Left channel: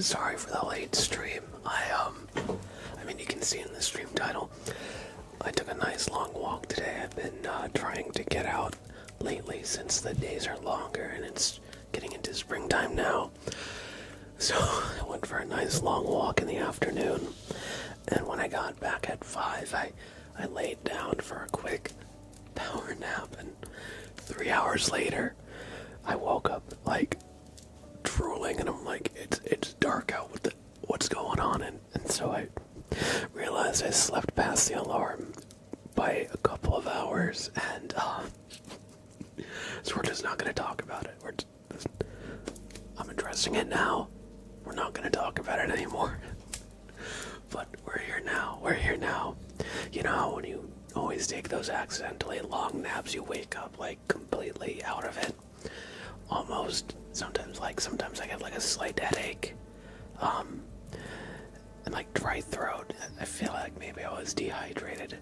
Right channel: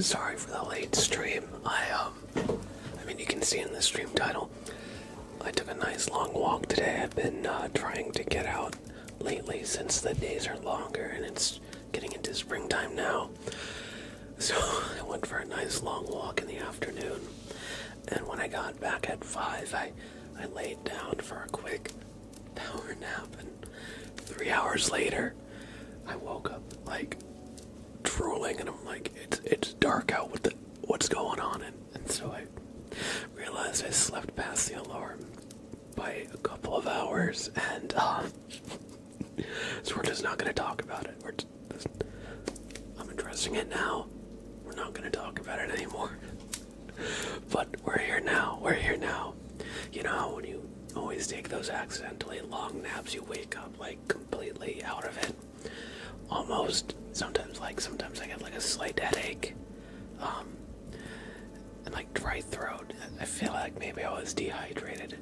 Sorry for the late stream. I mean, you can see in the stream title, I took a nice long walk today. I've been trying to get out lately since the days are longer and it's getting into springtime now. So I went for a nice long walk in the afternoon, and when I got back at 5, I laid down for a quick power nap, and 3 hours later, I woke up like drooling, and I'm like, it's dark out. What's going on? And so I realized I slept past the alarm by a couple of hours, and so we're just not going to talk about it. I'm addressing it now. We're not going to talk about it anymore. But we're here now. You know how when you always take those accidentally long naps, you wake up like completely out of it. Almost. Sometimes I get like a slight headache. And like dry throat. I feel like maybe I was dehydrated.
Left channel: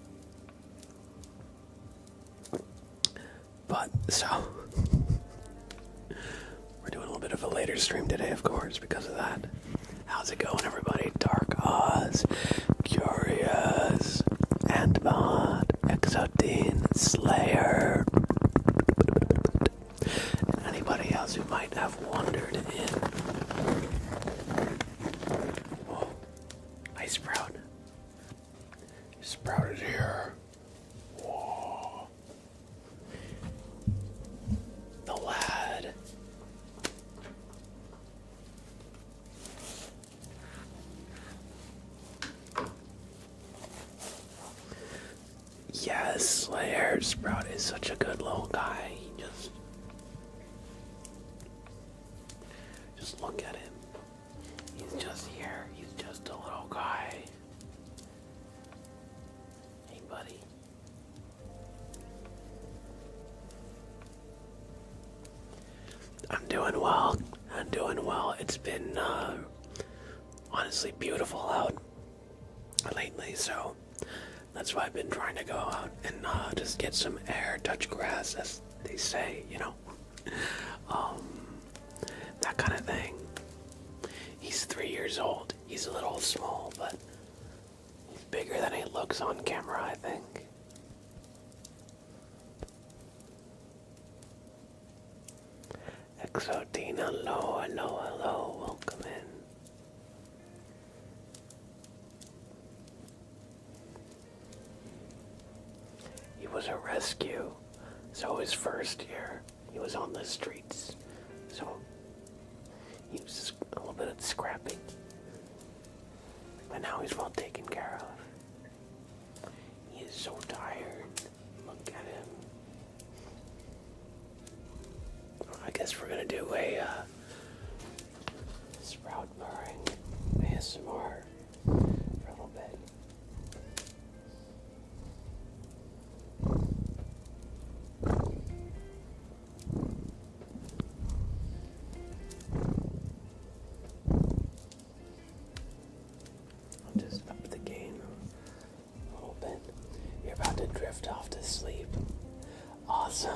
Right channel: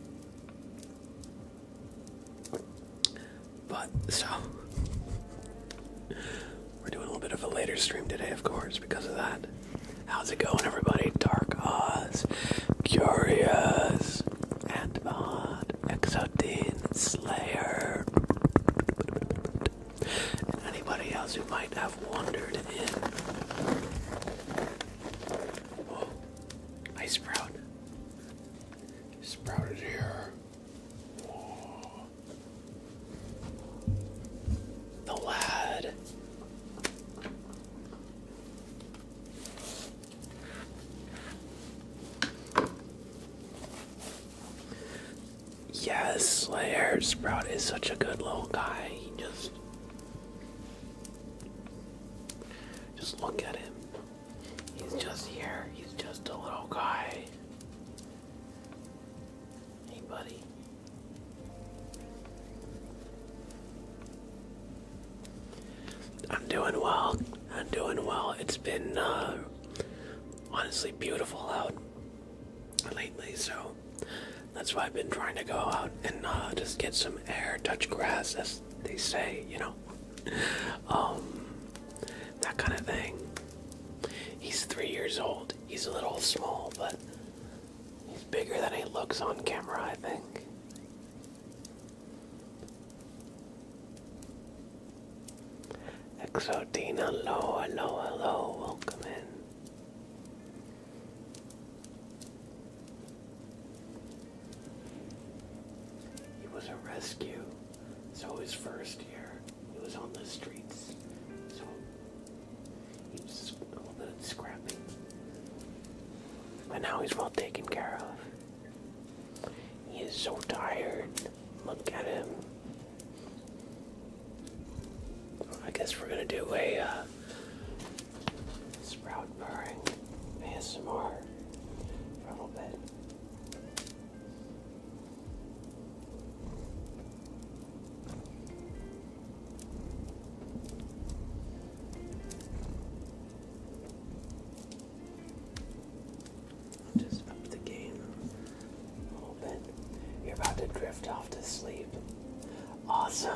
But, so, we're doing a little bit of a later stream today, of course, because of that. How's it going, everybody? Dark Oz, Curious, Antbot, Exodine, Slayer, and anybody else who might have wandered in. Whoa, Ice Sprout. Sprout is here. Whoa. The lad. Yes, Slayer. Sprout is such a good little guy. He just look at him. He's just here. He's just a little guy. Hey, buddy. I'm doing well. It's been honestly beautiful out lately, so that's why I've been trying to go out and just get some air, touch grass, as they say, you know. That kind of thing. He's 3 years old. He's a little small, but he's bigger than he looks on camera, I think. Exodine, hello, welcome in. He was a rescue, so his first year, he was on the streets, so he was a little bit scrappy. But now he's well taken care of. He is so tired. Look at him. I guess we're gonna do a Sprout purring ASMR for a little bit. I'll just up the gain a little bit. You're about to drift off to sleep. Awesome.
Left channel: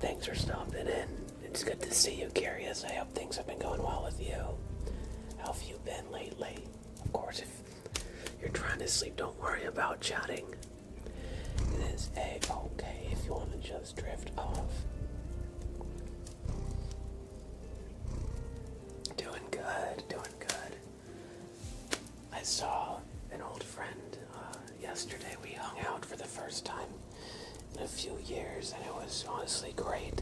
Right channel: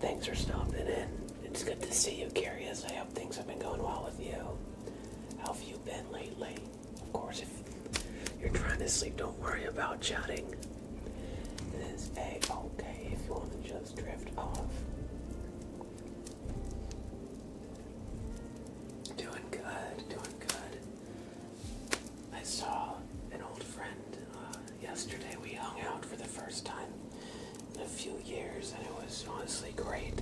Thanks for stopping in. It's good to see you, Curious. I hope things have been going well with you. How have you been lately? Of course, if you're trying to sleep, don't worry about chatting. It is A-okay if you want to just drift off. Doing good. I saw an old friend yesterday. We hung out for the first time in a few years, and it was honestly great.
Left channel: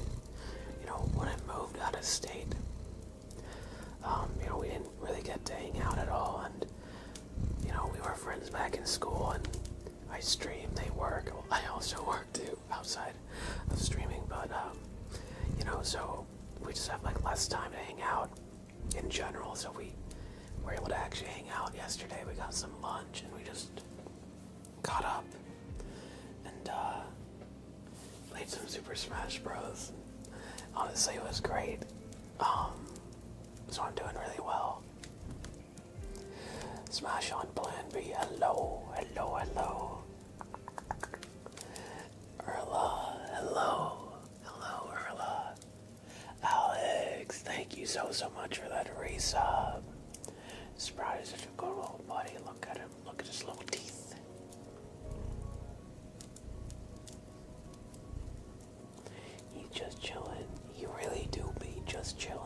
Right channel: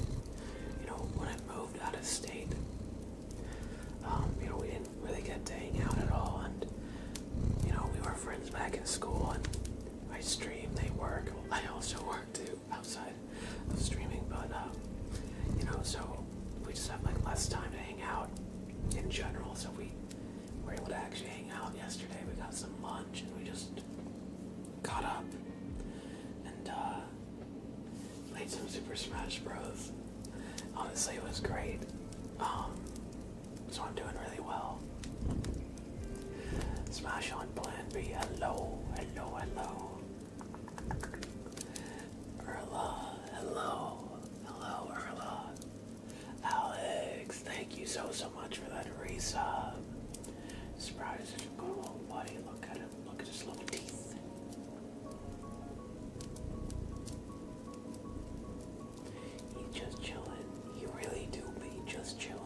You know, when I moved out of state, we didn't really get to hang out at all, and we were friends back in school, and I stream, they work. I also work too outside of streaming, but so we just have like less time to hang out in general, so we were able to actually hang out yesterday. We got some lunch and we just caught up and played some Super Smash Bros. Honestly, it was great. So I'm doing really well. Smash on Plan B. Hello. Urla, hello, Urla. Alex, thank you you so much for that resub. Sprout is such a good little buddy. Look at him. Look at his little teeth. He's just chilling. You really do be just chilling.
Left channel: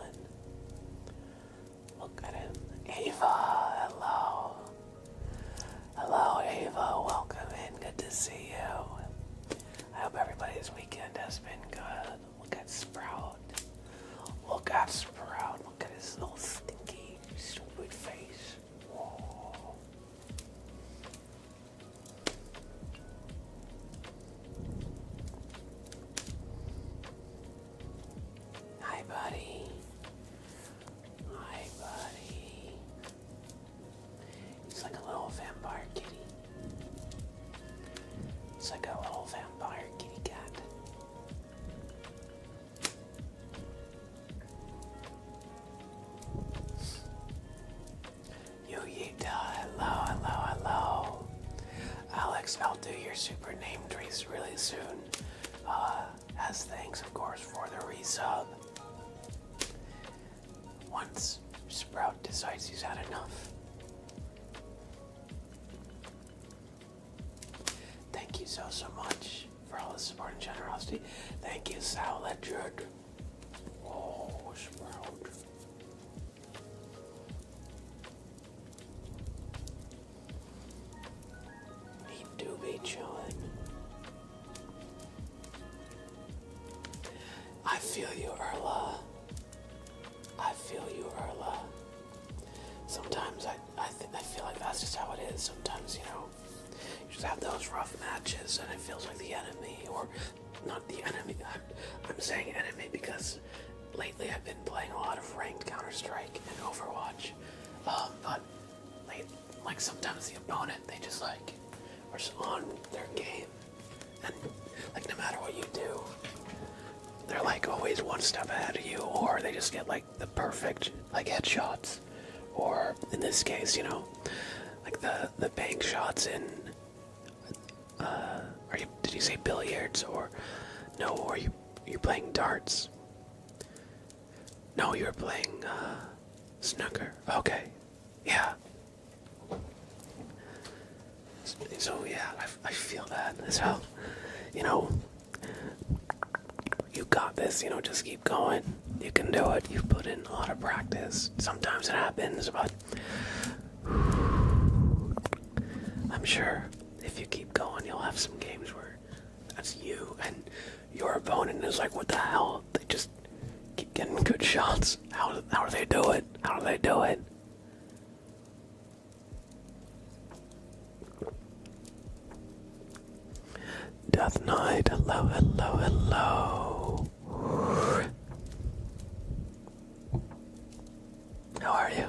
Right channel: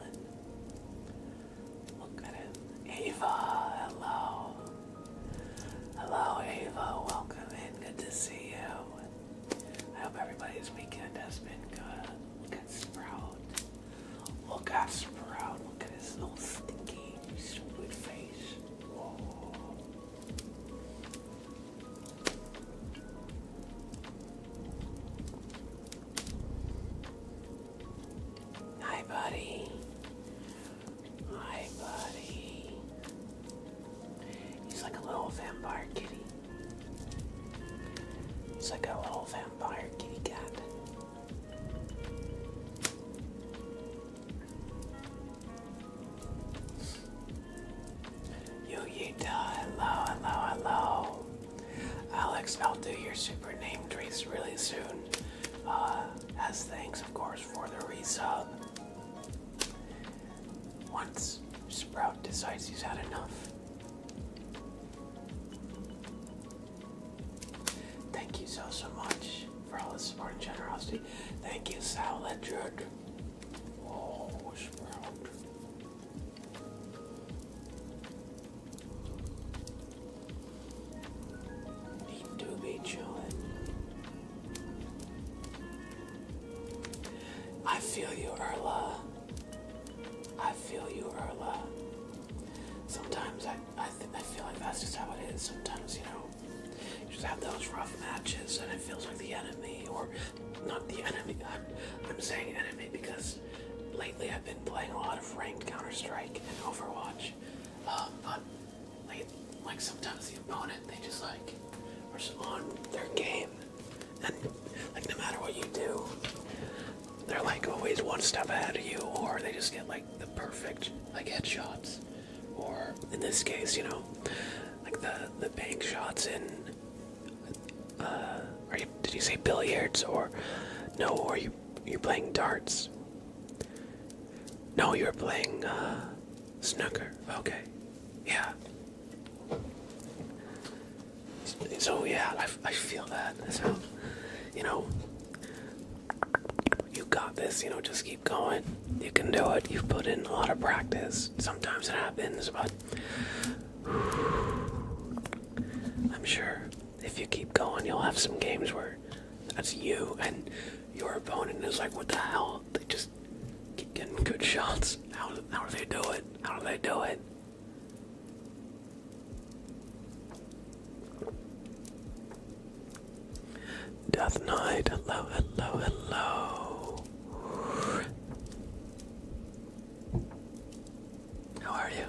Look at him. Ava, hello. Hello, Ava. Welcome in. Good to see you. I hope everybody's weekend has been good. Look at Sprout. Look at Sprout. Look at his little stinky, stupid face. Whoa. Hi, buddy. Hi, buddy. He's like a little vampire kitty. It's like a little vampire kitty cat. Hello. Alex, I'll do your super name trace really soon. As thanks, of course, for the resub. Once Sprout decides he's had enough. Thank you so much for all the support and generosity. Thank you, Sal Ledger. Oh, Sprout. Need to be chilling. I feel you, Erla. I feel you, Erla. Sometimes I feel like that's just how it is. Sometimes, you just have those rough matches and it feels like the enemy, or not the enemy. I'm saying enemy because lately I've been playing a lot of ranked Counter-Strike and Overwatch. But like sometimes the opponent, they just are on their game, and like no matter what you do, they're like always one step ahead of you, or they just get like the perfect headshots, or in this case, like the bank shots in. Did you say billiards, or no? Or you're playing darts? No, you're playing snooker. Okay, yeah. So yeah, I feel that. So, you got this. Just keep going. You can do it. You've put in a lot of practice. Sometimes it happens, but I'm sure if you keep going, you'll have some games where that's you and your opponent is like, what the hell? They just keep getting good shots. How do they do it? How do they do it? Death Knight, hello. How are you?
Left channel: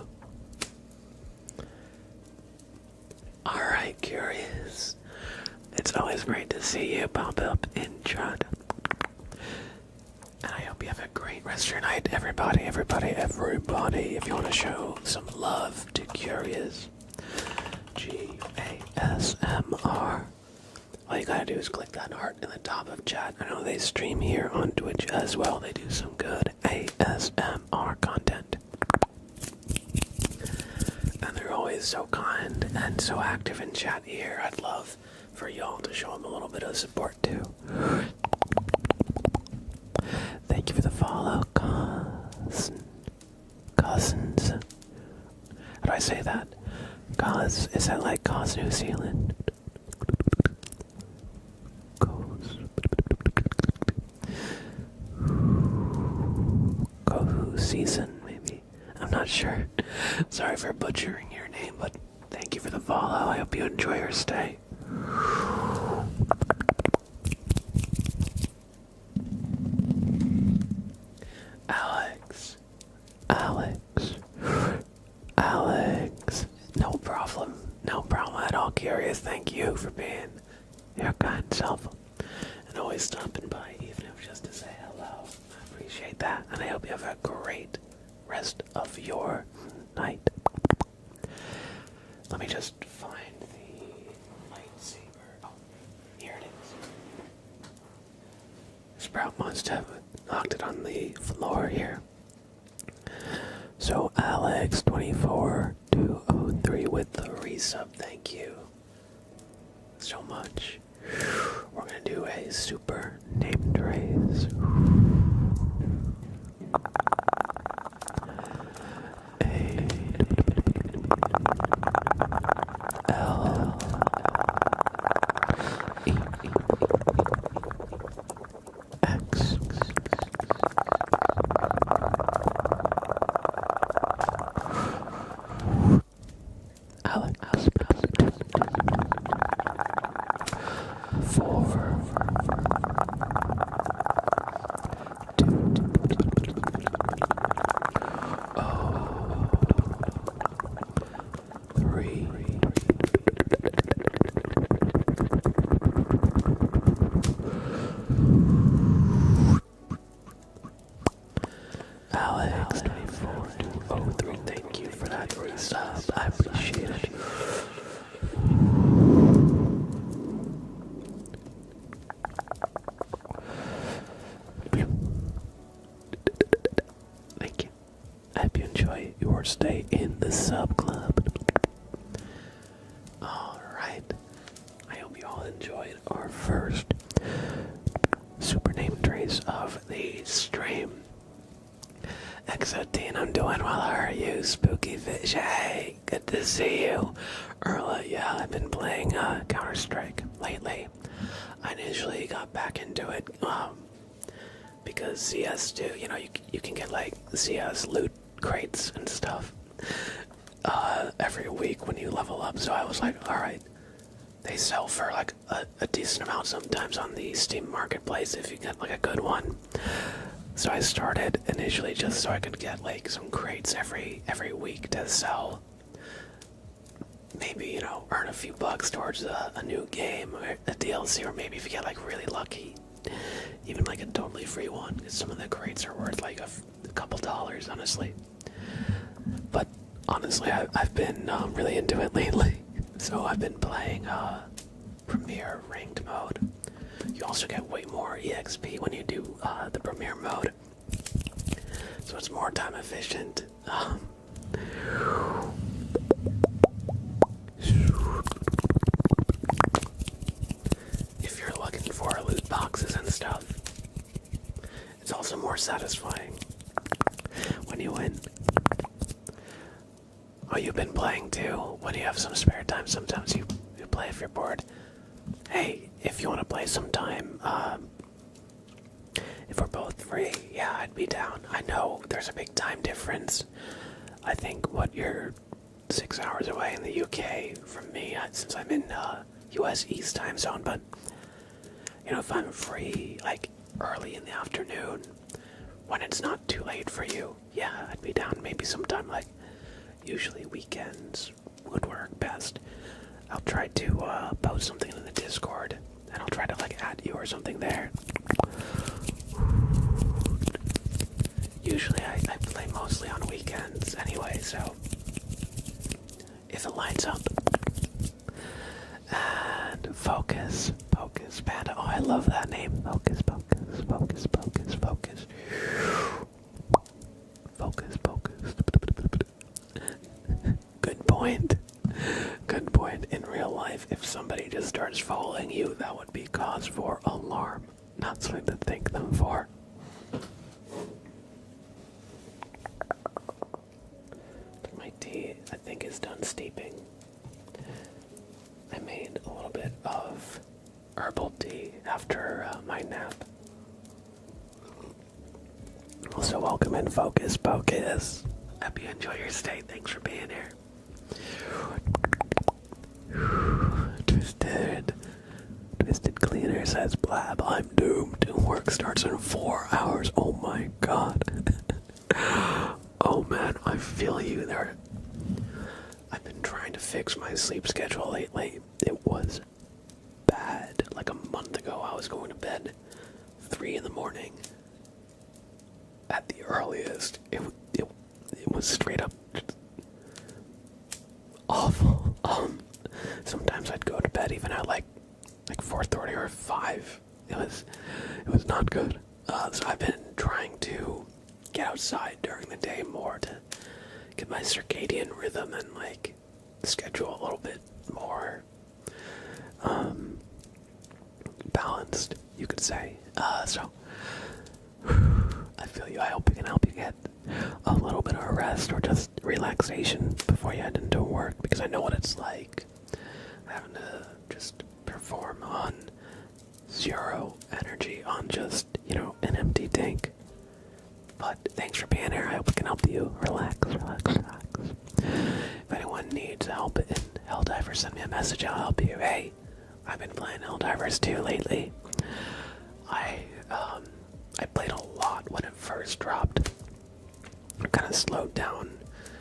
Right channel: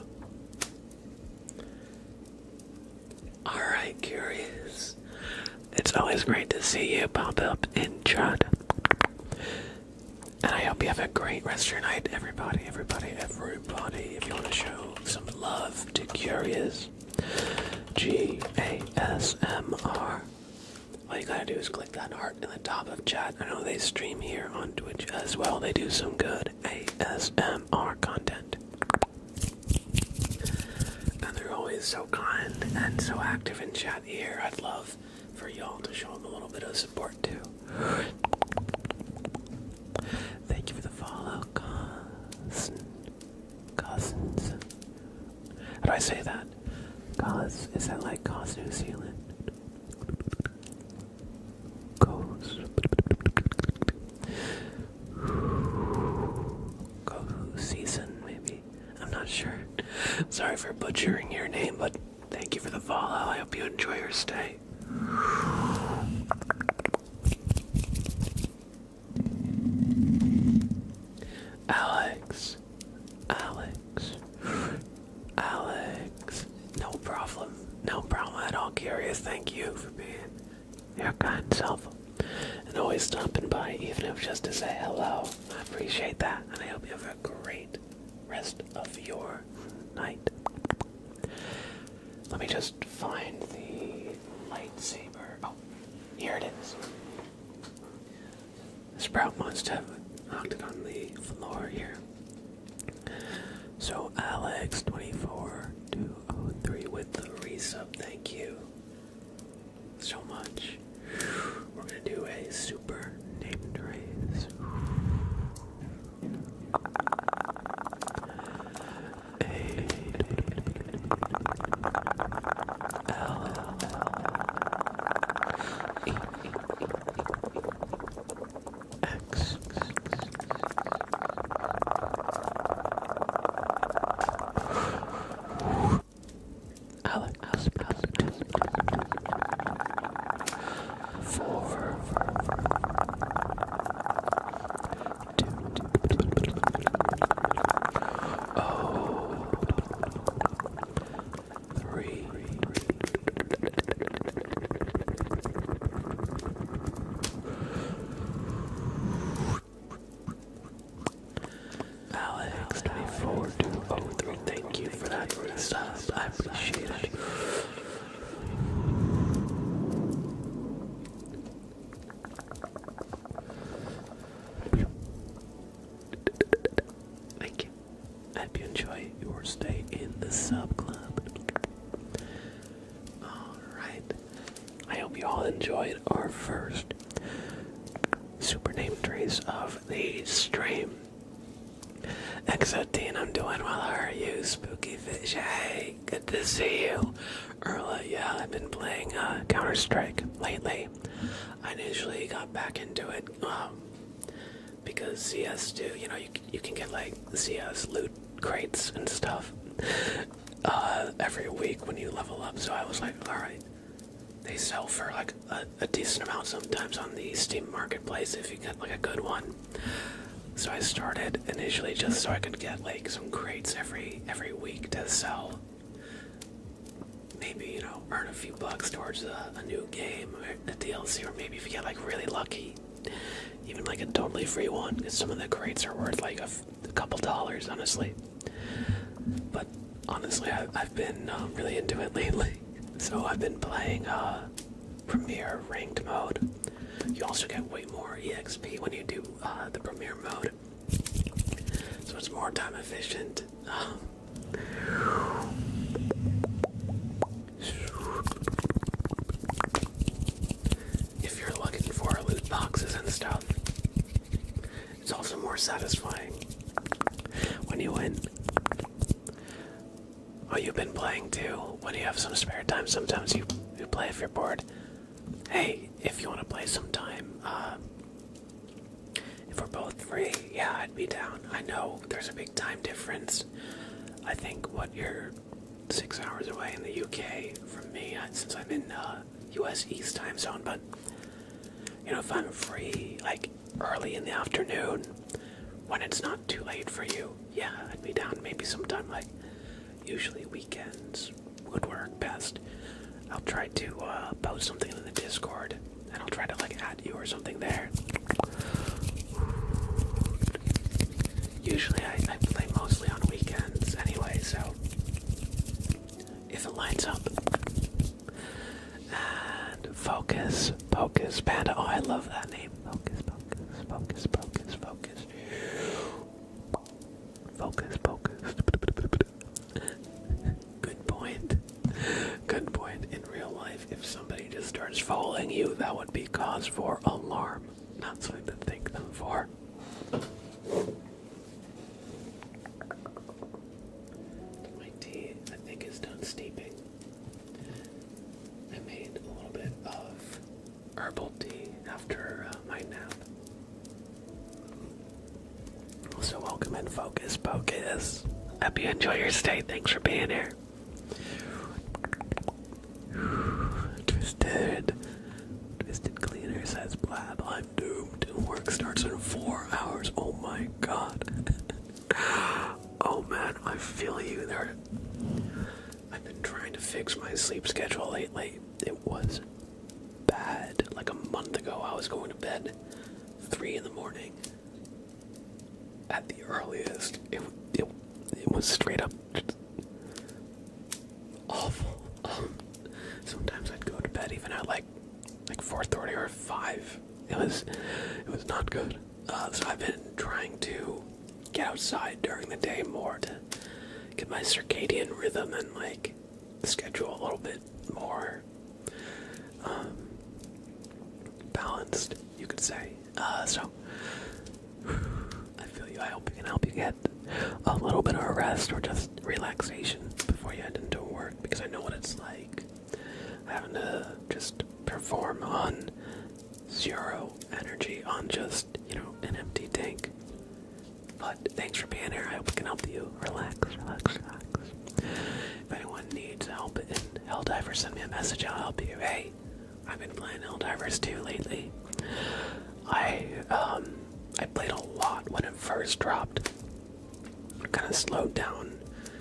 Alright, Curious. It's always great to see you pop up in chat. And I hope you have a great rest of your night, everybody. If you want to show some love to Curious, GASMR, all you gotta do is click that heart in the top of chat. I know they stream here on Twitch as well. They do some good ASMR content. And they're always so kind and so active in chat here. I'd love for y'all to show them a little bit of support too. Thank you for the follow, Cousins. How do I say that? Cause, is that like Cause New Zealand? Season, maybe. I'm not sure. Sorry for butchering your name, but thank you for the follow. I hope you enjoy your stay. Alex. No problem at all, Curious. Thank you for being your kind self and always stopping by, even if just to say hello. I appreciate that, and I hope you have a great rest of your night. Let me just find the lightsaber. Oh, here it is. Sprout must have knocked it on the floor here. So Alex24203 with the resub, thank you so much. We're gonna do a super named raise. A-L-E-X. Alex. 4 2 3 Alex24203, thank you for that resub. I appreciate it. Thank you. I hope you enjoy your stay in the sub club. Alright. I hope you all enjoyed our first super name trace of the stream. Exoteen, I'm doing well. How are you? Spooky Fish, hey, good to see you. Erla, yeah, I've been playing Counter-Strike lately. I initially got back into it because CS2, you know, you can get like CS loot crates and stuff every week when you level up. So I was like, alright, they sell for like a decent amount sometimes on the Steam Marketplace if you get like a good one. So I started initially just so I could get like some crates every week to sell. Maybe, you know, earn a few bucks towards a new game or a DLC, or maybe if you get like really lucky, even like a totally free one, because some of the crates are worth like a couple dollars, honestly. But honestly, I've been really into it lately. So I've been playing Premier Ranked mode. You also get way more EXP when you do the Premier mode. So it's more time efficient. If you're looking for loot boxes and stuff, it's also more satisfying when you win. Oh, you've been playing too? When you have some spare time, sometimes you play if you're bored. Hey, if you want to play sometime, if we're both free, yeah, I'd be down. I know there's a big time difference. I think, you're 6 hours away in the UK from me, since I'm in US East time zone, but, you know, if I'm free, like, early in the afternoon, when it's not too late for you, yeah, I'd be down maybe sometime, like, usually weekends would work best. I'll try to post something in the Discord, and I'll try to like add you or something there. Usually I play mostly on weekends anyway, so if it lines up. And Focus Panda, oh I love that name. Focus. Good point. In real life, if somebody just starts following you, that would be cause for alarm, not something to thank them for. My tea, I think, is done steeping. I made a little bit of herbal tea after my nap. Also, welcome in, Focus. Hope you enjoy your stay. Thanks for being here. Twisted Cleaner says, Blab, I'm doomed. Work starts in 4 hours. Oh my god. Oh man, I feel you there. I've been trying to fix my sleep schedule lately. It was bad. Like a month ago, I was going to bed 3 in the morning. At the earliest. It was straight up awful. Sometimes I'd go to bed even at like 4:30 or 5. It was not good. So I've been trying to get outside during the day more to get my circadian rhythm and like schedule a little bit more balanced, you could say. So I feel you. I hope we can help you get a little bit of a rest or just relaxation before you head into work, because I know what it's like having to just perform on zero energy, on just, an empty tank. But thanks for being here. I hope we can help you relax. If anyone needs help in Helldivers, send me a message. I'll help you. Hey, I've been playing Helldivers too lately. I played a lot when it first dropped. I kind of slowed down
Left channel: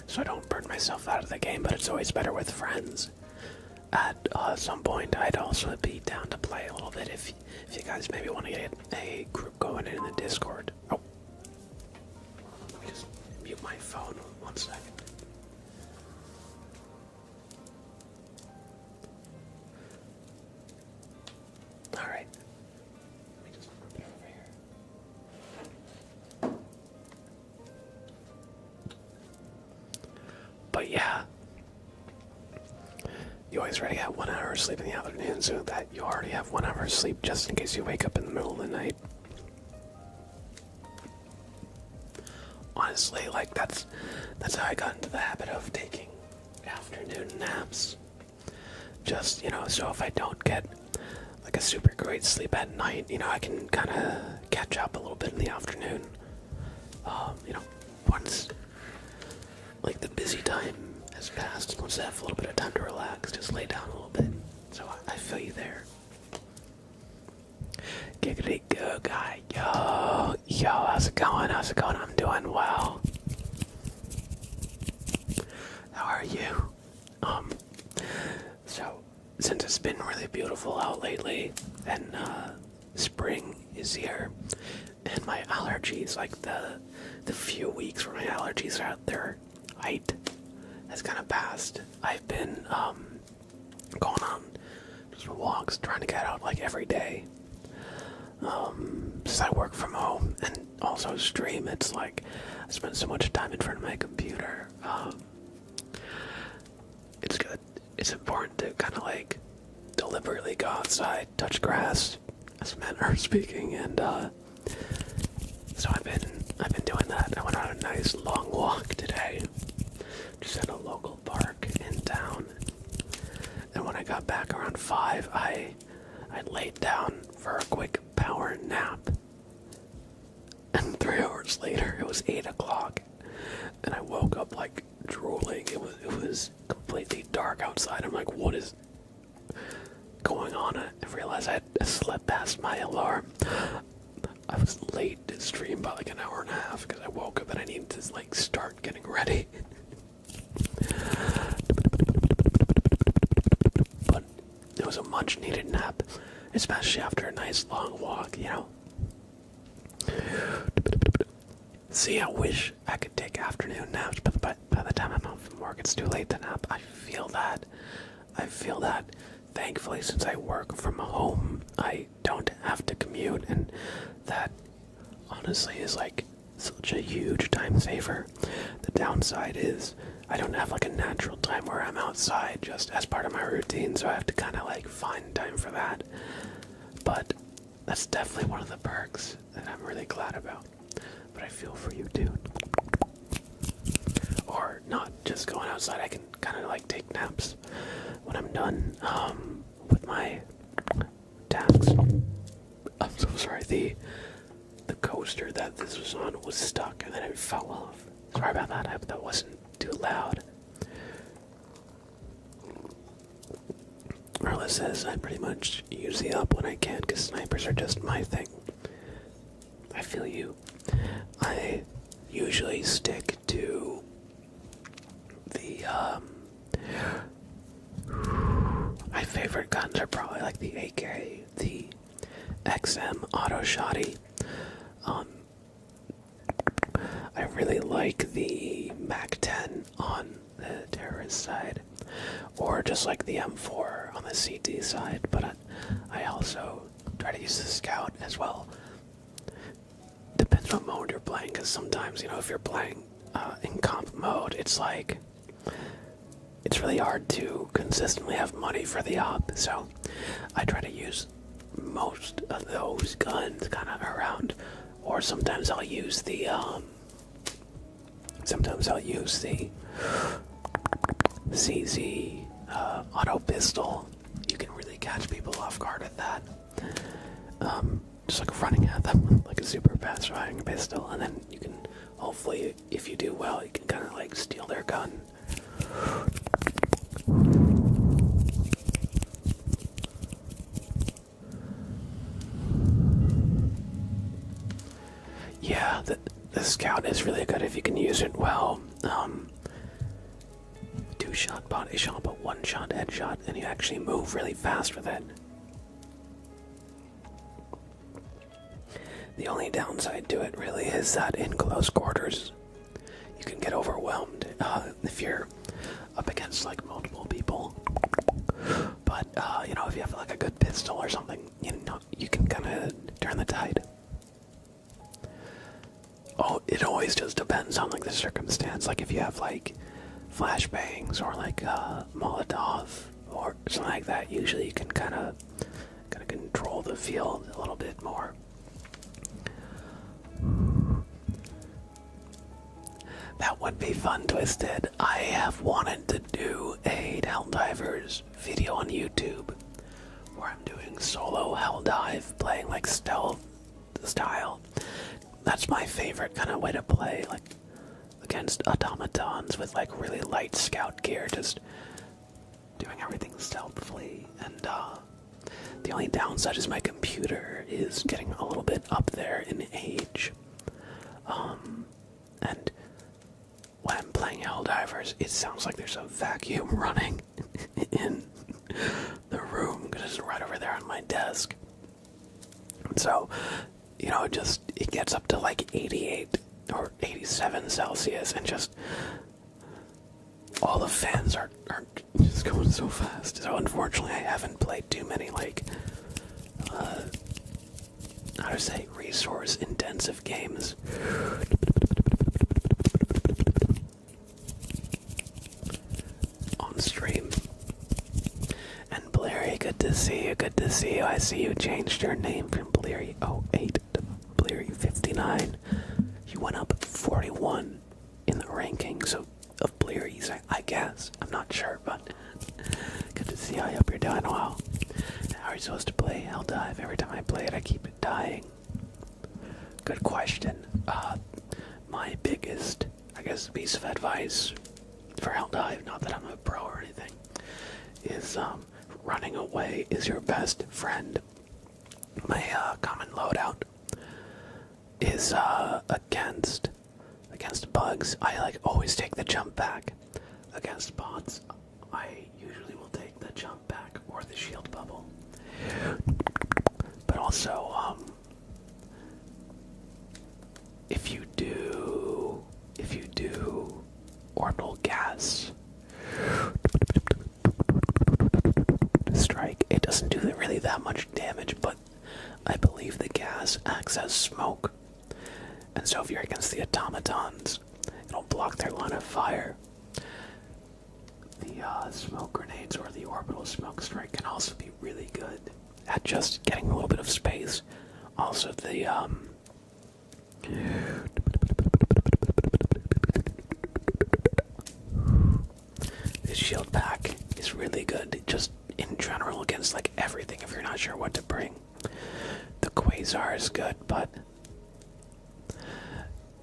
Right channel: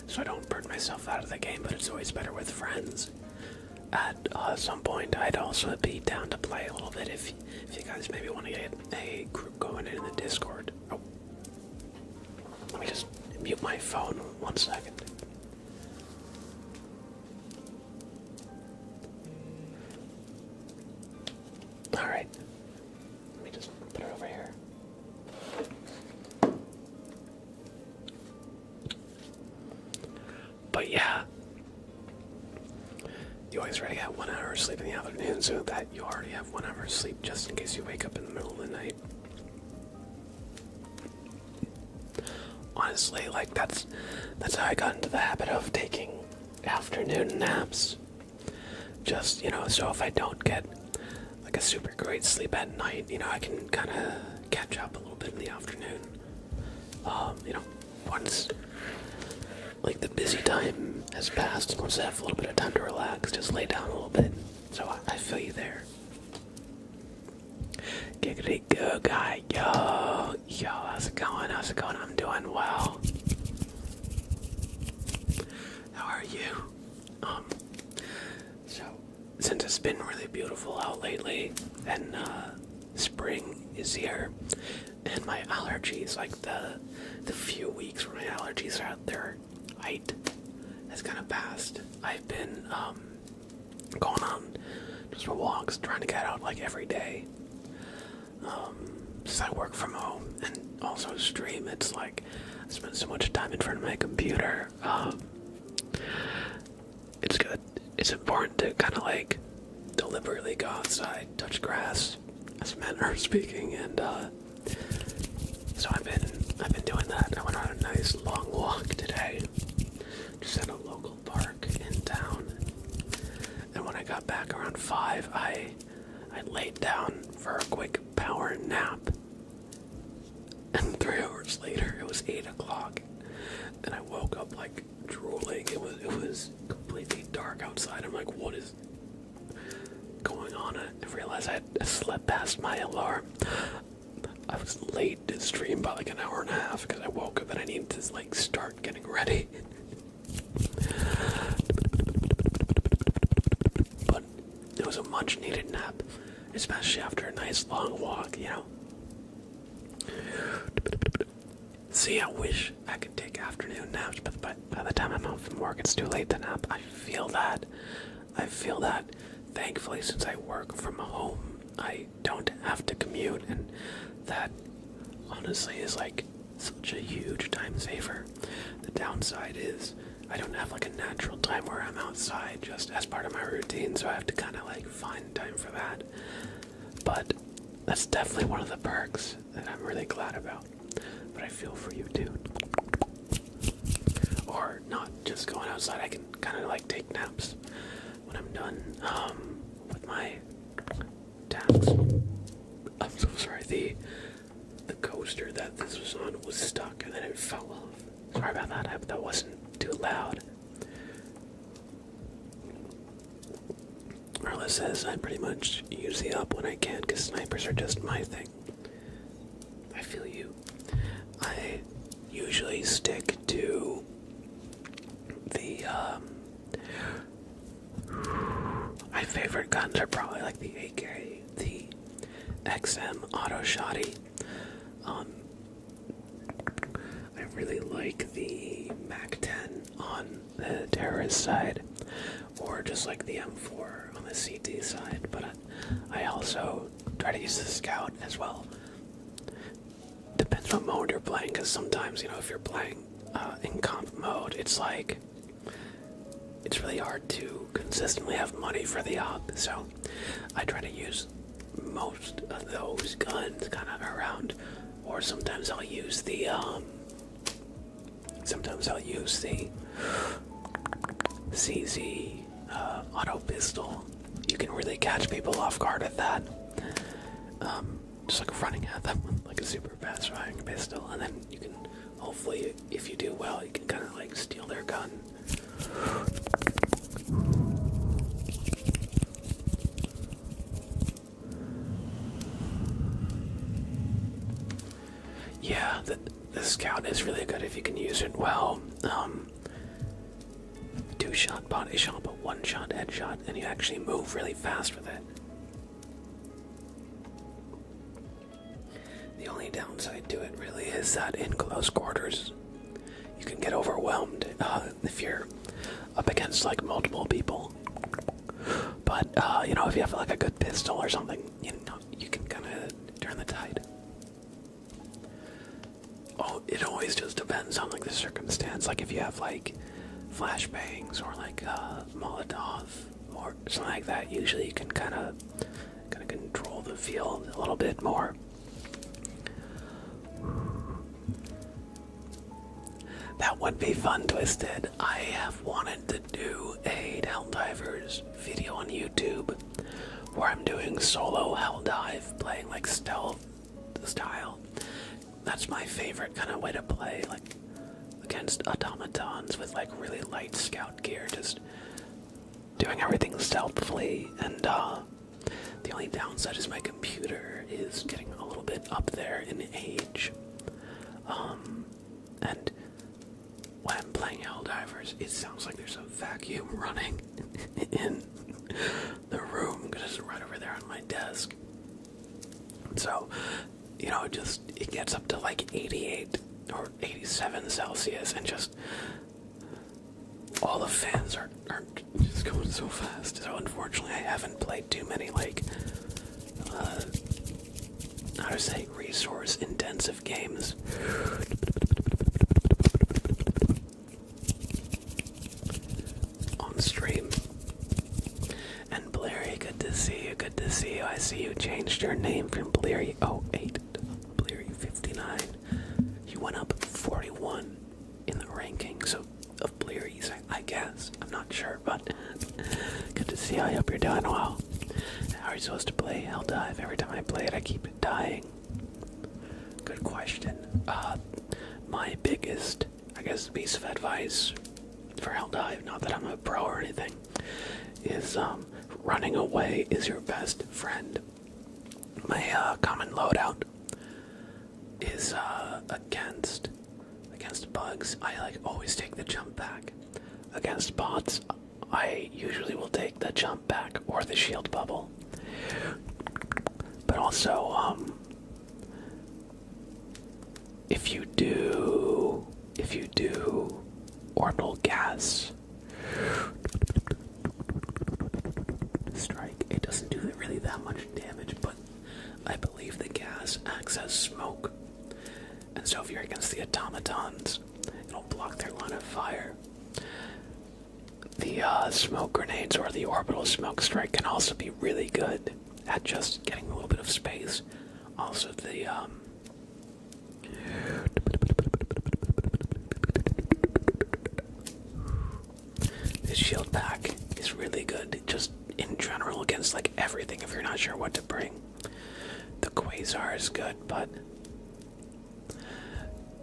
so I don't burn myself out of the game, but it's always better with friends. At some point, I'd also be down to play a little bit if you guys maybe want to get a group going in the Discord. Oh, let me just mute my phone 1 second. Alright, let me just put it over here. But yeah, you always already have 1 hour of sleep in the afternoon, so that you already have 1 hour of sleep just in case you wake up in the middle of the night. Honestly, like that's how I got into the habit of taking afternoon naps. Just, so if I don't get like a super great sleep at night, I can kind of catch up a little bit in the afternoon. Once like the busy time has passed, and once I have a little bit of time to relax, just lay down a little bit. So I feel you there. Giggity go guy, yo, how's it going? I'm doing well. How are you? So since it's been really beautiful out lately, and spring is here, and my allergies, like the few weeks where my allergies are at their height has kind of passed. I've been going on just walks, trying to get out like every day. Since I work from home and also stream, it's like I spend so much time in front of my computer. It's good. It's important to kind of like deliberately go outside, touch grass, as men are speaking, and so I've been doing that. I went on a nice long walk today, just at a local park in town. And when I got back around 5, I laid down for a quick power nap. And 3 hours later, it was 8 o'clock, and I woke up like drooling. It was completely dark outside. I'm like, what is going on? I realized I slept past my alarm. I was late to stream by like an hour and a half because I woke up and I needed to like start getting ready. But it was a much needed nap, especially after a nice long walk, See, I wish I could take afternoon naps, but by the time I'm home from work, it's too late to nap. I feel that. Thankfully, since I work from home, I don't have to commute, and that honestly is like such a huge time saver. The downside is I don't have like a natural time where I'm outside just as part of my routine, so I have to kind of like find time for that. But that's definitely one of the perks that I'm really glad about. But I feel for you too. Or not just going outside, I can kind of like take naps when I'm done with my tasks. I'm so sorry, the coaster that this was on was stuck and then it fell off. Sorry about that, I hope that wasn't too loud. Marla says I pretty much use the up when I can because snipers are just my thing. I feel you. I usually stick to the, my favorite guns are probably like the AK, the XM Auto Shotty. I really like the MAC-10 on the terrorist side, or just like the M4 on the CT side, but I also try to use the Scout as well. Depends what mode you're you're playing, because sometimes, if you're playing in comp mode, it's like, it's really hard to consistently have money for the op, so I try to use most of those guns kind of around, or sometimes I'll use the, CZ auto pistol. You can really catch people off guard with that. Just like running at them with like a super fast firing pistol, and then you can hopefully, if you do well, you can kind of like steal their gun. Yeah, the scout is really good if you can use it well. 2-shot body shot, but 1-shot headshot, and you actually move really fast with it. The only downside to it really is that in close quarters, you can get overwhelmed if you're up against like multiple people. But if you have like a good pistol or something, you can kind of turn the tide. Oh, it always just depends on like the circumstance. Like if you have like flashbangs or like Molotov or something like that, usually you can kind of control the field a little bit more. That would be fun, Twisted. I have wanted to do a Helldivers video on YouTube where I'm doing solo Helldive, playing like stealth style. That's my favorite kind of way to play, like against automatons with like really light scout gear, just doing everything stealthily. And the only downside is my computer is getting a little bit up there in age. And when I'm playing Helldivers, it sounds like there's a vacuum running in the room because it's right over there on my desk. So, it gets up to like 88 or 87 Celsius, and just all the fans are just going so fast. So unfortunately, I haven't played too many like resource-intensive games. On stream. And Blairy, good to see you, good to see you. I see you changed your name from Blairy08 to Blairy59. You went up 41 in the rankings of Blairy's, I guess. I'm not sure, but good to see you. I hope you're doing well. How are you supposed to play Helldive? Every time I play it, I keep dying. Good question. My biggest, piece of advice for Helldive, not that I'm a pro or anything, is running away is your best friend. My common loadout is against bugs. I always take the jump back. Against bots, I usually will take the jump back or the shield bubble. But also, if you do orbital gas strike, it doesn't do really that much damage, but I believe the gas acts as smoke. And so if you're against the automatons, it'll block their line of fire. The smoke grenades or the orbital smoke strike can also be really good at just getting a little bit of space. Also, the shield pack is really good, just in general against like everything if you're not sure what to bring. The Quasar is good, but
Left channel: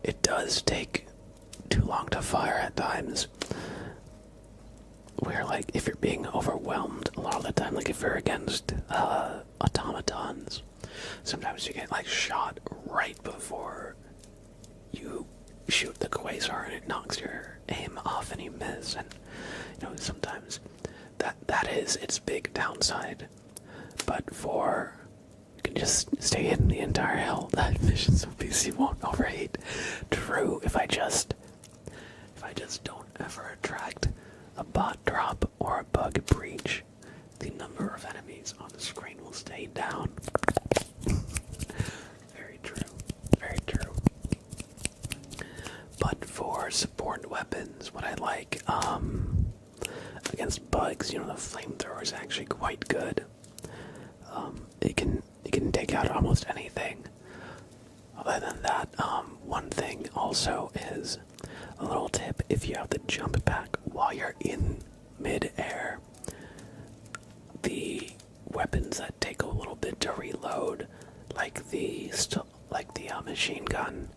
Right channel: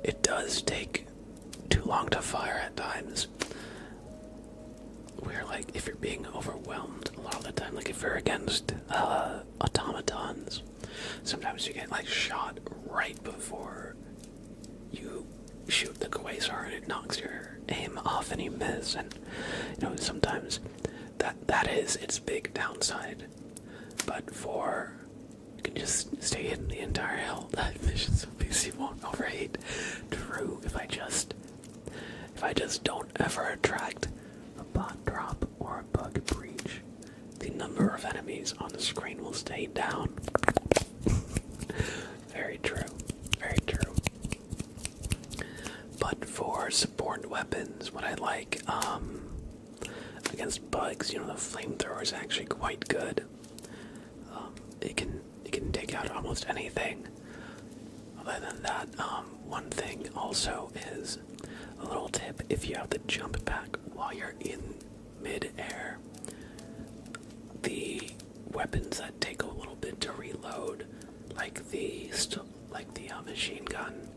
it does take too long to fire at times. Where like if you're being overwhelmed a lot of the time, like if you're against automatons, sometimes you get like shot right before you shoot the Quasar and it knocks your aim off and you miss, and sometimes that is its big downside. But for you can just stay hidden the entire Helldive mission so PC won't overheat. True, if I just don't ever attract a bot drop or a bug breach, the number of enemies on the screen will stay down. Very true. Very true. for support weapons, what I like, against bugs, the flamethrower is actually quite good. It can take out almost anything. Other than that, one thing also is a little tip: if you have the jump pack while you're in mid-air, the weapons that take a little bit to reload, like the machine gun,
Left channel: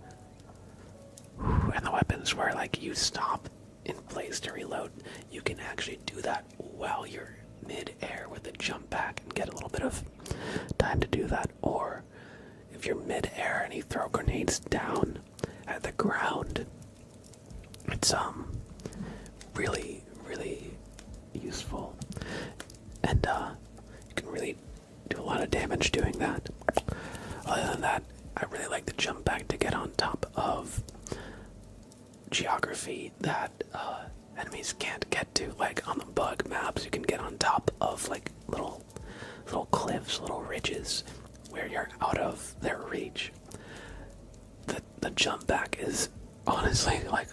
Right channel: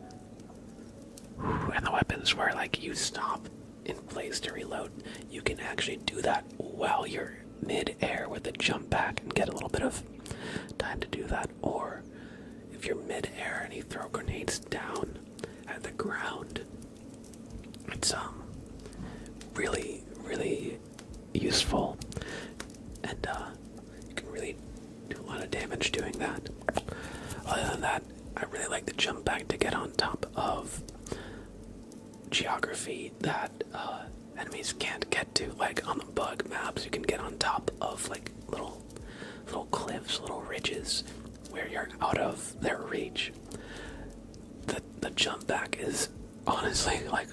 and the weapons where like you stop in place to reload, you can actually do that while you're mid-air with the jump pack and get a little bit of time to do that. Or if you're mid-air and you throw grenades down at the ground, it's really useful, and you can really do a lot of damage doing that. Other than that, I really like the jump back to get on top of geography that enemies can't get to. Like on the bug maps, you can get on top of like little cliffs, little ridges where you're out of their reach. The jump back is honestly like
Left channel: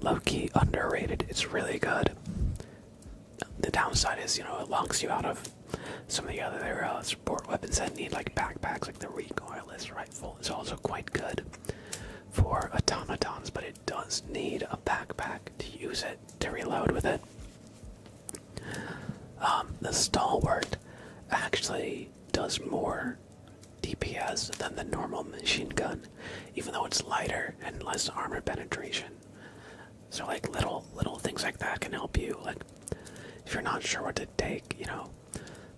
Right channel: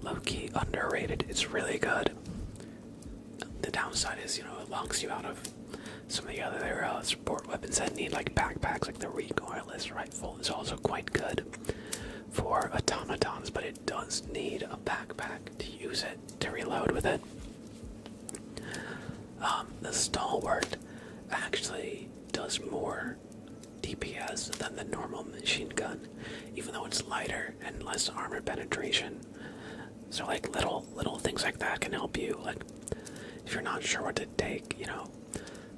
low-key underrated. It's really good. The downside is, it locks you out of some of the other support weapons that need like backpacks, like the recoilless rifle is also quite good for automatons, but it does need a backpack to use it, to reload with it. The stalwart actually does more DPS than the normal machine gun, even though it's lighter and less armor penetration. So like little things like that can help you. Like if you're not sure what to take,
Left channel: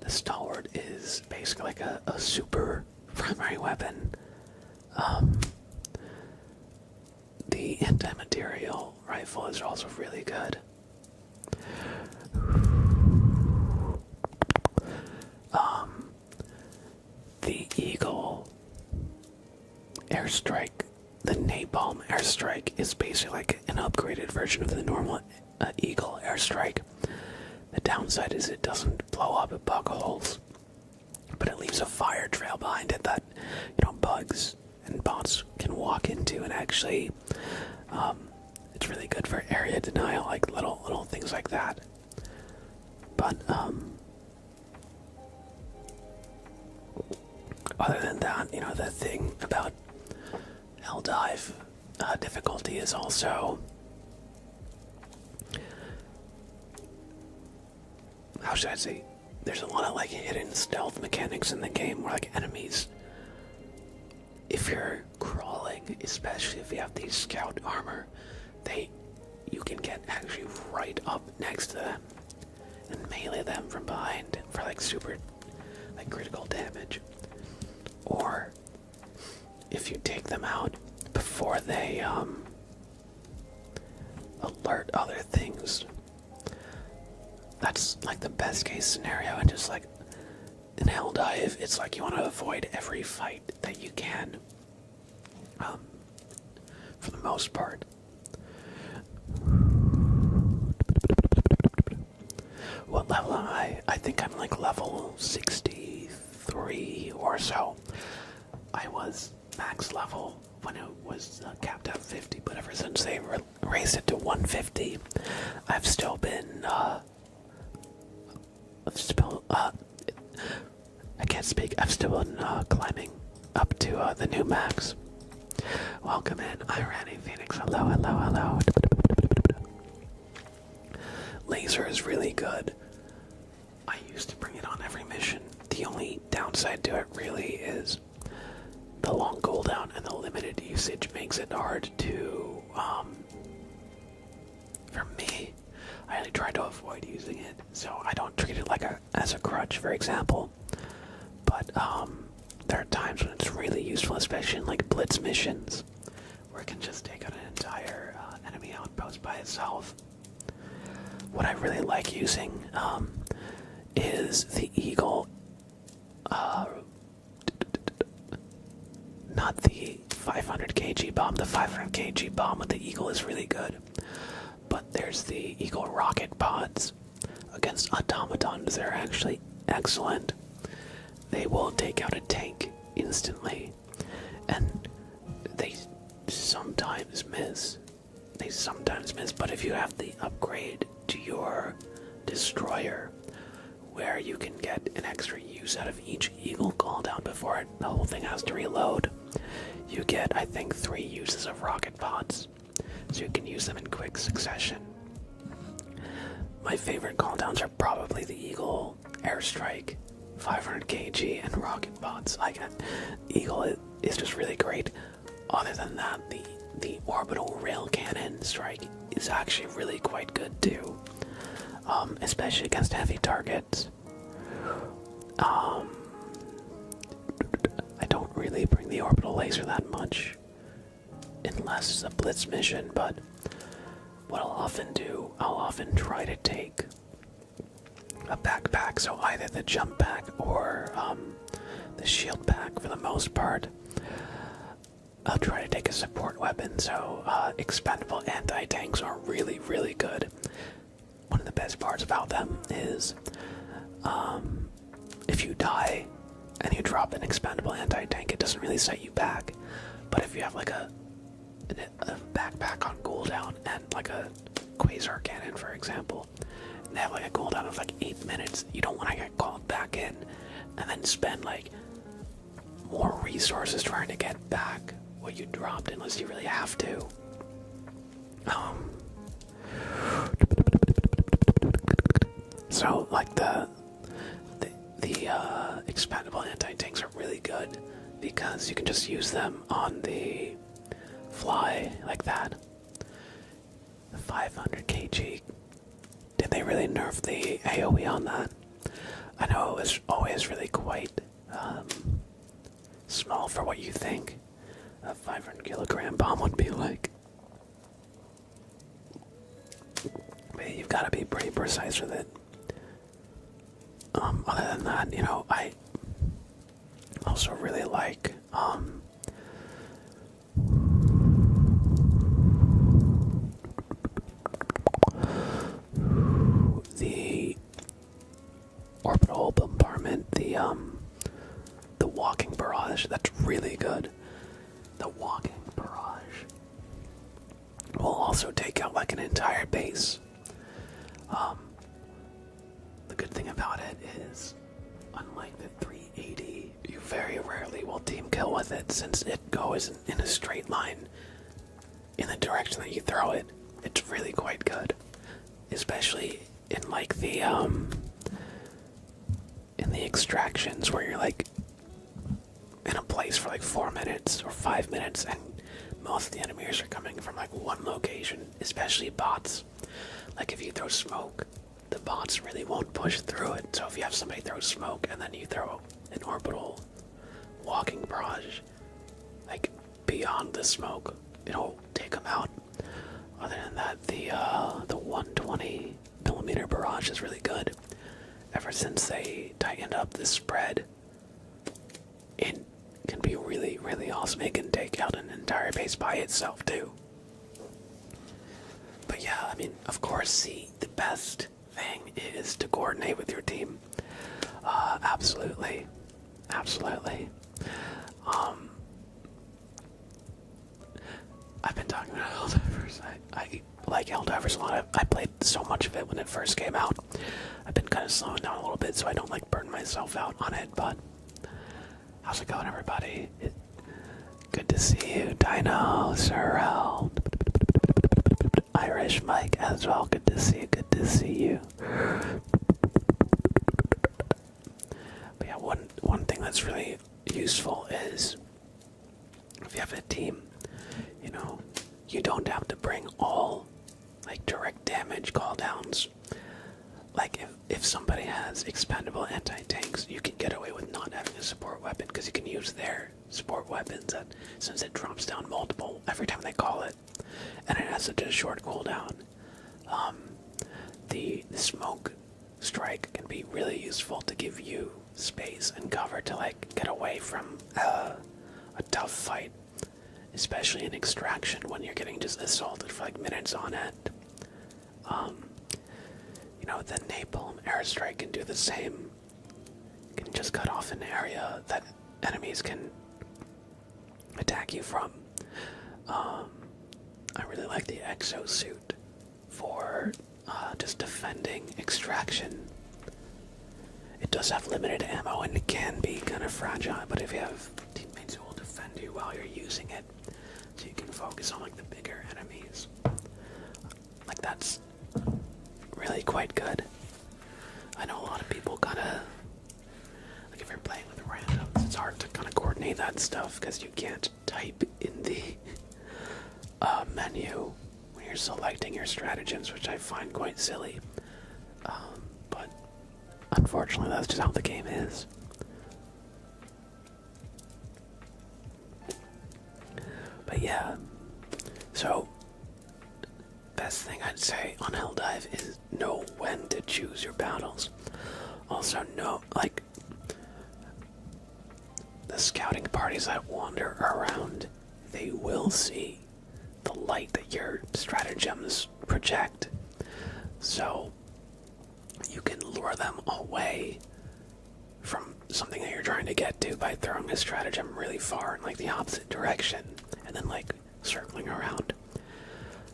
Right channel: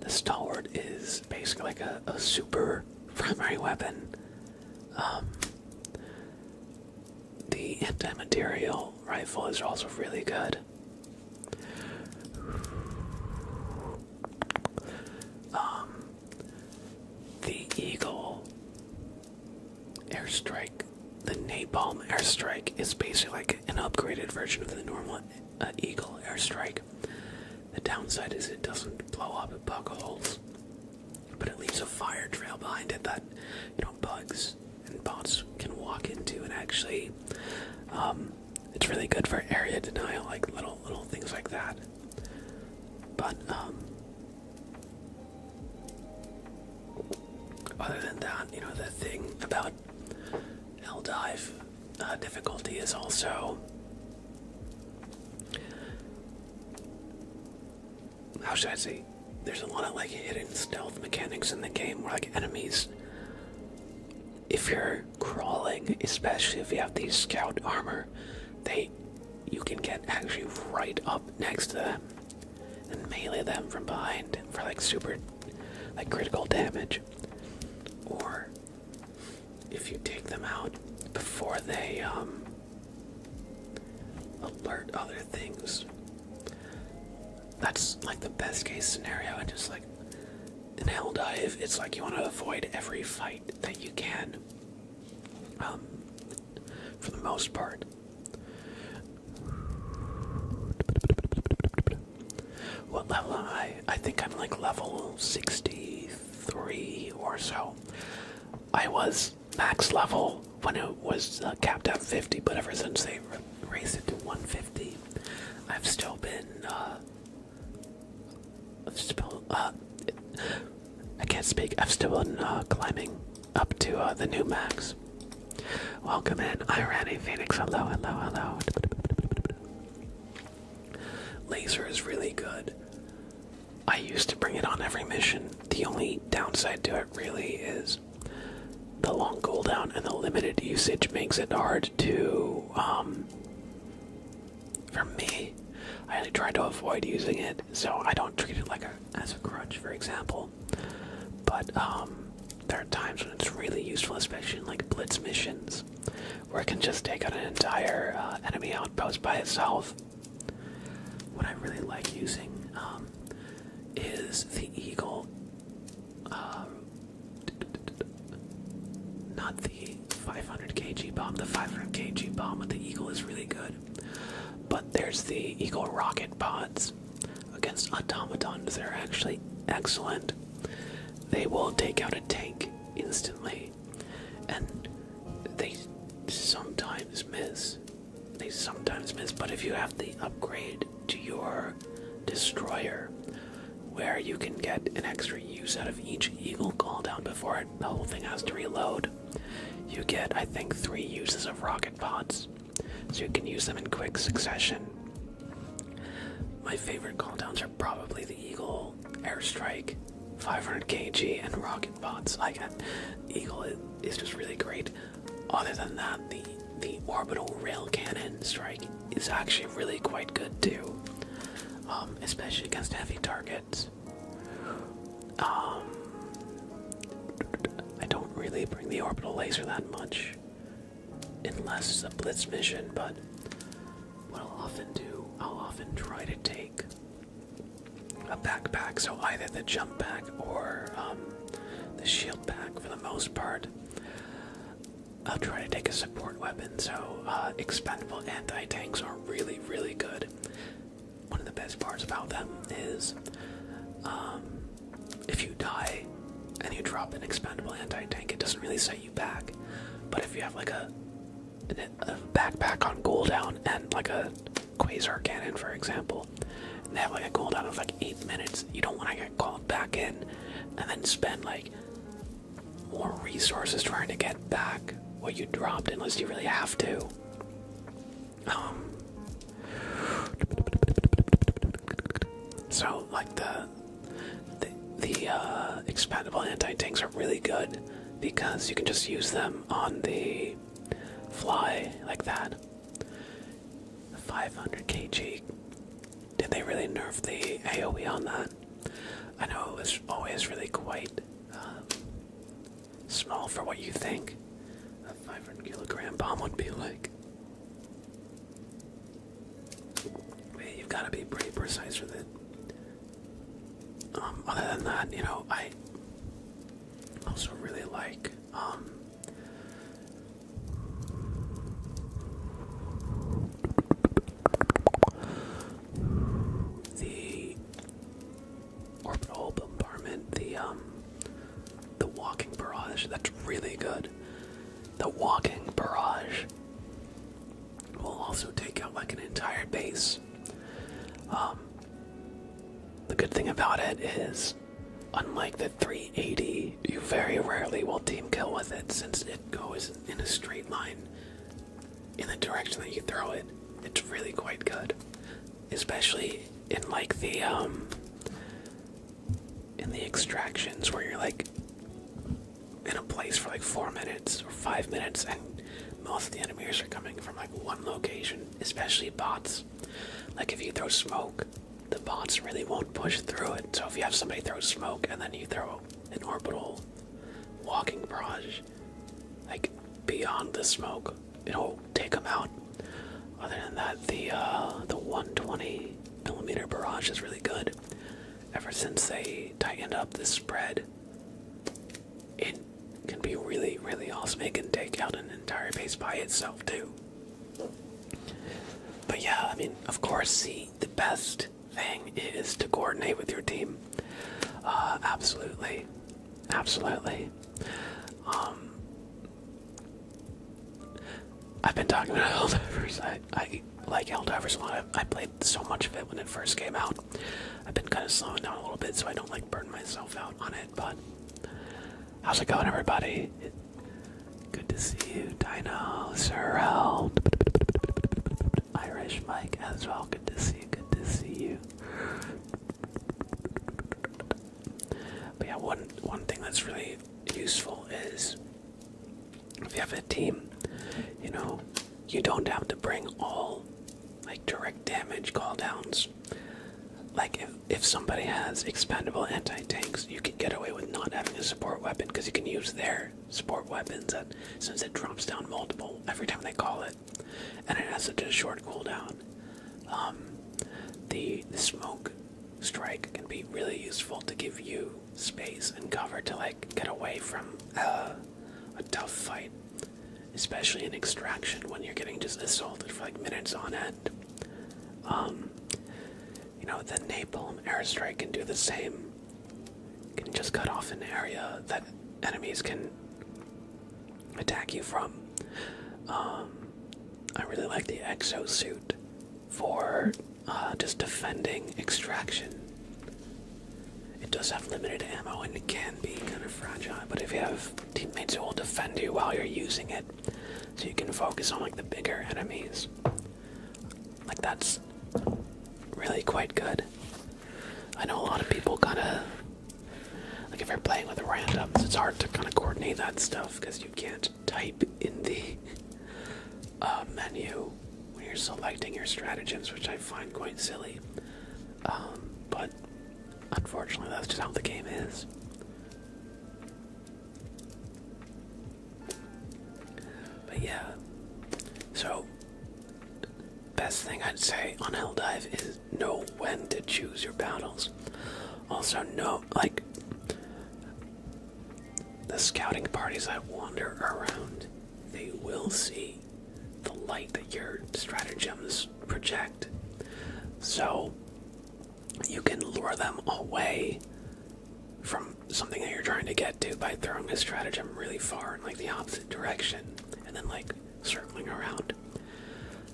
the stalwart is basically like a super primary weapon. The anti-material rifle is also really good. The Eagle airstrike, the napalm airstrike, is basically like an upgraded version of the normal Eagle airstrike. The downside is it doesn't blow up at bug holes, but it leaves a fire trail behind it that, bugs and bots can walk into, and actually, it's really good for area denial, like little things like that. But, other than that, the thing about Helldive difficulty is also, how should I say, there's a lot of like hidden stealth mechanics in the game where like enemies, if you're crawling, especially if you have these scout armor, you can get actually right up next to them and melee them from behind for like super like critical damage. Or if you take them out before they alert other things, that's like the best case scenario. And just like in Helldive, it's like you want to avoid every fight that you can, for the most part. What level am I? I think I'm like level 63 or so. I was max level when it was capped at 50, but ever since they raised it to 150, I've still been, I can't speak. I've still been climbing up to the new max. Welcome in, Irani Phoenix. Hello. Laser is really good. I used to bring it on every mission. The only downside to it really is the long cooldown and the limited usage makes it hard to, for me, I only try to avoid using it, so I don't treat it like as a crutch, for example. But there are times when it's really useful, especially in like blitz missions, where it can just take out an entire enemy outpost by itself. What I really like using is the Eagle, not the 500 kg bomb. The 500 kg bomb with the Eagle is really good. But there's the Eagle rocket pods. Against automatons, they're actually excellent. They will take out a tank instantly, and they sometimes miss. sometimes miss, but if you have the upgrade to your destroyer, where you can get an extra use out of each eagle cooldown before the whole thing has to reload, you get, I think, 3 uses of rocket pods, so you can use them in quick succession. My favorite cooldowns are probably the Eagle, Airstrike, 500 kg, and rocket pods. Like, Eagle is just really great. Other than that, the orbital rail cannon strike is actually really quite good too, especially against heavy targets. I don't really bring the orbital laser that much, unless it's a blitz mission, but what I'll often do, I'll often try to take a backpack, so either the jump pack or the shield pack for the most part. I'll try to take a support weapon, so expendable anti-tanks are really, really good. One of the best parts about them is if you die and you drop an expendable anti-tank, it doesn't really set you back. But if you have like a backpack on cooldown and like a quasar cannon, for example, and they have like a cooldown of like 8 minutes, you don't want to get called back in and then spend like more resources trying to get back what you dropped unless you really have to. So like the expendable anti-tanks are really good because you can just use them on the fly like that. The 500 kg. Did they really nerf the AoE on that? I know it was always really quite small for what you think a 500 kilogram bomb would be like. But you've got to be pretty precise with it. Other than that, you know, I also really like the orbital bombardment, the walking barrage. That's really good. The walking barrage will also take out like an entire base. The good thing about it is, unlike the 380, you very rarely will team kill with it since it goes in a straight line in the direction that you throw it. It's really quite good, especially in like the in the extractions where you're like in a place for like 4 minutes or 5 minutes and most of the enemies are coming from like one location, especially bots. Like if you throw smoke, the bots really won't push through it. So if you have somebody throw smoke and then you throw an orbital walking barrage, like beyond the smoke, it'll take them out. Other than that, the 120 millimeter barrage is really good. Ever since they tightened up the spread, it can be really, really awesome. It can take out an entire base by itself too. But yeah, I mean, of course, the best thing is to coordinate with your team. Absolutely. I've been talking about Helldivers. I like Helldivers a lot. I played so much of it when it first came out. I've been kind of slowing down a little bit so I don't like burn myself out on it, but how's it going, everybody? Good to see you, Dino, Sorrel, Irish Mike as well. Good to see you. But yeah, one thing that's really useful is if you have a team, you know, you don't have to bring all like direct damage call downs. Like if somebody has expendable anti-tanks, you can get away with not having a support weapon because you can use their support weapons since it drops down multiple every time they call it, and it has such a short cooldown. The smoke strike can be really useful to give you space and cover to like get away from a tough fight, especially in extraction when you're getting just assaulted for like minutes on end. You know, the napalm airstrike can do the same. You can just cut off an area that enemies can attack you from. I really like the exosuit for just defending extraction. It does have limited ammo and it can be kind of fragile, but if you have teammates who will defend you while you're using it, so you can focus on like the bigger enemies, like that's really quite good. I know a lot of people kind of, like if you're playing with randoms, it's hard to kind of coordinate that stuff because you can't type in the menu when you're selecting your stratagems, which I find quite silly. But unfortunately, that's just how the game is. But yeah, so best thing I'd say on Helldive is know when to choose your battles. Also know, like, the scouting parties that wander around, they will see the light that your stratagems project. So you can lure them away from something that you're trying to get to by throwing a stratagem really far in like the opposite direction and then like circling around.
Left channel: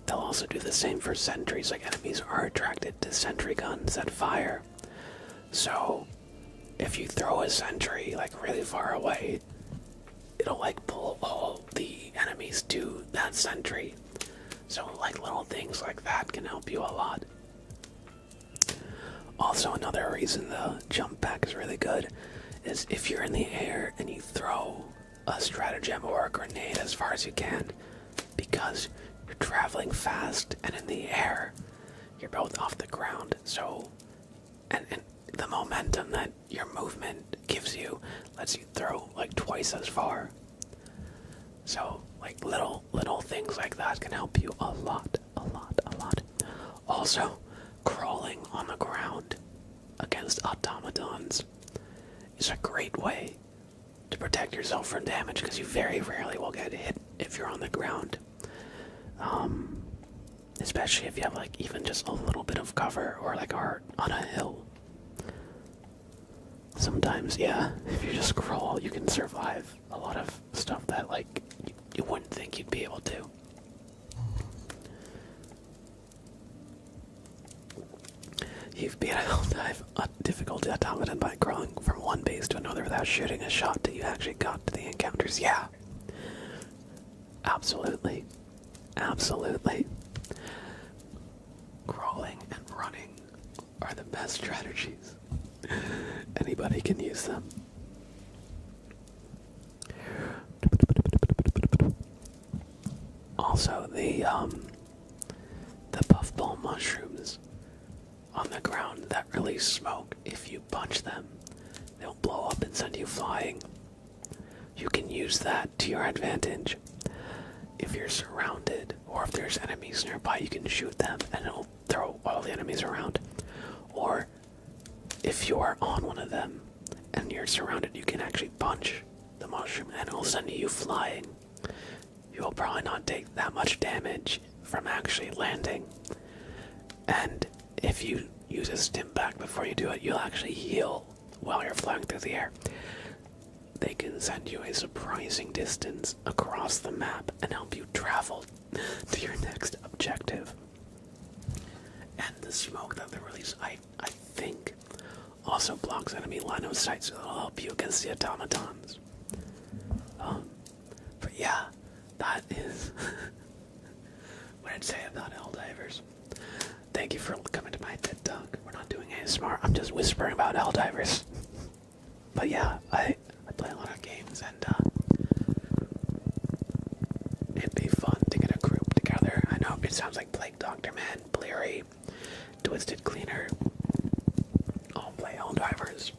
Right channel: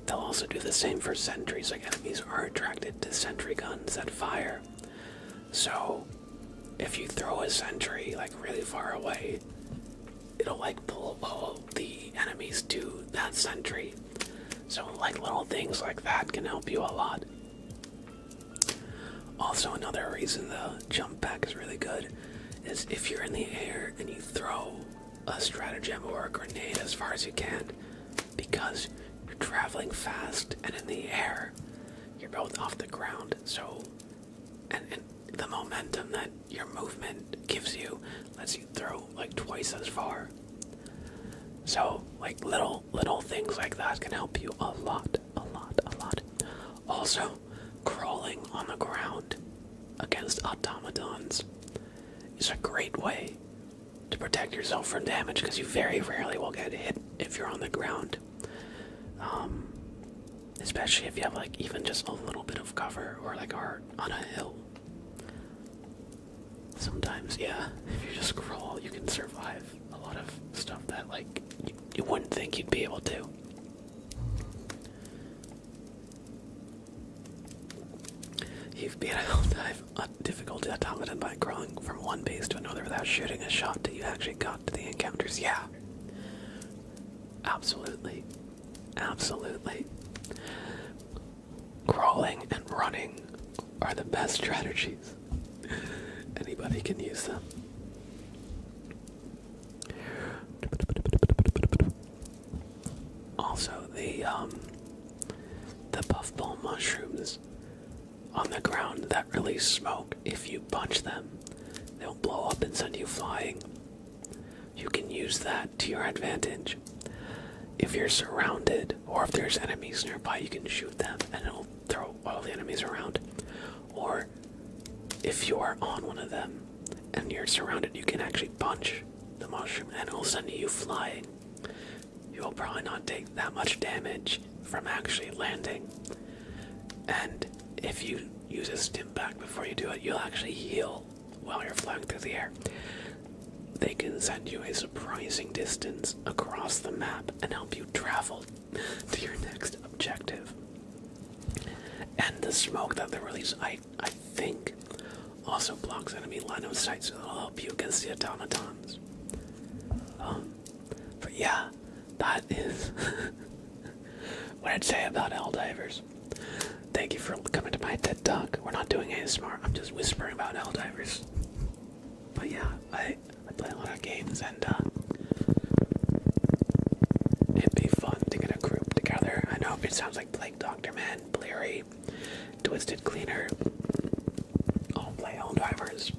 They'll also do the same for sentries, like enemies are attracted to sentry guns that fire. So if you throw a sentry like really far away, it'll like pull all the enemies to that sentry. So like little things like that can help you a lot. Also, another reason the jump pack is really good is if you're in the air and you throw a stratagem or a grenade as far as you can, because you're traveling fast and in the air, you're both off the ground. So, and the momentum that your movement gives you lets you throw like twice as far. So, like little things like that can help you a lot. Also, crawling on the ground against automatons is a great way to protect yourself from damage because you very rarely will get hit if you're on the ground. Especially if you have like even just a little bit of cover or like are on a hill. Sometimes, yeah, if you just crawl, you can survive a lot of stuff that like you wouldn't think you'd be able to. You've beat a Helldive difficulty automaton by crawling from one base to another without shooting a shot till you actually got to the encounters. Yeah. Absolutely. Crawling and running are the best strategies. Anybody can use them. Also, the puffball mushrooms on the ground that release smoke, if you punch them, they'll blow up and send you flying. You can use that to your advantage. If you're surrounded, or if there's enemies nearby, you can shoot them and it'll throw all the enemies around. Or if you are on one of them and you're surrounded, you can actually punch the mushroom and it'll send you flying. You will probably not take that much damage from actually landing. And if you use a stim pack before you do it, you'll actually heal while you're flying through the air. They can send you a surprising distance across the map and help you travel to your next objective. And the smoke that they release, I think, also blocks enemy line of sight, so it'll help you against the automatons. But yeah, that is what I'd say about Helldivers. Thank you for coming to my TED Talk. We're not doing ASMR, I'm just whispering about Helldivers. But yeah, I play a lot of games and it'd be fun to get a group together. I know it sounds like Plague Doctor Man, Bleary, Twisted Cleaner, all play Helldivers.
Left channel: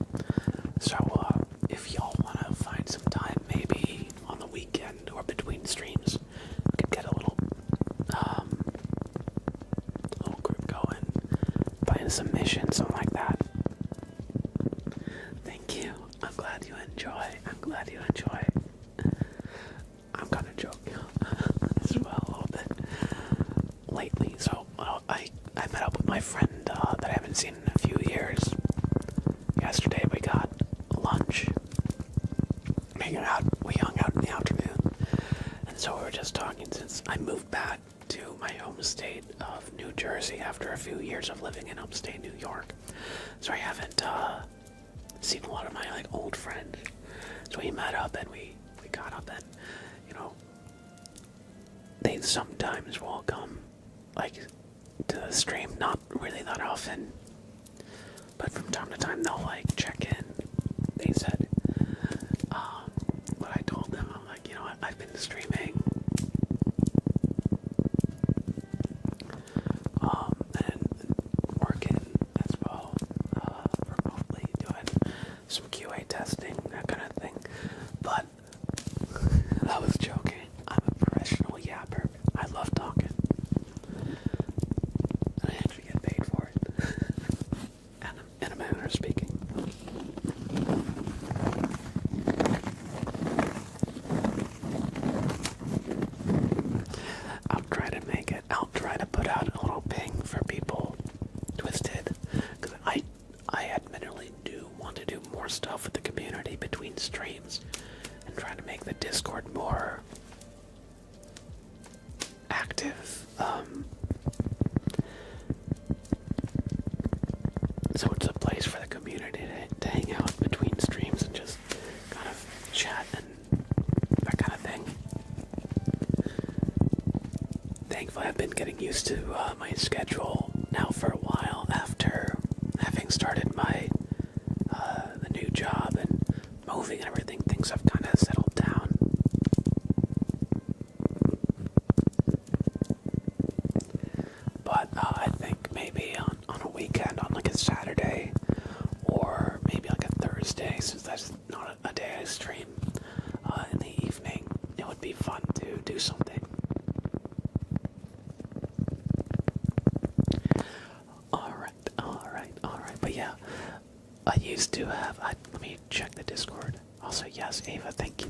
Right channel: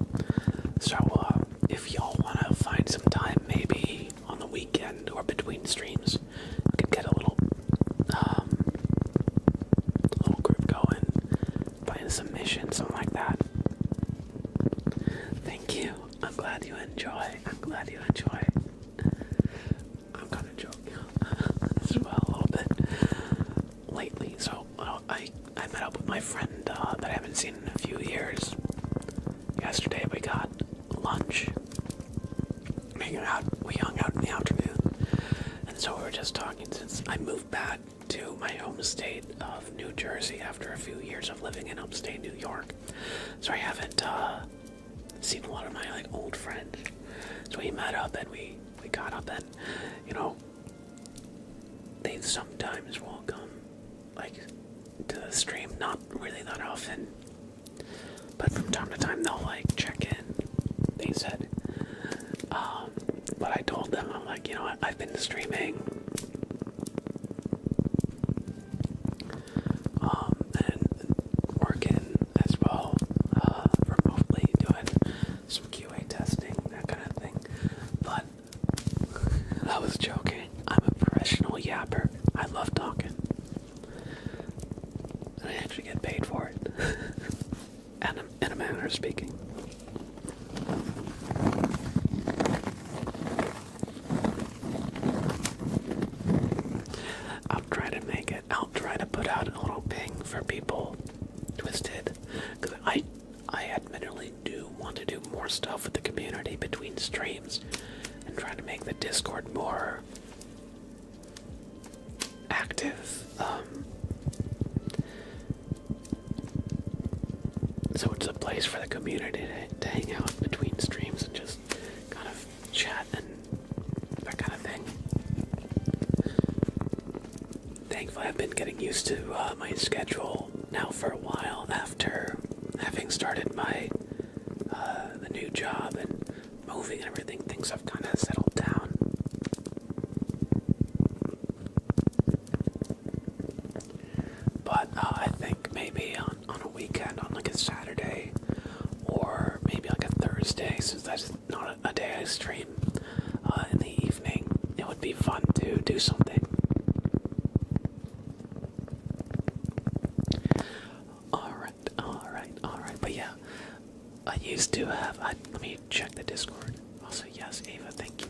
So if y'all want to find some time, maybe on the weekend or between streams, we could get a little group going, playing some missions, something like that. Thank you. I'm glad you enjoy. I'm kind of joking as well a little bit lately. So I met up with my friend that I haven't seen in a few years. Yesterday we got lunch. We hung out in the afternoon. And so we were just talking since I moved back to my home state of New Jersey after a few years of living in upstate New York. So I haven't seen a lot of my like old friends. So we met up and we got up and, you know, they sometimes will come like to the stream, not really that often, but from time to time they'll like check in. They said, but I told them, I'm like, you know what, I've been streaming and working as well, remotely doing some QA testing, that kind of thing. But I was joking. I'm a professional yapper. I love talking. And I actually get paid for it. And in a manner of speaking. I'll try to make it. I'll try to put out a little ping for people twisted. Because I admittedly do want to do more stuff with the community between streams. And try to make the Discord more active. So it's a place for the community to hang out between streams and just kind of chat and that kind of thing. Thankfully, I've been getting used to my schedule now for a while after having started my the new job and moving and everything. Things have kind of settled down. But I think maybe on a weekend, on like a Saturday, or maybe like a Thursday, since that's not a day I stream, in the evening, it would be fun to do something. Alright. But yeah, I used to have, let me check the Discord. Also, yes, Ava, thank you.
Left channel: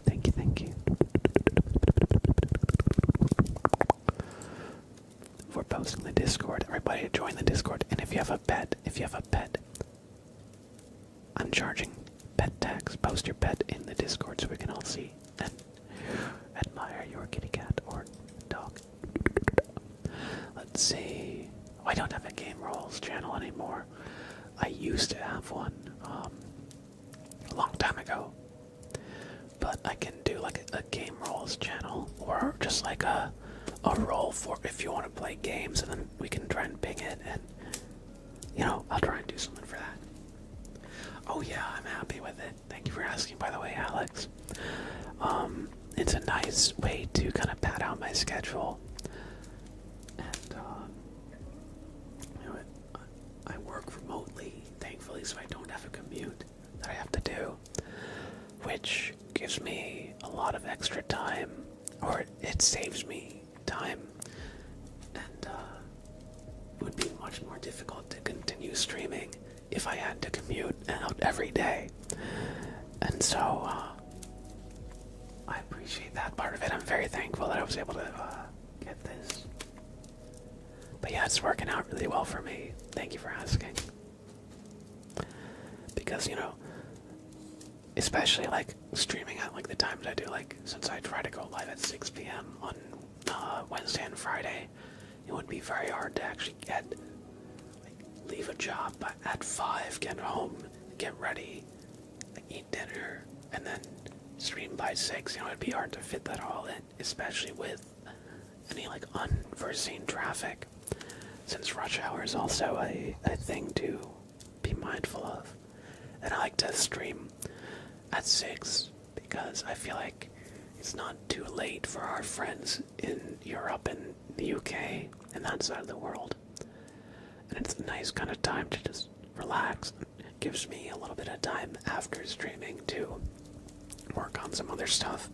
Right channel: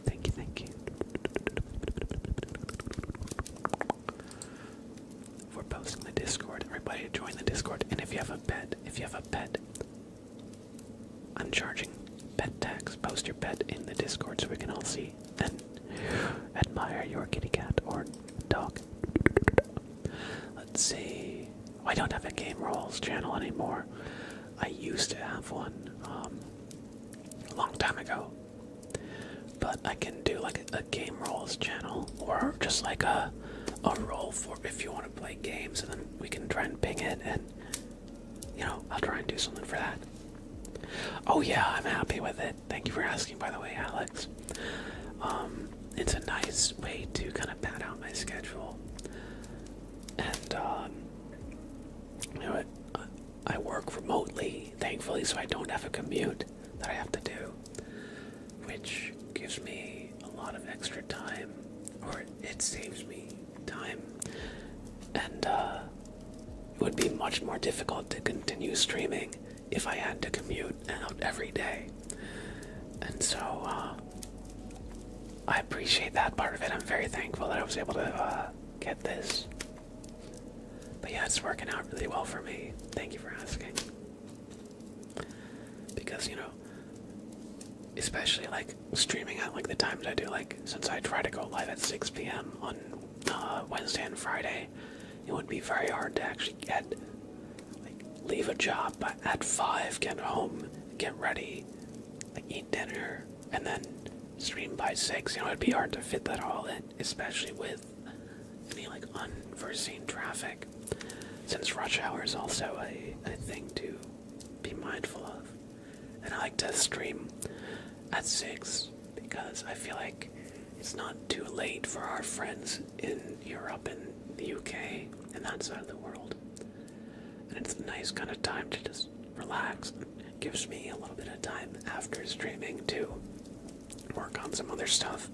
For posting the Discord. Everybody join the Discord. And if you have a pet, I'm charging pet tax. Post your pet in the Discord so we can all see and admire your kitty cat or dog. Let's see. Oh, I don't have a Game Rolls channel anymore. I used to have one a long time ago. But I can do like a Game Rolls channel or just like a roll for if you want to play games, and then we can try and ping it, and you know, I'll try and do something for that. Oh yeah, I'm happy with it. Thank you for asking, by the way, Alex. It's a nice way to kind of pad out my schedule, and you know, I work remotely, thankfully, so I don't have a commute that I have to do, which gives me a lot of extra time, or it saves me time, and it would be much more difficult to continue streaming if I had to commute out every day. And so I appreciate that part of it. I'm very thankful that I was able to get this. But yeah, it's working out really well for me. Thank you for asking. Because, you know, especially like streaming at like the times I do, like since I try to go live at 6 p.m. on Wednesday and Friday, it would be very hard to actually leave a job at 5, get home, get ready, like eat dinner, and then stream by 6. You know, it'd be hard to fit that all in, especially with any like unforeseen traffic, since rush hour is also a thing to be mindful of. And I like to stream at 6 because I feel like it's not too late for our friends in Europe and the UK and that side of the world. And it's a nice kind of time to just relax. It gives me a little bit of time after streaming to work on some other stuff.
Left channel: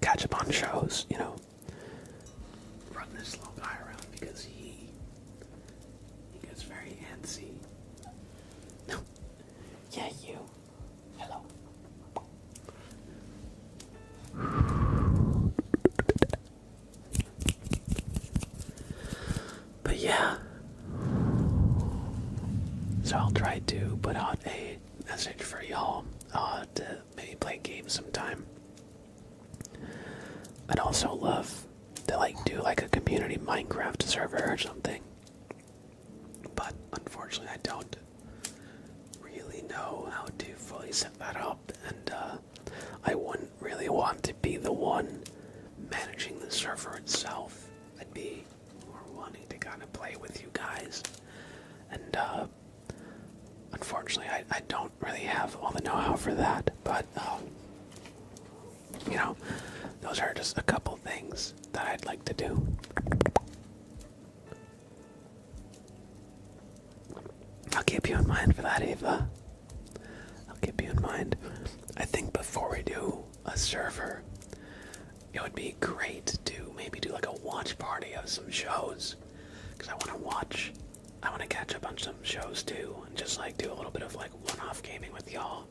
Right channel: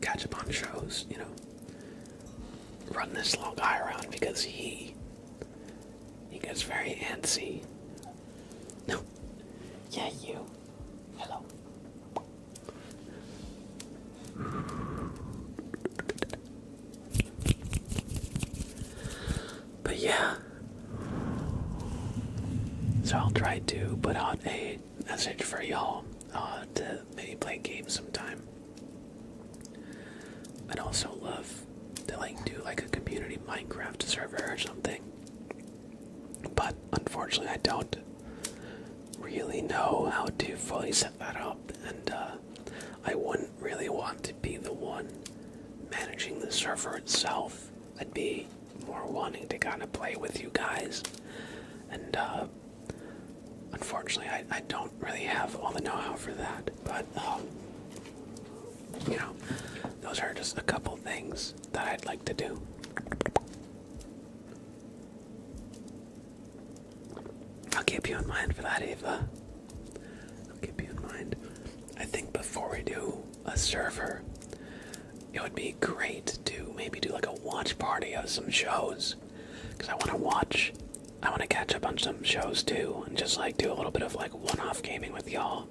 Catch up on shows, you know. Run this little guy around because he gets very antsy. No. Yeah, you. Hello. But yeah. So I'll try to put out a message for y'all to maybe play games sometime. I'd also love to like do like a community Minecraft server or something. But unfortunately I don't really know how to fully set that up, and I wouldn't really want to be the one managing the server itself. I'd be more wanting to kind of play with you guys, and unfortunately I don't really have all the know-how for that, but you know, those are just a couple things that I'd like to do. I'll keep you in mind for that, Ava. I'll keep you in mind. I think before we do a server, it would be great to maybe do like a watch party of some shows. Because I want to catch up on some shows too, and just like do a little bit of like one-off gaming with y'all.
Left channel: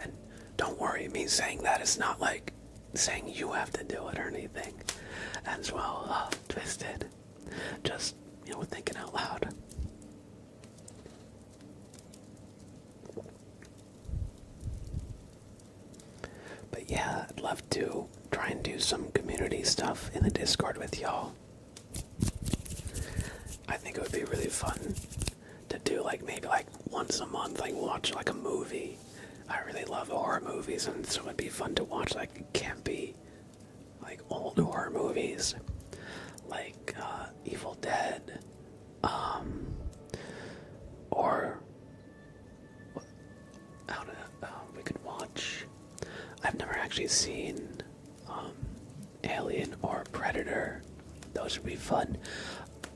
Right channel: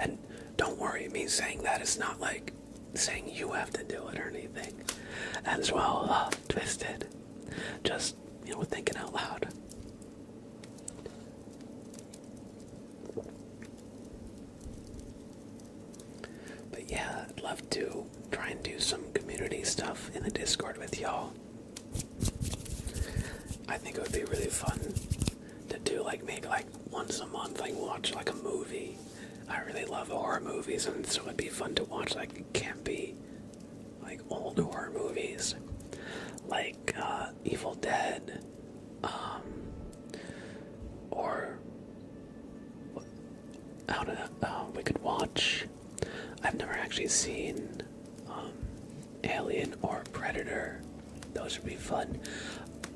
And don't worry, me saying that is not like saying you have to do it or anything. As well, Twisted. Just, you know, thinking out loud. But yeah, I'd love to try and do some community stuff in the Discord with y'all. I think it would be really fun to do like maybe like once a month, like watch like a movie. I really love horror movies, and so it'd be fun to watch like campy, like old horror movies, like Evil Dead, or I don't know, we could watch. I've never actually seen Alien or Predator. Those would be fun.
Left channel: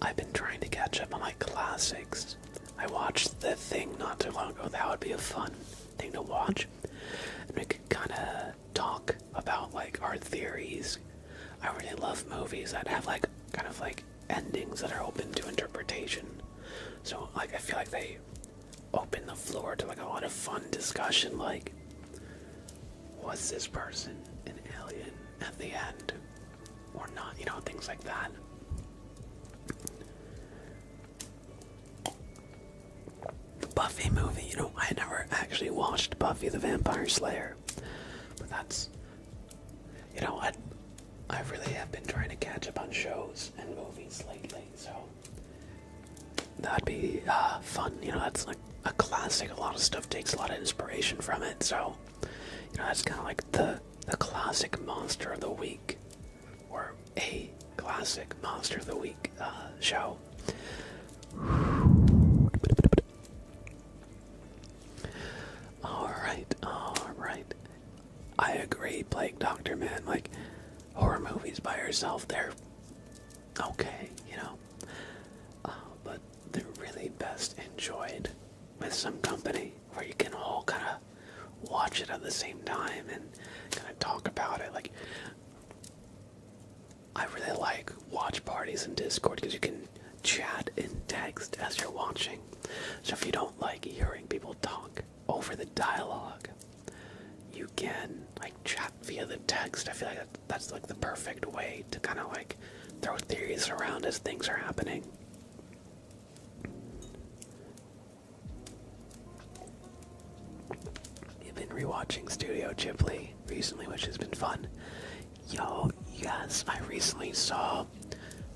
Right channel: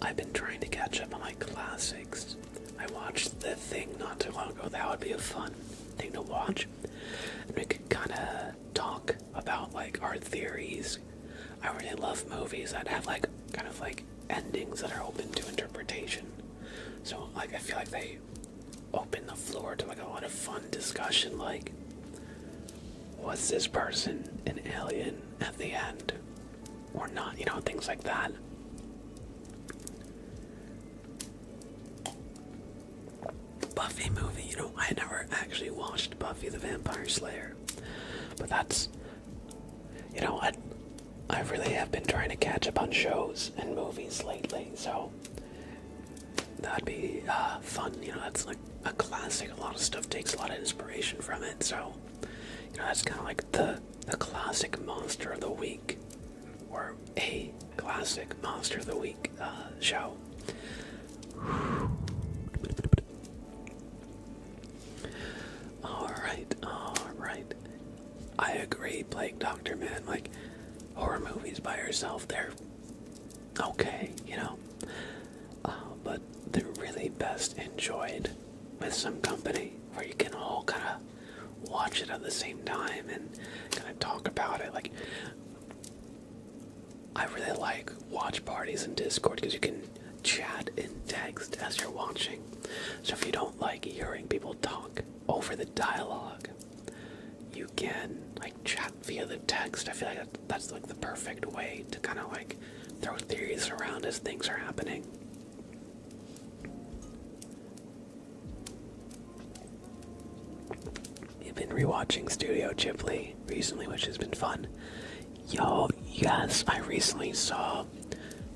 I've been trying to catch up on like classics. I watched The Thing not too long ago. That would be a fun thing to watch. And we could kind of talk about like our theories. I really love movies that have like kind of like endings that are open to interpretation. So like I feel like they open the floor to like a lot of fun discussion, like was this person an alien at the end or not, you know, things like that. Buffy movie, you know, I had never actually watched Buffy the Vampire Slayer, but that's, you know, I really have been trying to catch up on shows and movies lately, so that'd be fun. You know, that's like a classic. A lot of stuff takes a lot of inspiration from it, so you know, that's kind of like the classic monster of the week, or a classic monster of the week show. Alright. I agree, Blake Doctor, man. Like, horror movies by yourself, they're okay, you know. But they're really best enjoyed with some company, where you can all kind of watch it at the same time and kind of talk about it. Like, I really like watch parties in Discord because you can chat in text as you're watching. So if you don't like hearing people talk over the dialogue, you can like chat via the text. I feel like that's like the perfect way to kind of like throw theories around as things are happening. I've been rewatching Studio Ghibli recently, which has been fun. Yo, yes, I recently saw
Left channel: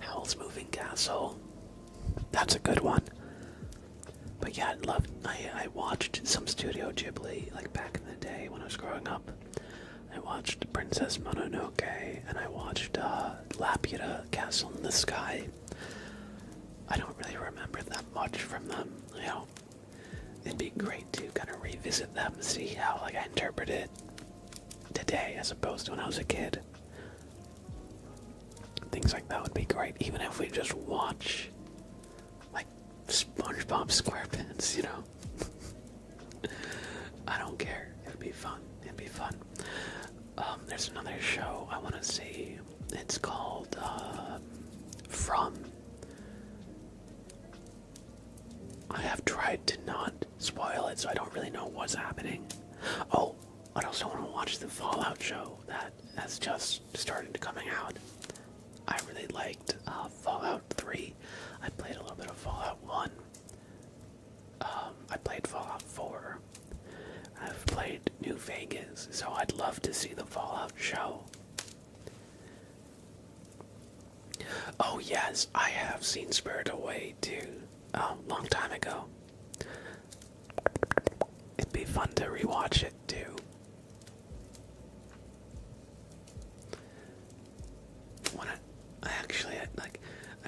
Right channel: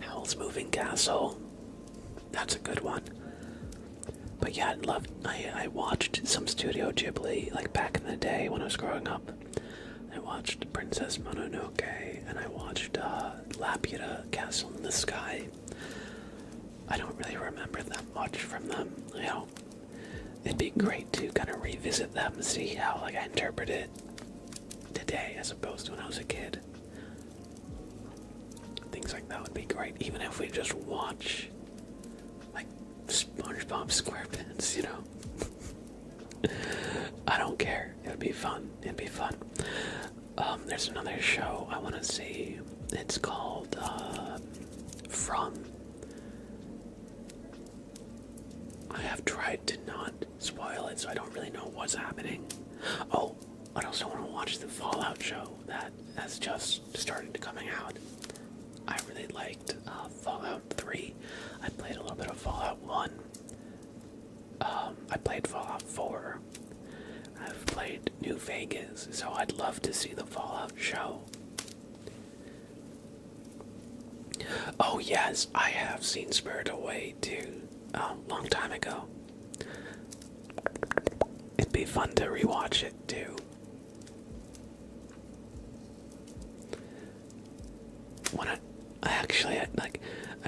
Howl's Moving Castle. That's a good one. But yeah, I watched some Studio Ghibli, like back in the day when I was growing up. I watched Princess Mononoke, and I watched Laputa Castle in the Sky. I don't really remember that much from them, you know. It'd be great to kind of revisit them and see how like I interpret it today as opposed to when I was a kid. Things like that would be great, even if we just watch like SpongeBob SquarePants, you know. I don't care. It would be fun. It'd be fun. There's another show I want to see. It's called From. I have tried to not spoil it, so I don't really know what's happening. Oh, I also want to watch the Fallout show that has just started coming out. I really liked Fallout 3. I played a little bit of Fallout 1. I played Fallout 4. I've played New Vegas, so I'd love to see the Fallout show. Oh yes, I have seen Spirit Away too, a long time ago. It'd be fun to rewatch it too. When I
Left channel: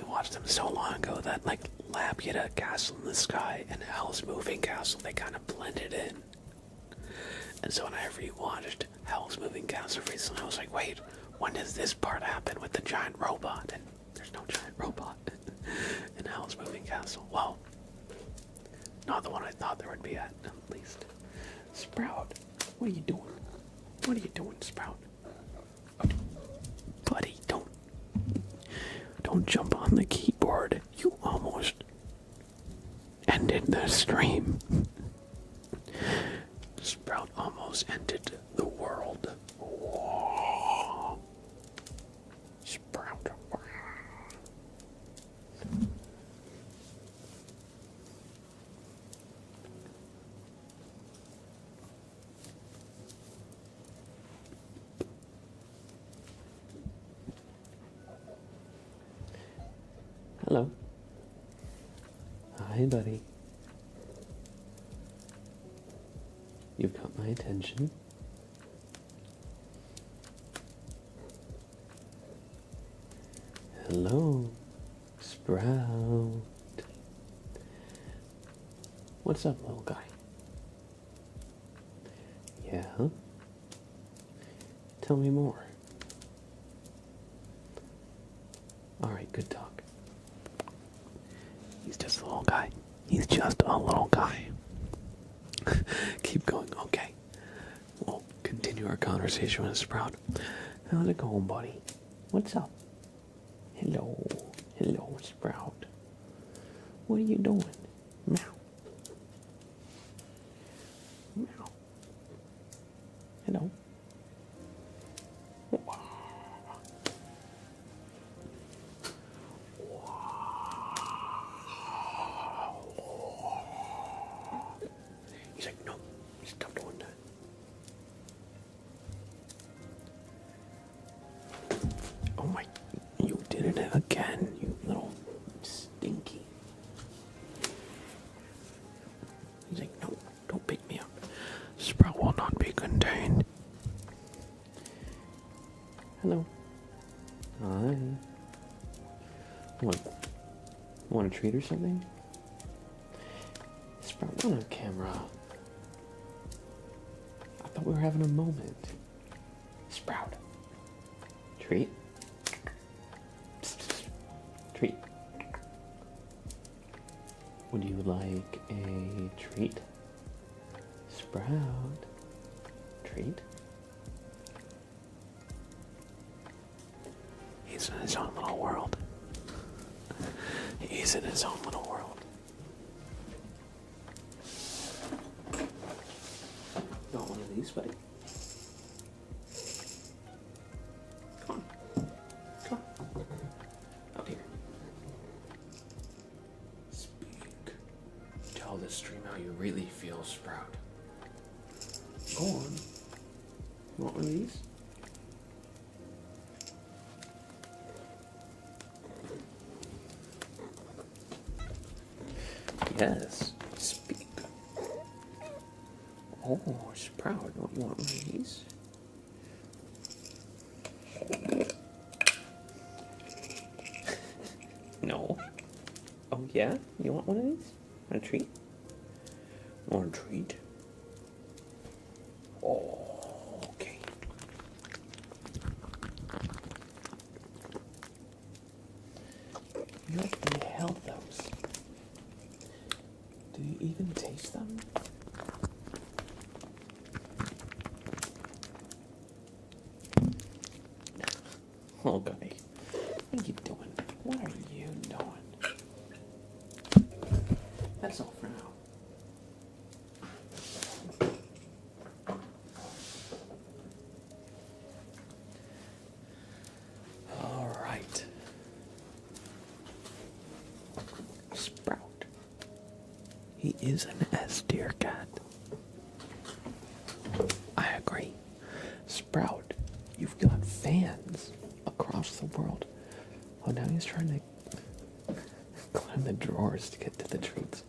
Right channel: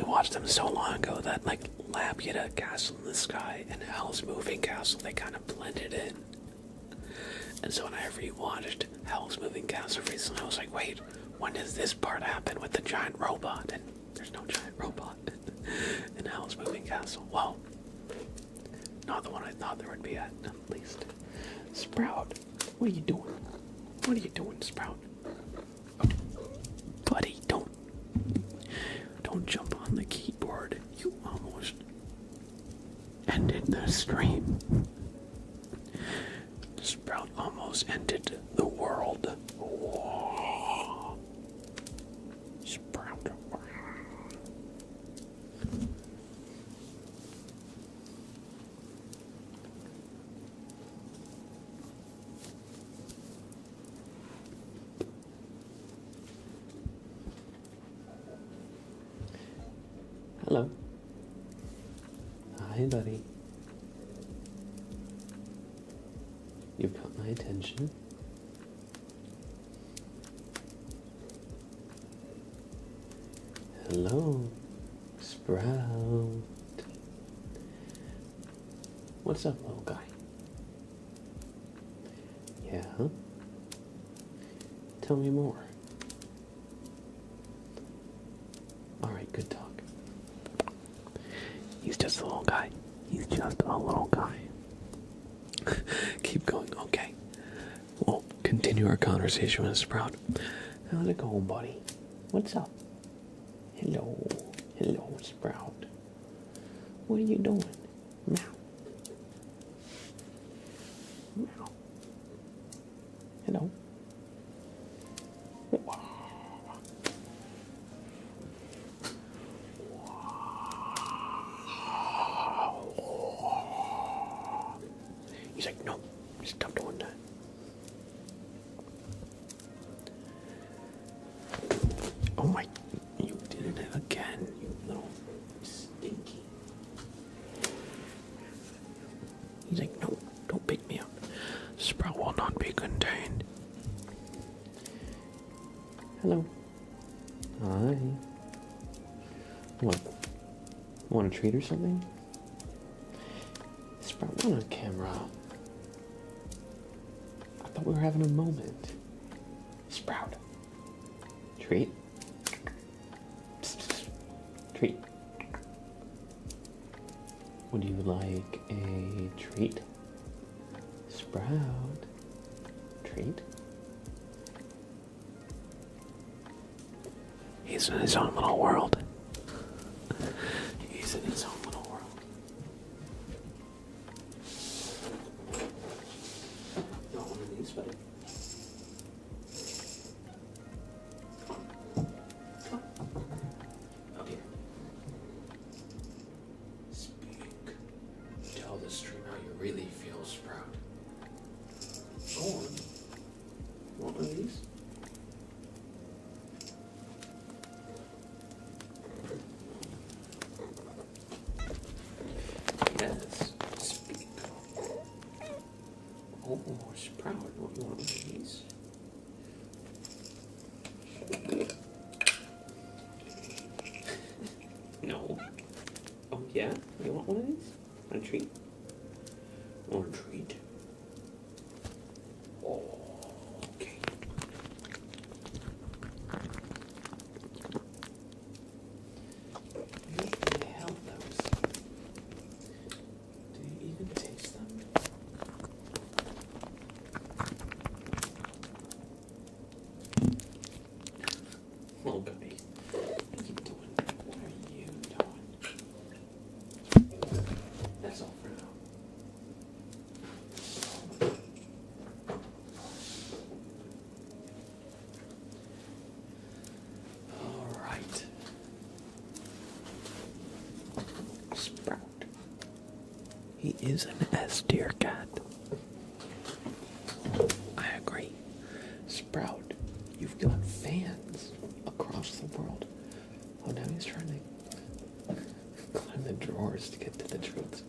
watched them so long ago that like Laputa, Castle in the Sky, and Hell's Moving Castle, they kind of blended in. And so when I rewatched Hell's Moving Castle recently, I was like, wait, when does this part happen with the giant robot? And there's no giant robot in Hell's Moving Castle. Well, not the one I thought there would be at least. Sprout, what are you doing? What are you doing, Sprout? Buddy, don't jump on the keyboard. You almost ended the stream. Sprout almost ended the world. Whoa. Sprout. Hello. Hi, buddy. You've got my attention. Hello, Sprout. What's up, little guy? Yeah? Tell me more. Alright, good talk. He's just a little guy. He's just a little guy. Keep going, okay. We'll continue our conversation with Sprout. How's it going, buddy? What's up? Hello. Hello, Sprout. What are you doing? Meow. Meow. Hello. Wow. He's like, no, stop doing that. Oh my, you did it again, you little stinky. He's like, no, don't pick me up. Sprout will not be contained. Hello. Hi. What? Want a treat or something? Sprout, not on camera. I thought we were having a moment. Sprout. Treat. Psst, psst. Treat. Would you like a treat? Sprout. Treat. He's in his own little world. He's in his own little world. Got one of these, buddy. Come on. Come on. Out here. Speak. Tell the stream how you really feel, Sprout. Go on. You want one of these? Yes, speak. Oh, Sprout, don't you want one of these? No. Oh, yeah? You want one of these? Want a treat? Want a treat? Oh, okay. What the hell, those? Do you even taste them? Oh, guy. What are you doing? What are you doing? That's all for now. All right. Sprout. He is an S-tier cat. I agree. Sprout, you've got fans across the world. Oh, now he's trying to climb the drawers to get to the treats.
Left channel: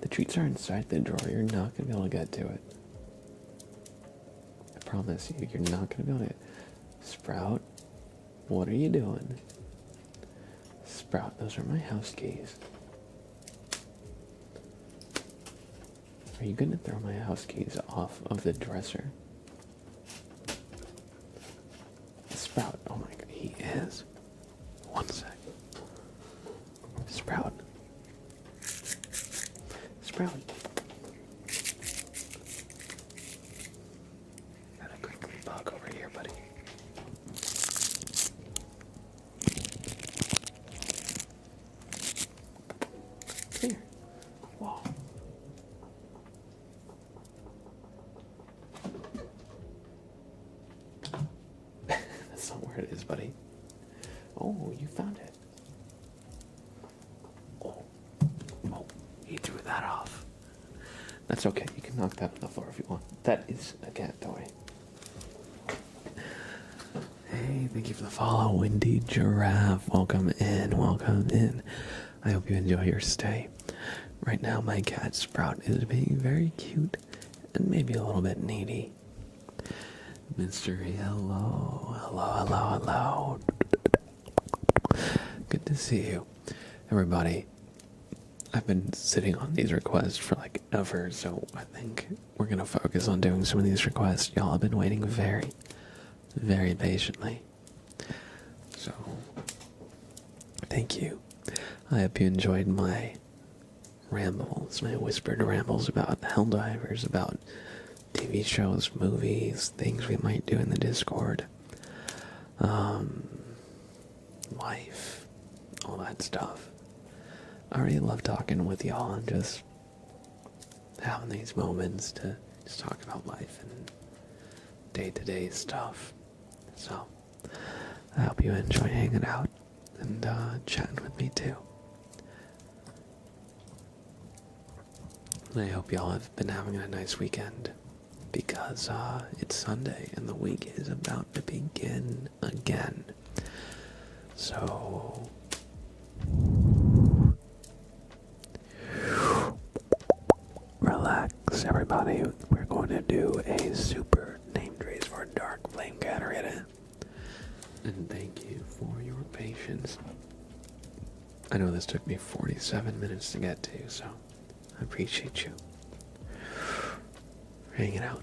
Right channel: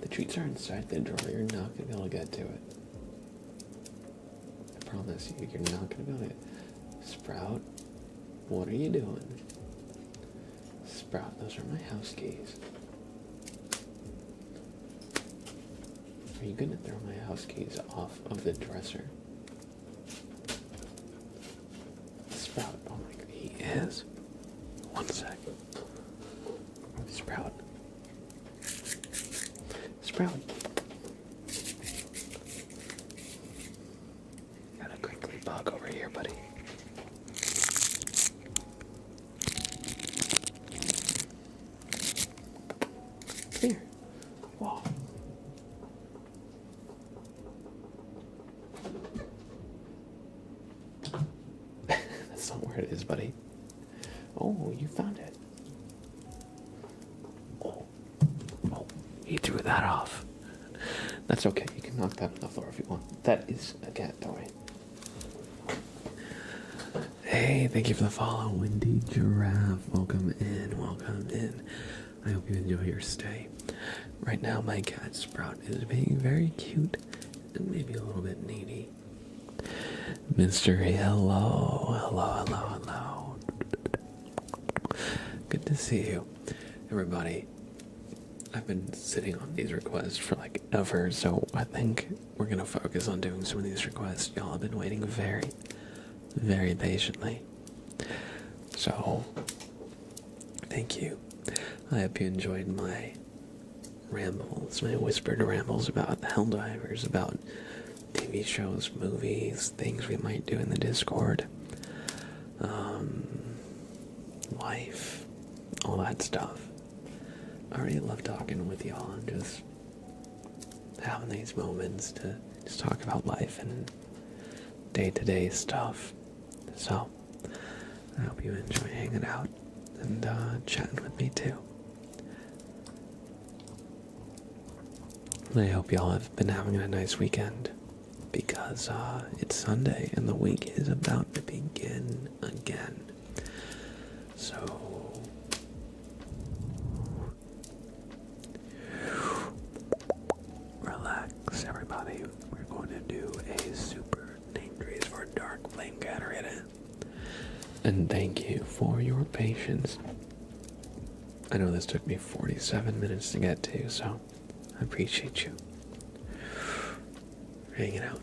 The treats are inside the drawer. You're not going to be able to get to it. I promise you, you're not going to be able to. Sprout, what are you doing? Sprout, those are my house keys. Are you going to throw my house keys off of the dresser? Sprout, oh my god, he is. One sec. Sprout. Sprout. Got a crinkly bug over here, buddy. Here. Whoa. That's not where it is, buddy. Oh, you found it. Oh, he threw that off. That's okay. You can knock that on the floor if you want. That is a cat toy. Hey, thank you for the follow, Windy Giraffe. Welcome in, welcome in. I hope you enjoy your stay. Right now, my cat Sprout is being very cute and maybe a little bit needy. Mystery, hello, hello, hello, hello. Good to see you. Everybody, I've been sitting on these requests for like ever, so I think we're going to focus on doing some of these requests. Y'all have been waiting very, very patiently. So, thank you. I hope you enjoyed my rambles, my whispered rambles about Helldivers, about TV shows, movies, things we might do in the Discord, life, all that stuff. I really love talking with y'all and just having these moments to just talk about life and day-to-day stuff. So, I hope you enjoy hanging out and chatting with me too. I hope y'all have been having a nice weekend, because it's Sunday and the week is about to begin again. So, relax, everybody. We're going to do a super name trace for Dark Flame Catarina. And thank you for your patience. I know this took me 47 minutes to get to, so I appreciate you hanging out.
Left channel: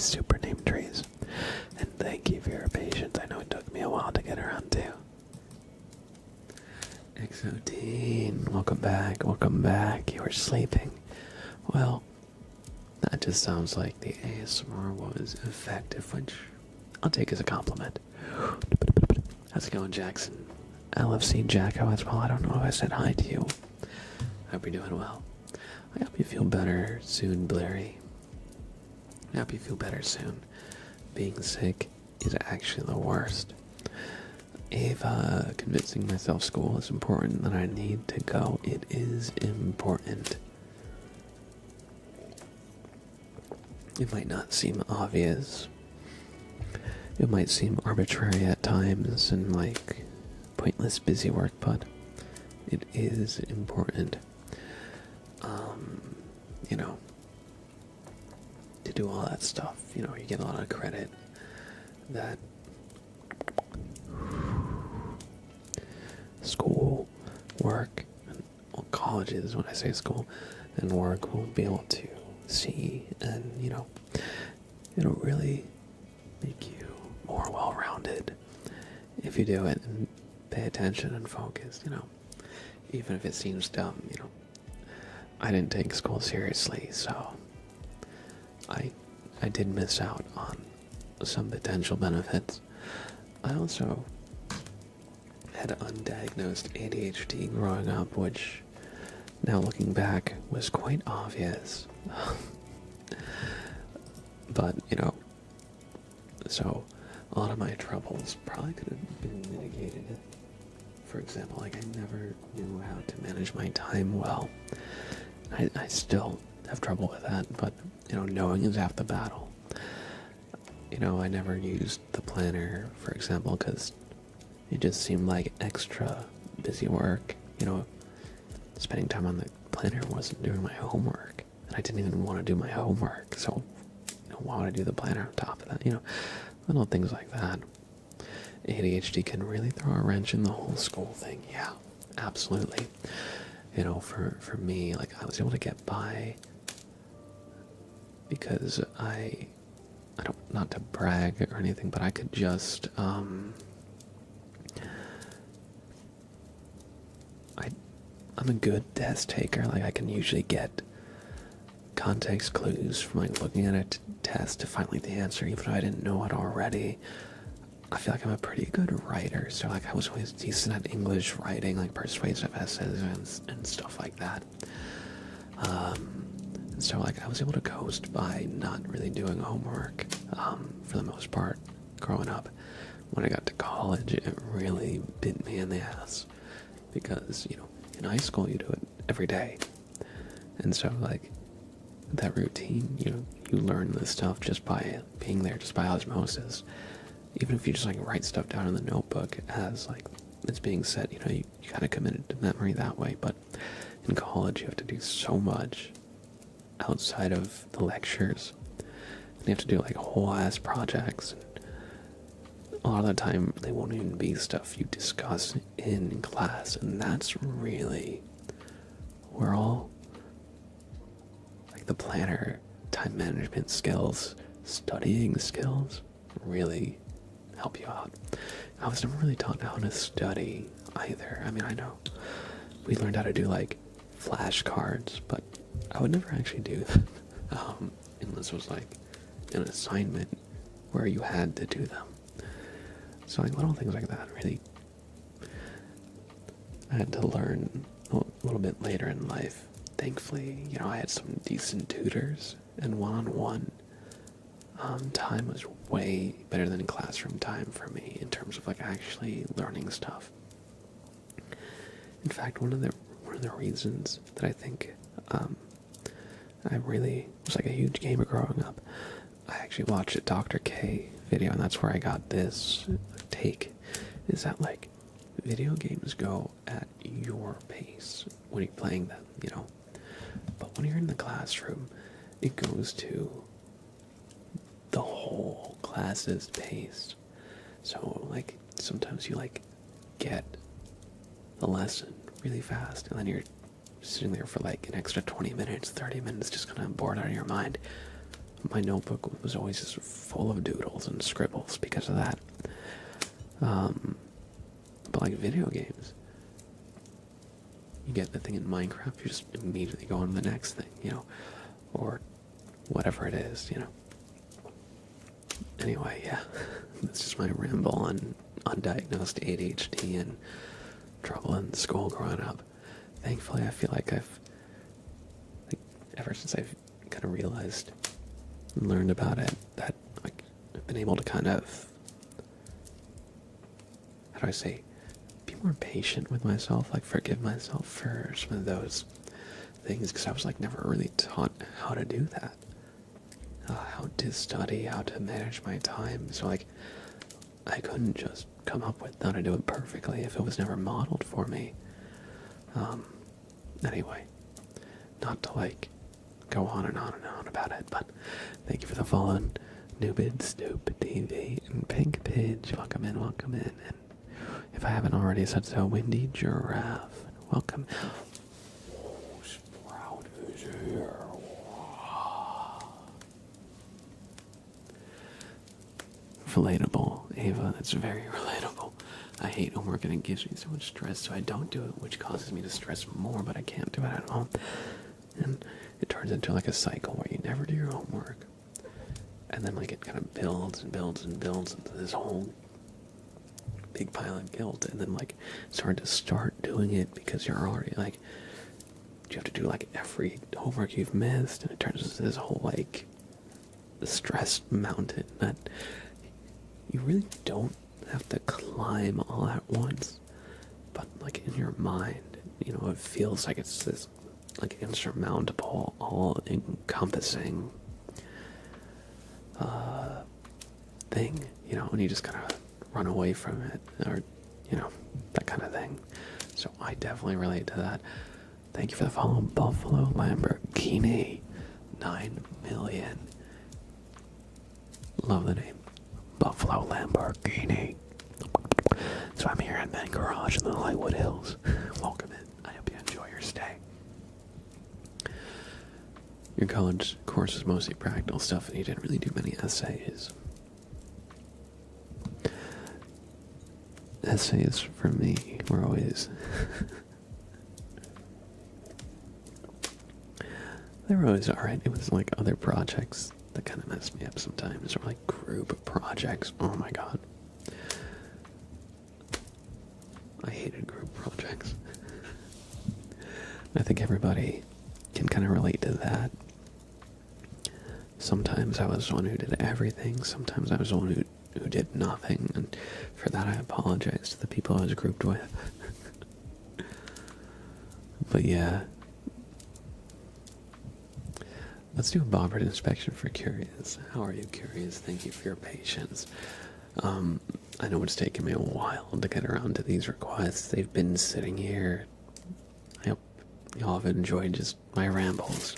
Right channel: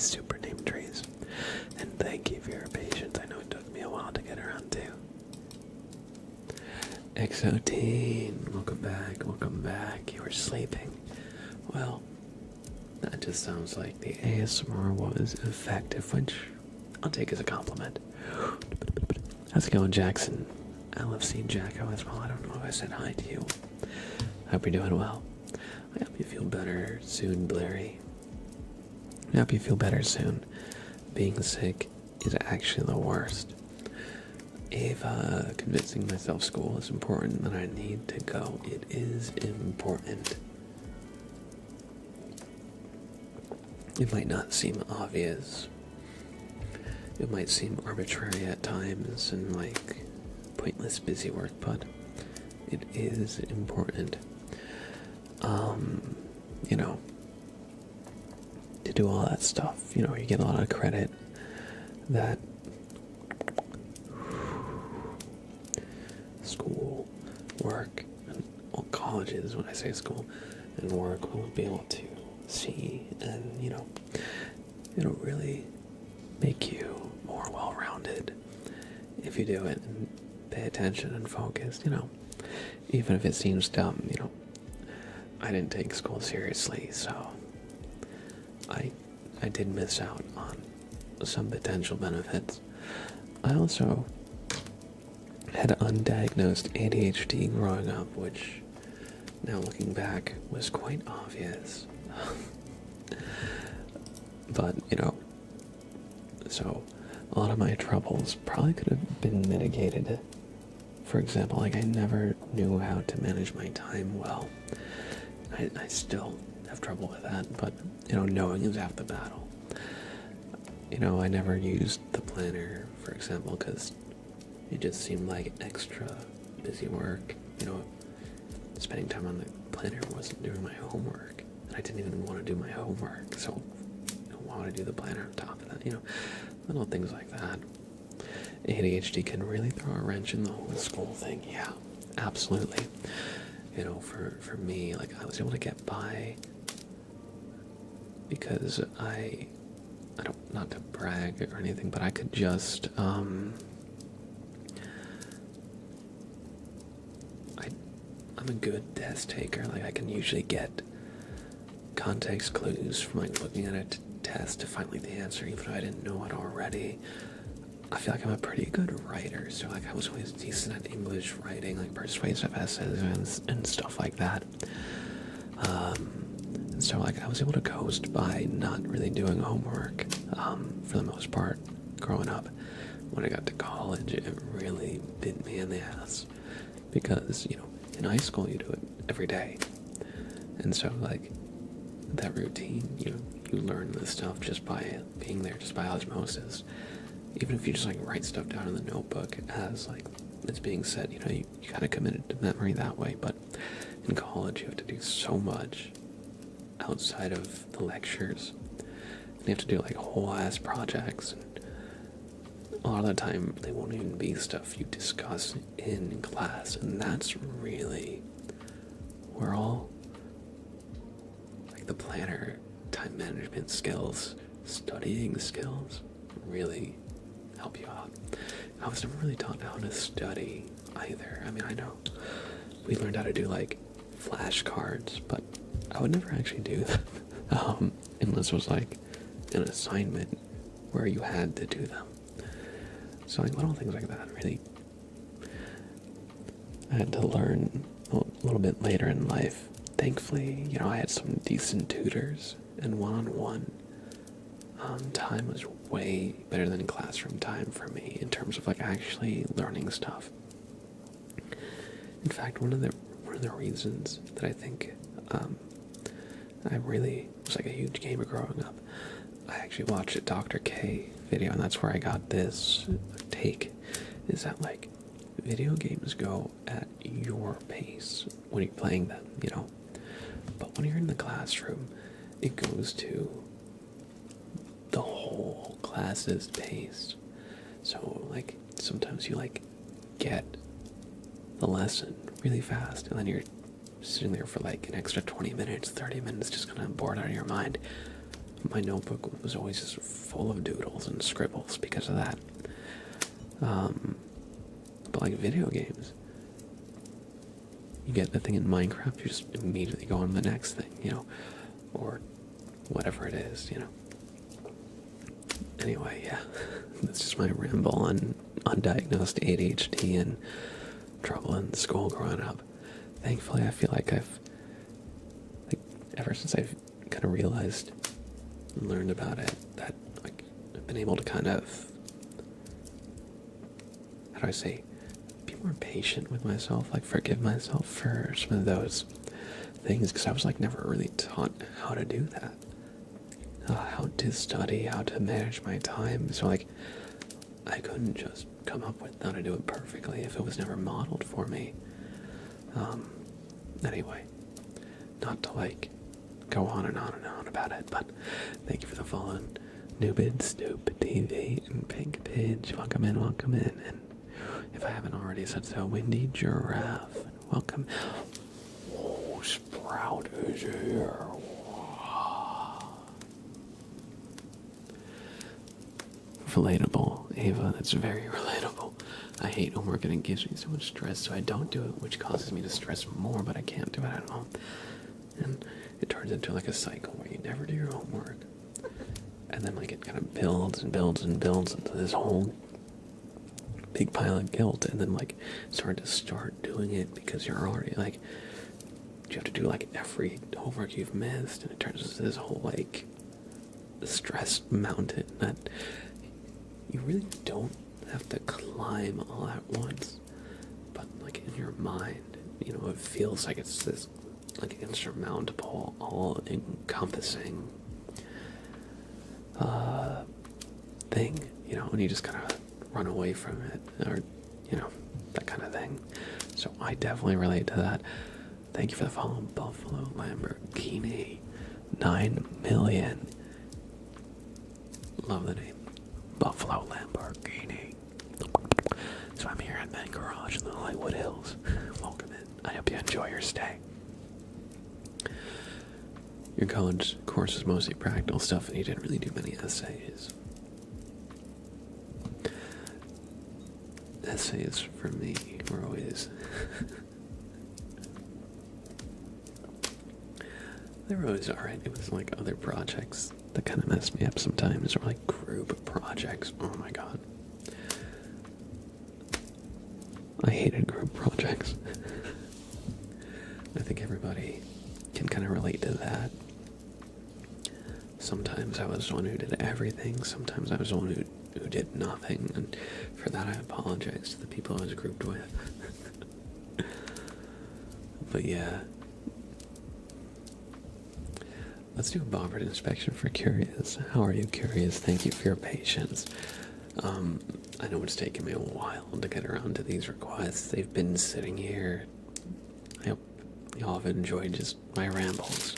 Super name trees, and thank you for your patience. I know it took me a while to get around to. Exoteen, welcome back, welcome back. You were sleeping. Well, that just sounds like the ASMR was effective, which I'll take as a compliment. How's it going, Jackson? LFC Jacko as well. I don't know if I said hi to you. I hope you're doing well. I hope you feel better soon, Blairy. I hope you feel better soon. Being sick is actually the worst. If convincing myself school is important, then I need to go. It is important. It might not seem obvious. it might seem arbitrary at times and like pointless busy work, but it is important, you know, to do all that stuff. You know, you get a lot of credit that school, work, and well, colleges, when I say school, and work will be able to see, and, you know, it'll really make you more well-rounded if you do it and pay attention and focus, you know. Even if it seems dumb, you know, I didn't take school seriously, so I did miss out on some potential benefits. I also had undiagnosed ADHD growing up, which, now looking back, was quite obvious. But, you know, so a lot of my troubles probably could have been mitigated. For example, like, I never knew how to manage my time well. I still have trouble with that, but, you know, knowing is half the battle. You know, I never used the planner, for example, because it just seemed like extra busy work. You know, spending time on the planner wasn't doing my homework, and I didn't even want to do my homework, so you know, why would I do the planner on top of that? You know, little things like that. ADHD can really throw a wrench in the whole school thing. Yeah, absolutely. You know, for me, like, I was able to get by because I don't, not to brag or anything, but I could just, I'm a good test taker. Like, I can usually get context clues from, like, looking at a test to find, like, the answer, even if I didn't know it already. I feel like I'm a pretty good writer, so, like, I was always decent at English writing, like persuasive essays and stuff like that. And so, like, I was able to coast by not really doing homework, for the most part, growing up. When I got to college, it really bit me in the ass, because, you know, in high school you do it every day. And so, like, that routine, you know, you learn this stuff just by being there, just by osmosis. Even if you just, like, write stuff down in the notebook as, like, it's being said, you know, you kind of committed to memory that way. But in college, you have to do so much outside of the lectures. And you have to do, like, whole ass projects. And a lot of the time, they won't even be stuff you discuss in class. And that's really where all, like, the planner, time management skills, studying skills really help you out. I was never really taught how to study either. I mean, I know we learned how to do, like, flashcards, but I would never actually do that unless it was, like, an assignment where you had to do them. So, like, little things like that really I had to learn a little bit later in life. Thankfully, you know, I had some decent tutors, and one-on-one time was way better than classroom time for me in terms of, like, actually learning stuff. In fact, one of the reasons that I think I really was, like, a huge gamer growing up, I actually watched a Dr. K video, and that's where I got this take, is that, like, video games go at your pace when you're playing them, you know, but when you're in the classroom, it goes to the whole class's pace. So, like, sometimes you, like, get the lesson really fast, and then you're sitting there for, like, an extra 20 minutes, 30 minutes, just kind of bored out of your mind. My notebook was always just full of doodles and scribbles because of that. But, like, video games, you get the thing in Minecraft, you just immediately go on to the next thing, you know, or whatever it is, you know. Anyway, yeah, that's just my ramble on undiagnosed ADHD and trouble in school growing up. Thankfully, I feel like I've, like, ever since I've kind of realized and learned about it, that, like, I've been able to kind of, how do I say, be more patient with myself, like, forgive myself for some of those things, because I was, like, never really taught how to do that. How to study, how to manage my time. So, like, I couldn't just come up with how to do it perfectly if it was never modeled for me. Anyway, not to like go on and on and on about it, but thank you for the follow. Newbid, Stoop, TV, and Pink Pidge, welcome in, and if I haven't already said so, Windy Giraffe, welcome. Oh, Sprout is here. Relatable, Ava, that's very relatable. I hate homework and it gives me so much stress, so I don't do it, which causes me to stress more, but I can't do it at all. And it turns into like a cycle where you never do your homework. And then like it kind of builds and builds and builds into this whole big pile of guilt, and then like start doing it because you're already like, you have to do like every homework you've missed, and it turns into this whole like stress mountain that you really don't have to climb all at once, but like in your mind, you know, it feels like it's this like insurmountable, all-encompassing thing, you know, and you just kind of run away from it, or, you know, that kind of thing. So I definitely relate to that. Thank you for the follow, Buffalo Lamborghini, 9 million. Love the name, Buffalo Lamborghini. So I'm here at my garage in the Lightwood Hills. Welcome in. I hope you enjoy your stay. Your college course is mostly practical stuff, and you didn't really do many essays. Essays for me were always they were always alright. It was like other projects that kind of messed me up sometimes, or like group projects. Oh my god, I hated group projects. I think everybody can kind of relate to that. Sometimes I was the one who did everything, sometimes I was the one who did nothing, and for that I apologize to the people I was grouped with. But yeah. Let's do a Bobbert inspection for Curious. How are you, Curious? Thank you for your patience. I know it's taken me a while to get around to these requests. They've been sitting here. I hope y'all have enjoyed just my rambles.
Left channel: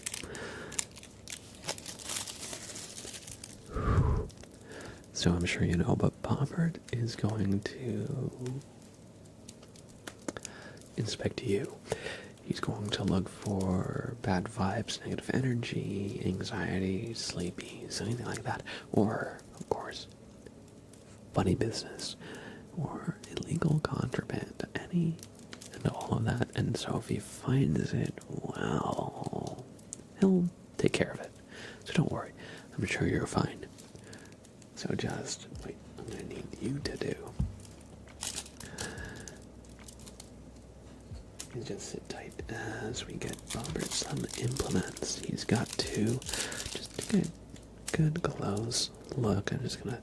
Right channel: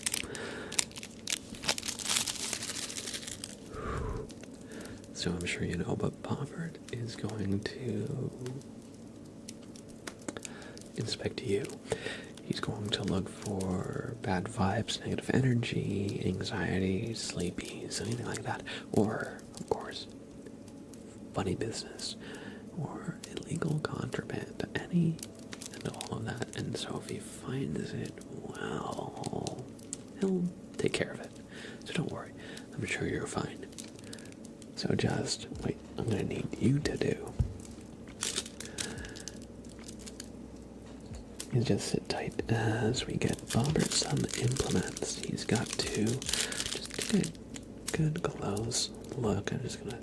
So I'm sure you know, but Bobbert is going to inspect you. He's going to look for bad vibes, negative energy, anxiety, sleepies, anything like that. Or, of course, funny business, or illegal contraband, any and all of that. And so if he finds it, well, he'll take care of it. So don't worry, I'm sure you're fine. So just, wait, I'm going to need you to do is just sit tight as we get Bobbert some implements. He's got to just take a good close look. I'm just going to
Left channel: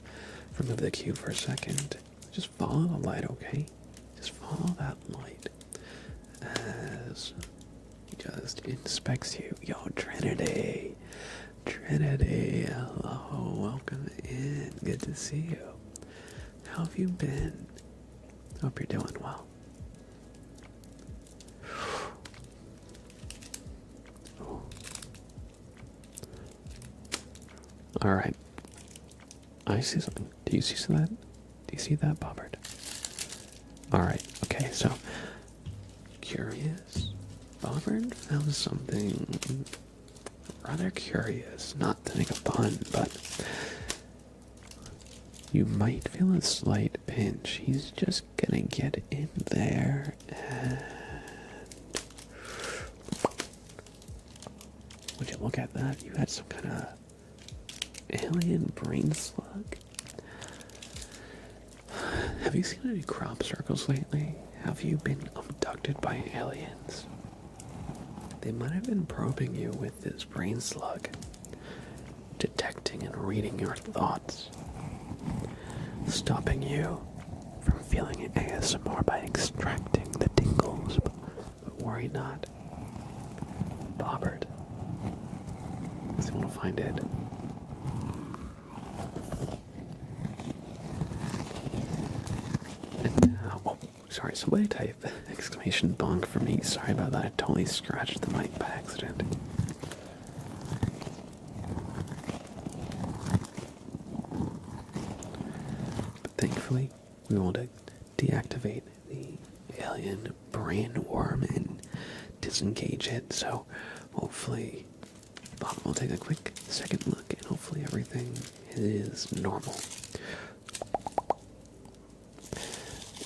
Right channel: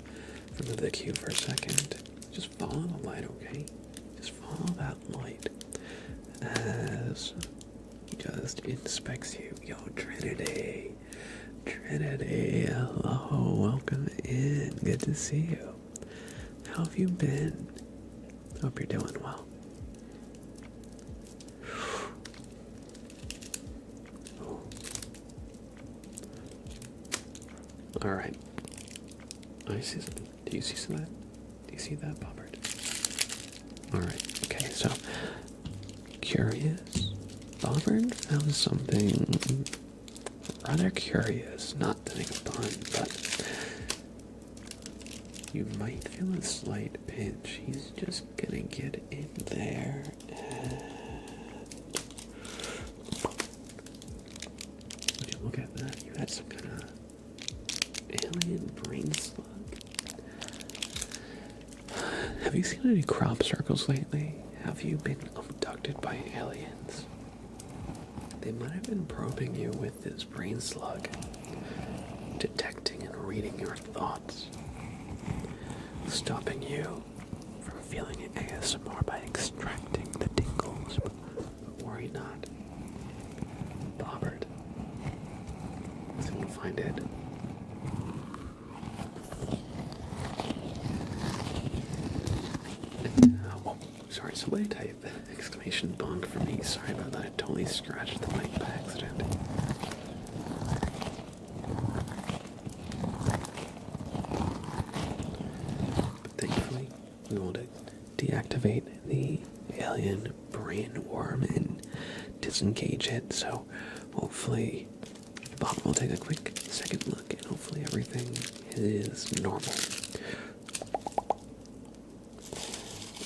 remove the cue for a second. Just follow the light, okay? Just follow that light as he just inspects you. Yo, Trinity. Trinity, hello, welcome in. Good to see you. How have you been? Hope you're doing well. Oh. Alright. I see something. Do you see that? Do you see that, Bobbert? Alright, okay, so Curious. Bobbert found something rather curious, not to make a pun, but you might feel a slight pinch. He's just gonna get in there and would you look at that? You had some kind of alien brain slug. Have you seen any crop circles lately? Have you been abducted by aliens? They might have been probing you with this brain slug, detecting and reading your thoughts, stopping you from feeling ASMR by extracting the tingles. But worry not. Bobbert is going to find it. sorry. Somebody type exclamation bonk for me. Sorry about that. I totally scratched the mic by accident. But thankfully, we want to deactivate the alien brain worm and disengage it. So hopefully, Bob will take a quick second look, and hopefully everything is normal.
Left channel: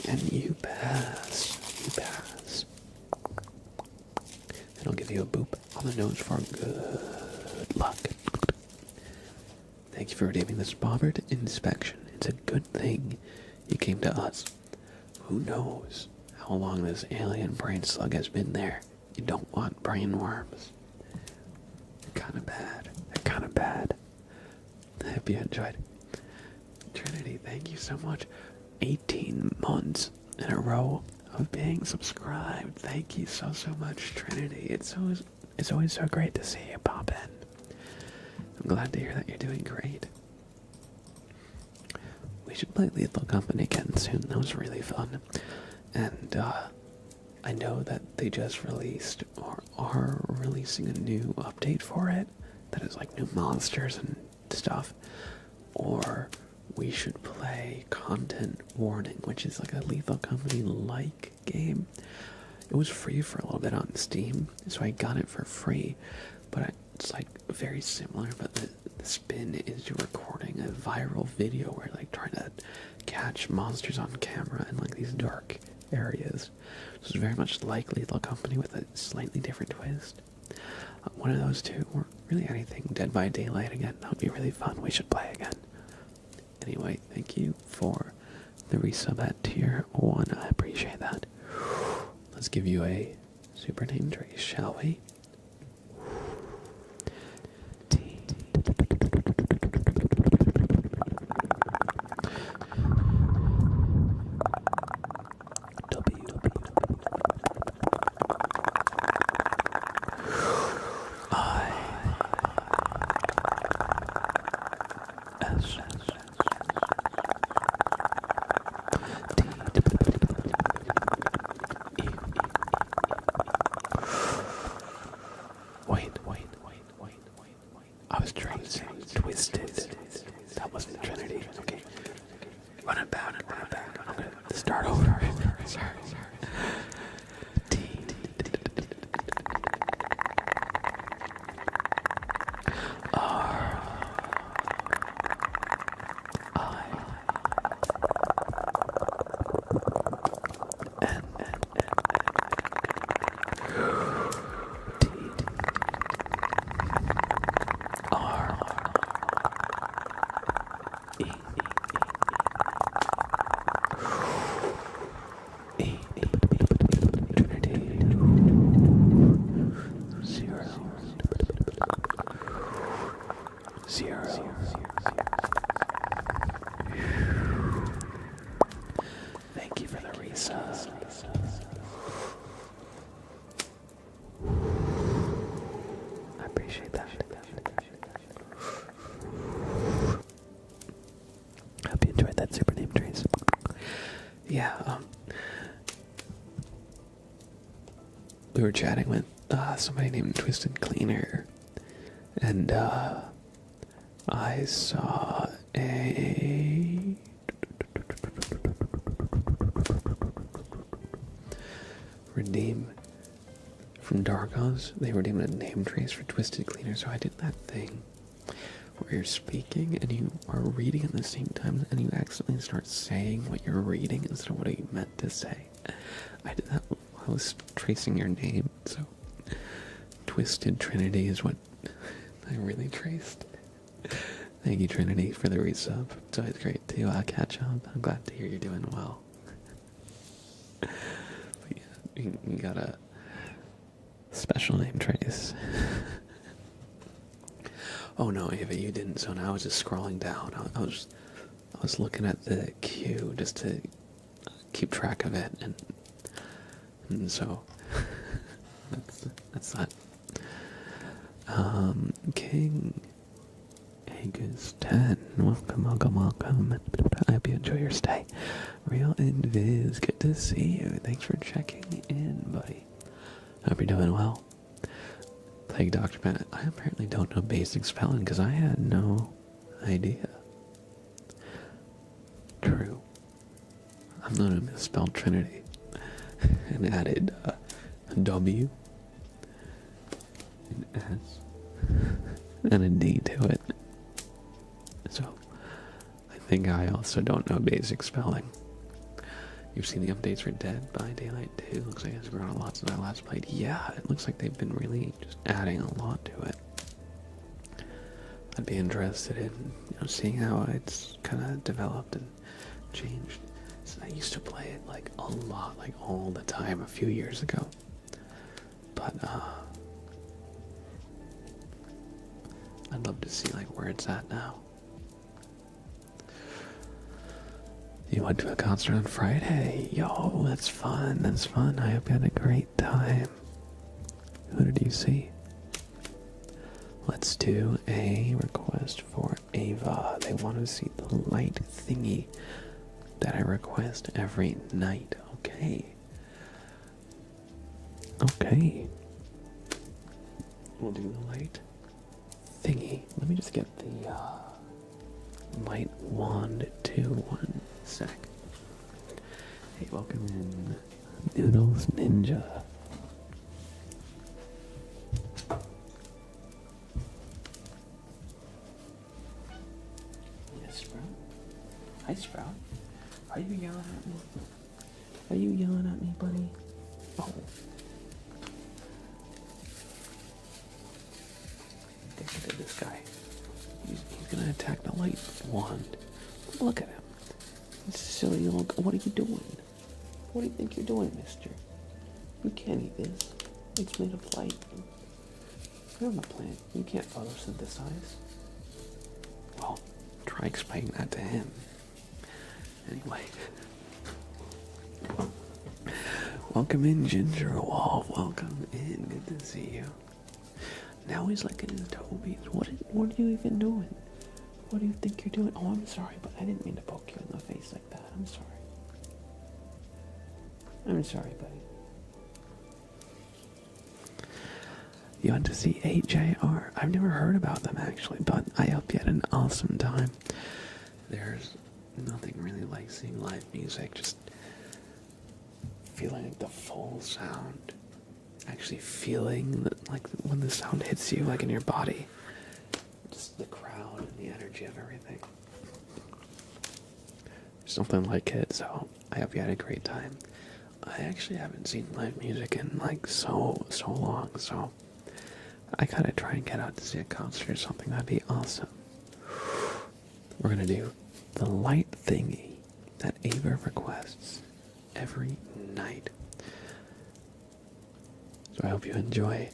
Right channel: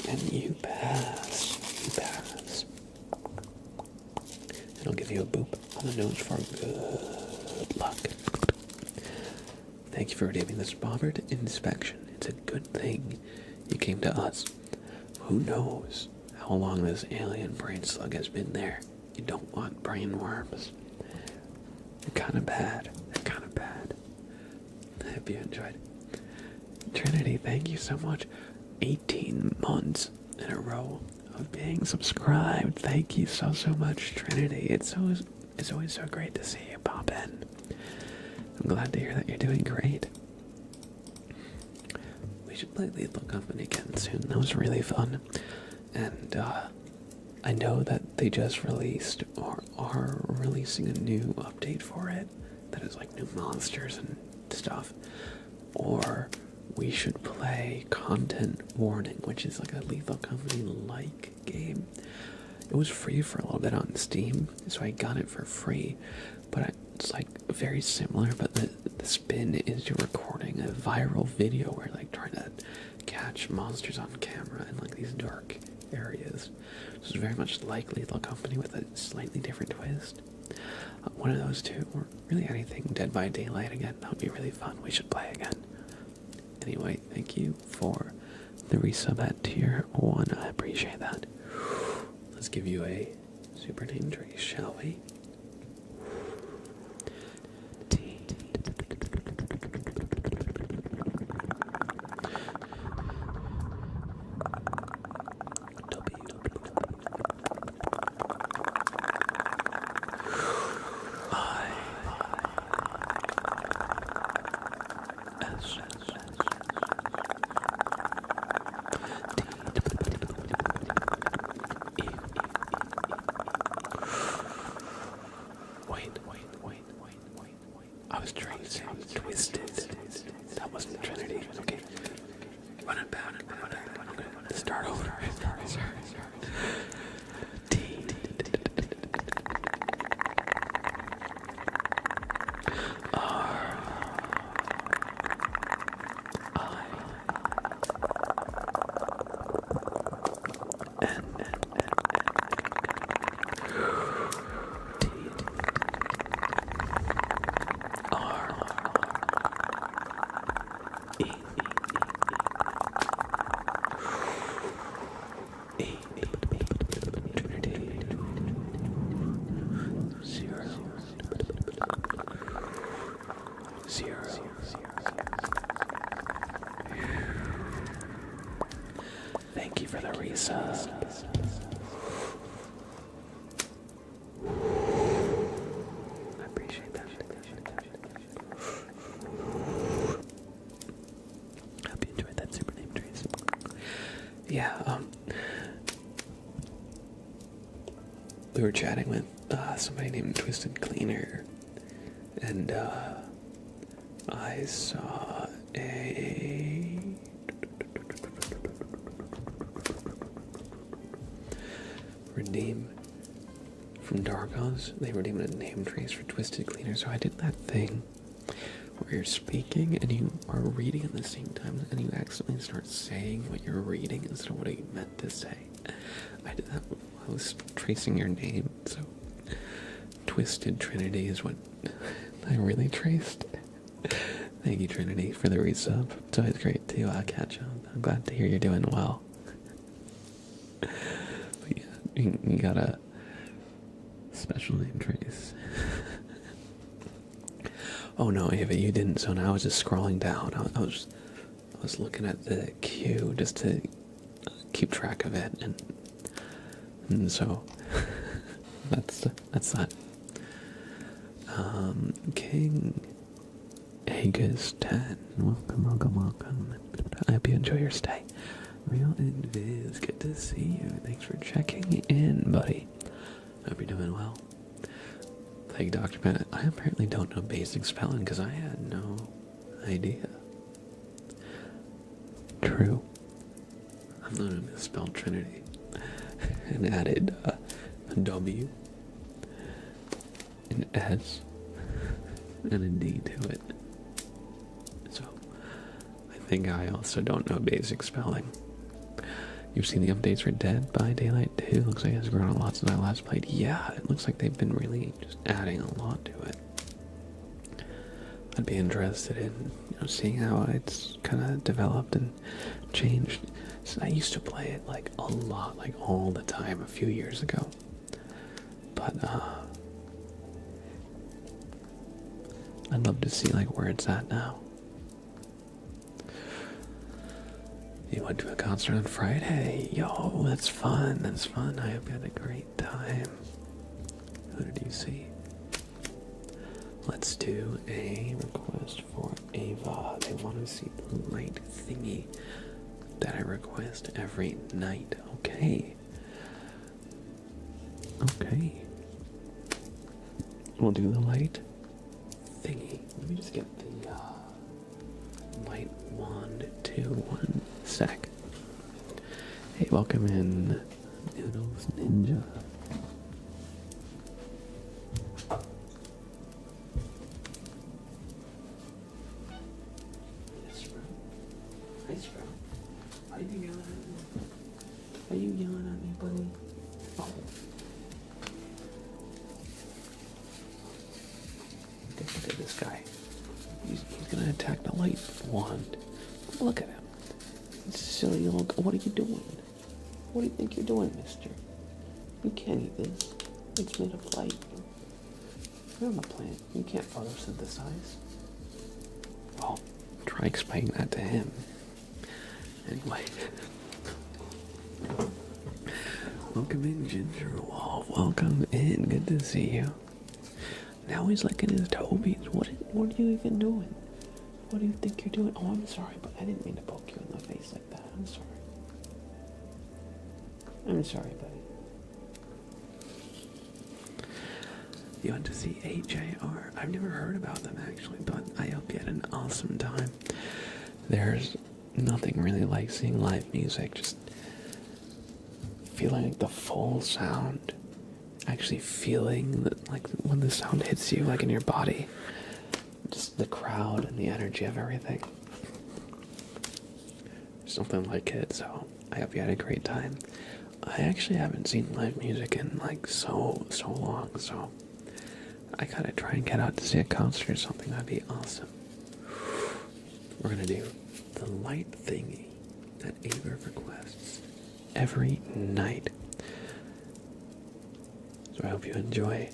And you pass. You pass. And I'll give you a boop on the nose for good luck. Thank you for redeeming this Bobbert inspection. It's a good thing you came to us. Who knows how long this alien brain slug has been there? You don't want brain worms. They're kind of bad. They're kind of bad. I hope you enjoyed. Trinity, thank you so much. 18 months in a row of being subscribed. Thank you so much, Trinity. It's always so great to see you pop in. I'm glad to hear that you're doing great. We should play Lethal Company again soon. That was really fun. And I know that they just released or are releasing a new update for it that is like new monsters and stuff. Or we should play Content Warning, which is like a Lethal Company-like game. It was free for a little bit on Steam, so I got it for free. But it's like very similar, but the spin is you're recording a viral video where you're like trying to catch monsters on camera in like these dark areas. So it's very much like Lethal Company with a slightly different twist. One of those two, or really anything Dead by Daylight again, that would be really fun. We should play again. Anyway, thank you for the resub at tier 1. I appreciate that. Let's give you a super name trace, shall we? T. W. I. S. I was tracing Twisted. That wasn't Trinity. Okay. Run it back. I'm gonna start over. Sorry. T. R. I. N. T. R. E. E. Trinity. 0. 0. Thank you for the resub. I appreciate that. Hope you enjoyed that super name trace. Yeah, we were chatting with somebody named Twisted Cleaner, and I saw a redeem from Dargos. They redeemed a name trace for Twisted Cleaner, so I did that thing where you're speaking and you are reading at the same time and you accidentally start saying what you're reading instead of what you meant to say. I did that while I was tracing your name, so Twisted Trinity is what I really traced. Thank you, Trinity, for the resub. It's always great to catch up. I'm glad to hear you're doing well. But yeah, you got a special name trace. Oh no, Ava, you didn't. So now I was just scrolling down. I was looking at the queue just to keep track of it, and so that's that. King August 10. Welcome, welcome, welcome. I hope you enjoy your stay. Real Invis, good to see you. Thanks for checking in, buddy. Hope you're doing well. Thank you, Dr. Bennett. I apparently don't know basic spelling because I had no idea. True. I'm gonna misspell Trinity and added a W, an S, and a D to it. So, I think I also don't know basic spelling. You've seen the updates for Dead by Daylight 2. Looks like it's grown a lot since I last played. Yeah, it looks like they've been really just adding a lot to it. I'd be interested in seeing how it's kind of developed and changed. So I used to play it like a lot, like all the time a few years ago. But I'd love to see like where it's at now. You went to a concert on Friday. Yo, that's fun. That's fun. I hope you had a great time. Who did you see? Let's do a request for Ava. They want to see the light thingy that I request every night. Okay. Okay. We'll do the light thingy. Let me just get the light wand to 1 sec. Hey, welcome in, Noodles Ninja. Yes, Sprout. Hi, Sprout. Are you yelling at me? Are you yelling at me, buddy? Oh. Look at this guy. He's gonna attack the light wand. Look at him. He's silly little. What are you doing? What do you think you're doing, mister? You can't eat this. It's made of light. You're on the plant. You can't photosynthesize. Well, try explaining that to him. Anyway. Welcome in, Ginger Wall. Welcome in. Good to see you. Now he's licking his toes. What are you even doing? What do you think you're doing? Oh, I'm sorry, but I didn't mean to poke you in the face like that. I'm sorry. I'm sorry, buddy. You went to see AJR. I've never heard about them, actually, but I hope you had an awesome time. There's nothing really like seeing live music, just feeling like the full sound. Actually feeling that, like when the sound hits you, like in your body. Just the crowd and the energy of everything. Something like it, so I hope you had a great time. I actually haven't seen live music in like so long, so I gotta try and get out to see a concert or something. That'd be awesome. We're gonna do the light thingy that Ava requests every night. So I hope you enjoy.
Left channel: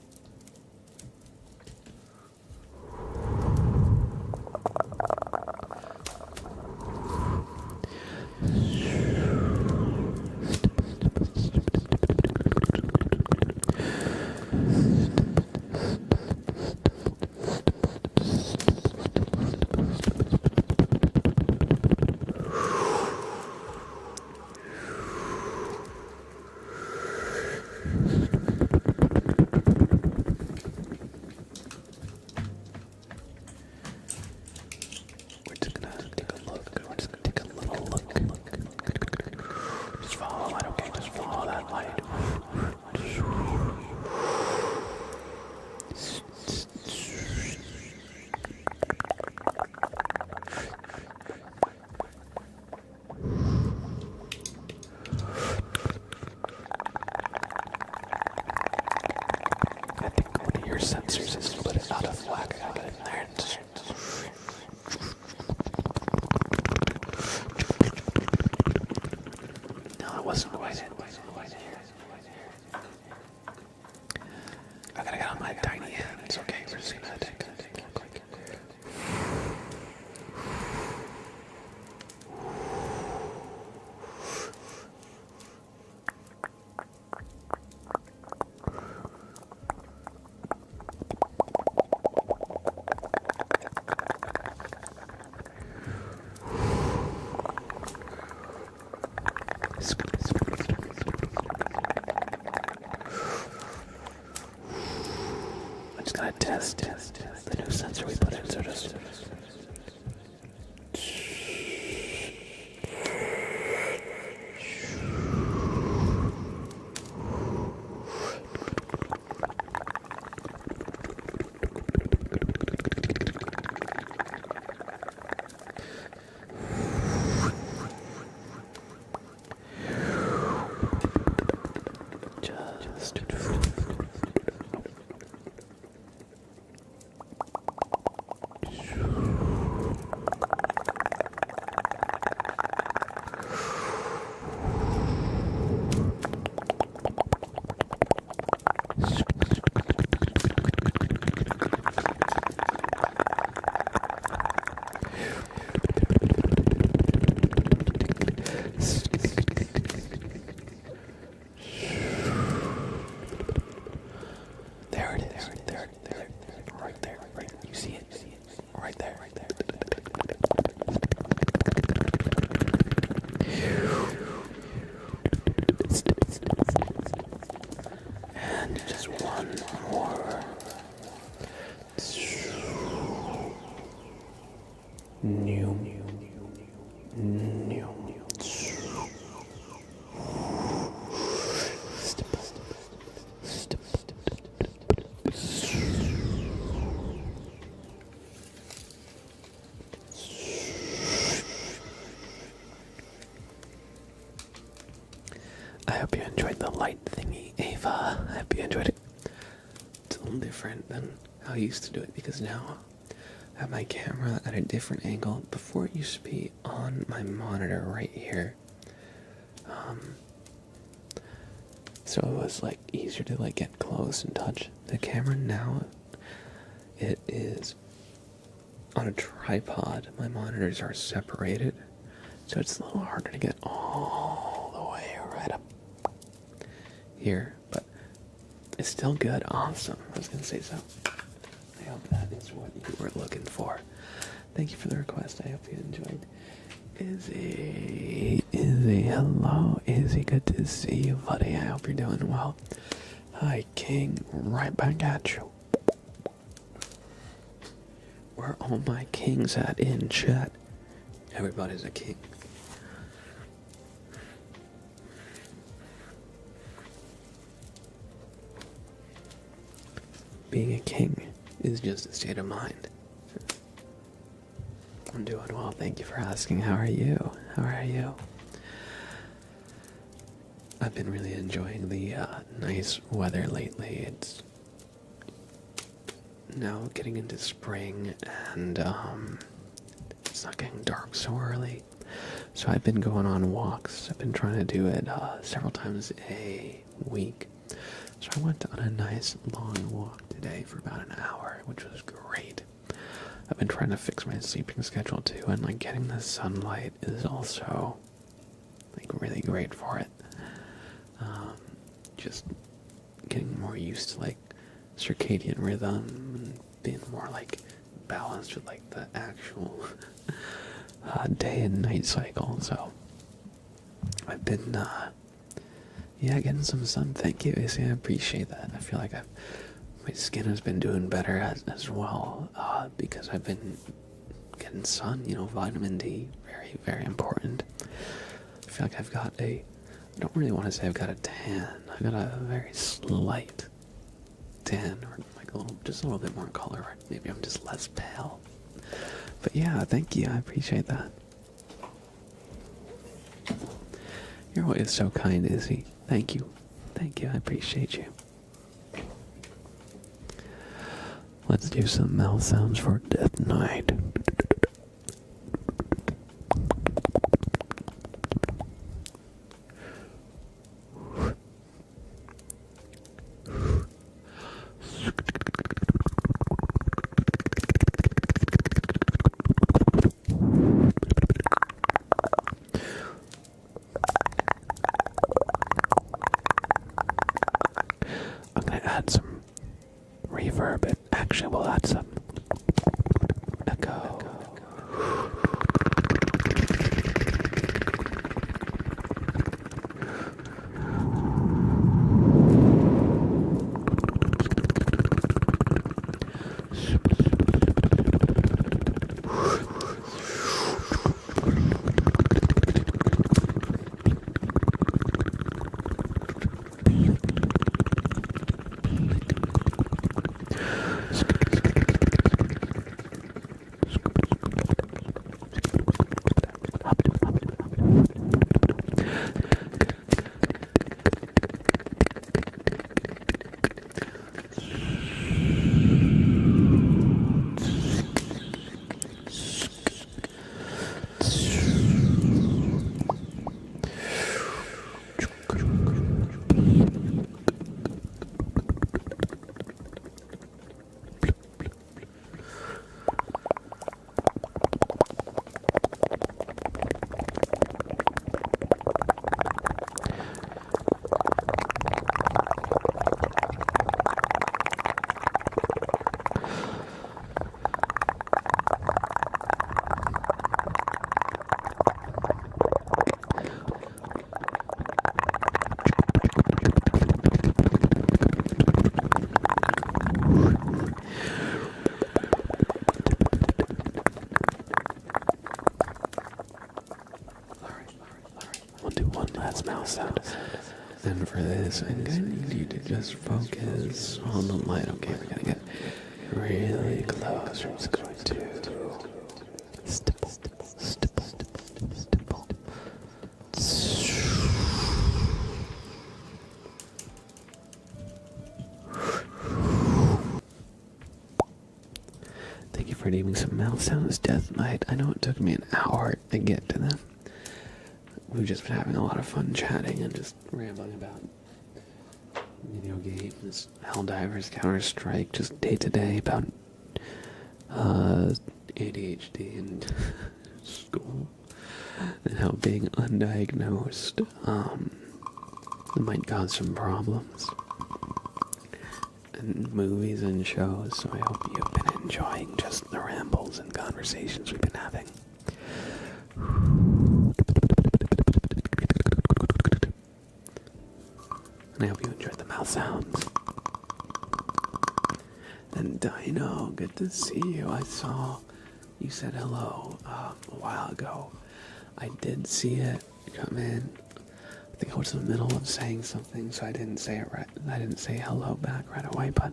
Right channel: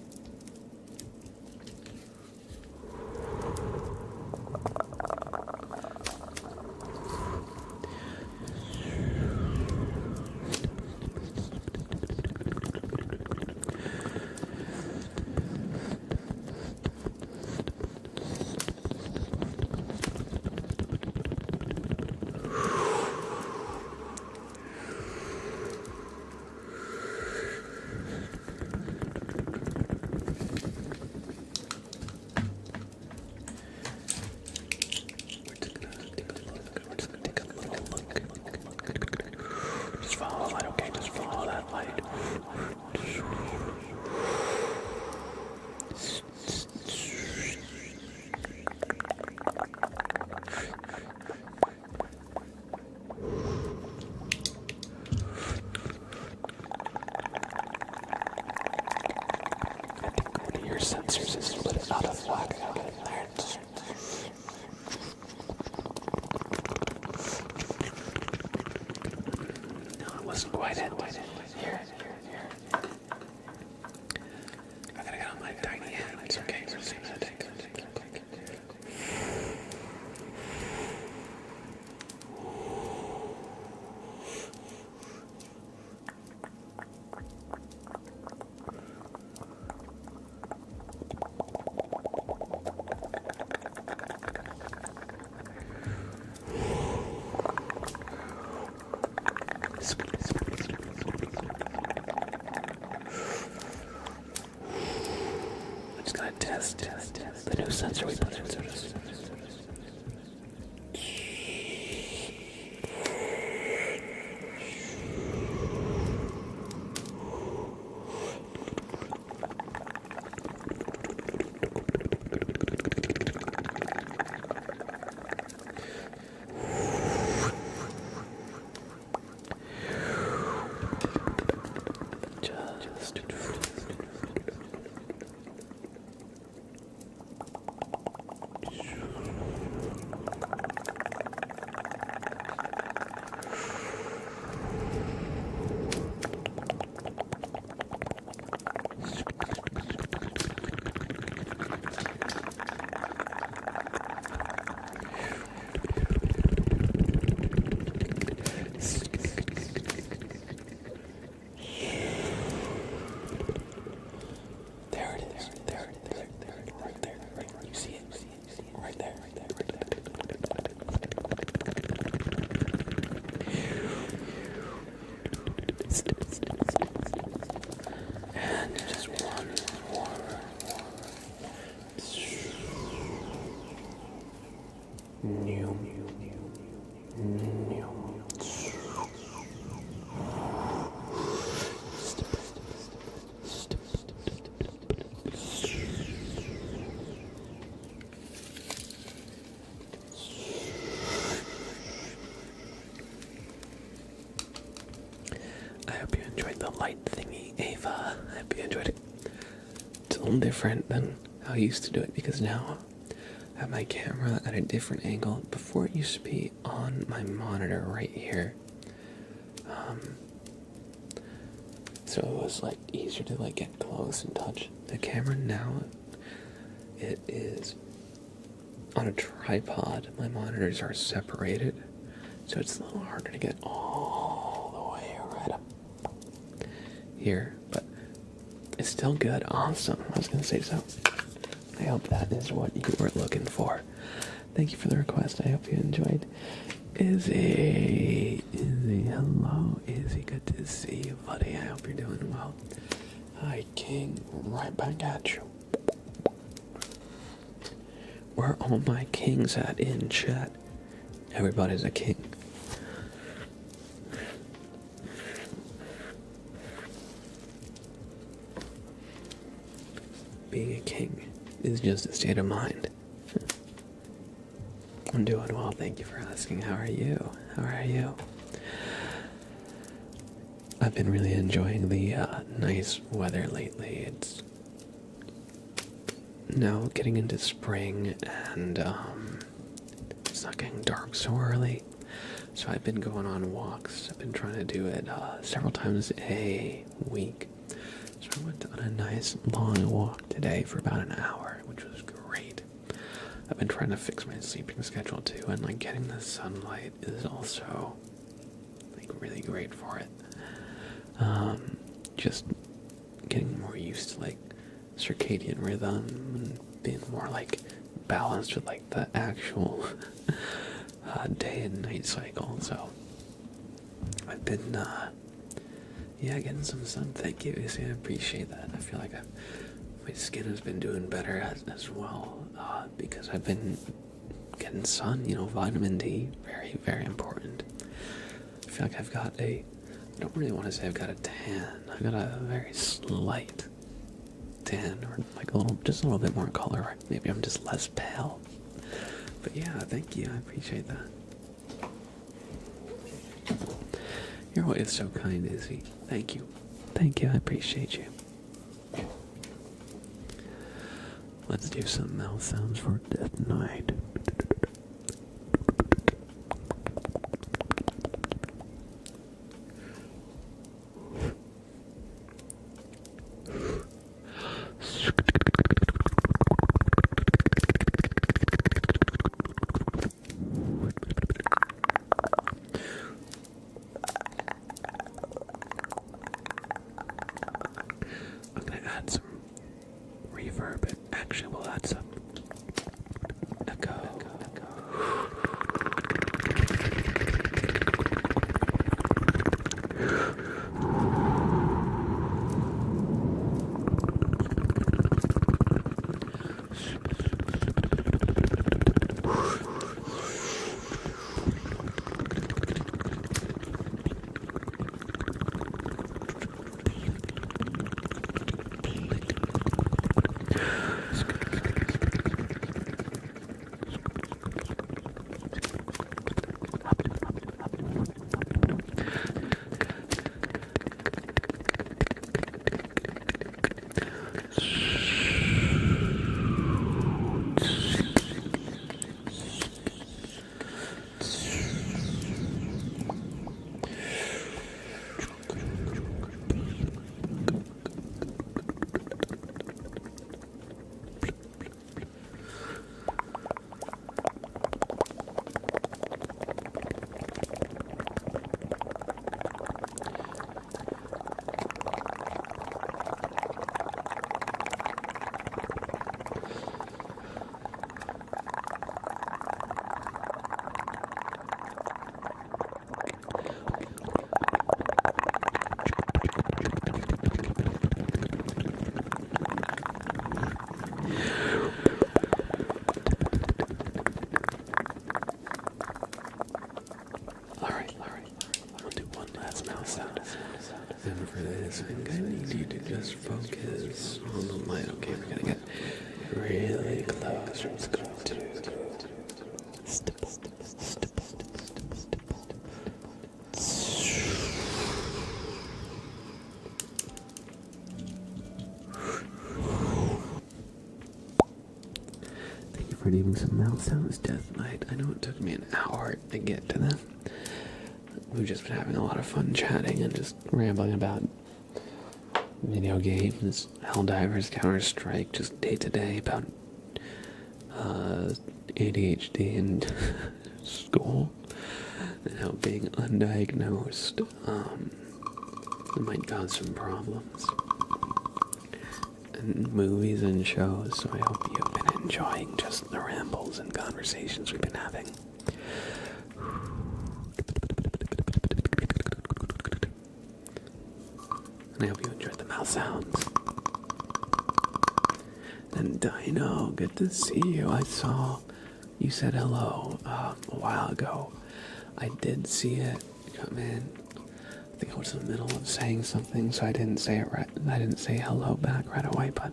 Sensors is a bit out of whack. I gotta get in there and just... No, it wasn't quite it. Here. I gotta get on my tiny hands. Okay, we're just gonna take a look like. test the new sensor we put in, so just... I hope you enjoyed the light thingy, Ava. I hope you enjoyed it. It's a little different than how I used to do it because now I have my camera at a different angle. Before it used to be on my monitor right here. So it was like easier to like get close and touch the camera. Now it is on a tripod. My monitors are separated, so it's a little harder to get all the way right up here, but it's still good. Awesome. I was gonna say so. I hope that is what you were looking for. Thank you for the request. I hope you enjoyed. Izzy, hello. Izzy, good to see you, buddy. I hope you're doing well. Hi, King. Right back at you. Where are all my kings at in chat? Everybody's a king. Being a king is just a state of mind. I'm doing well, thank you for asking. How are you? How are you? I've been really enjoying the nice weather lately. It's now getting into spring, and it's not getting dark so early. So I've been going on walks. I've been trying to do it several times a week. So I went on a nice long walk today for about an hour, which was great. I've been trying to fix my sleeping schedule too, and like getting the sunlight is also like really great for it. Just getting more used to like circadian rhythm and being more like balanced with like the actual day and night cycle. So I've been getting some sun. Thank you, Izzy. I appreciate that. I feel like my skin has been doing better as well because I've been getting sun. You know, vitamin D, very, very important. I feel like I don't really want to say I've got a tan. I've got a very slight tan, or like just a little bit more color. Maybe I'm just less pale. But yeah, thank you. I appreciate that. You're always so kind, Izzy. Thank you. Thank you. I appreciate you. Let's do some mouth sounds for Death Knight. I'm gonna add some reverb. Actually, we'll add some echo. that's mouse sound. And for this, I'm gonna need you to just focus on the light. Okay, we're gonna get really close. I'm just going to stipple, stipple, stipple. Thank you for needing some mouse sounds, Death Knight. I know it took me an hour to get to them. We've just been having a lot of fun chatting and just rambling about video games, Helldivers, Counter-Strike, just day-to-day about ADHD and school, and how being undiagnosed might cause some problems, and movies and shows. So I hope you've been enjoying just the rambles and conversations we've been having. And I hope you enjoyed the mouth sounds. And Dino, good to see you. I saw you said hello a while ago. I did see it come in. I think I was in the middle of saying something, so I didn't say it right. I didn't say hello back right away, but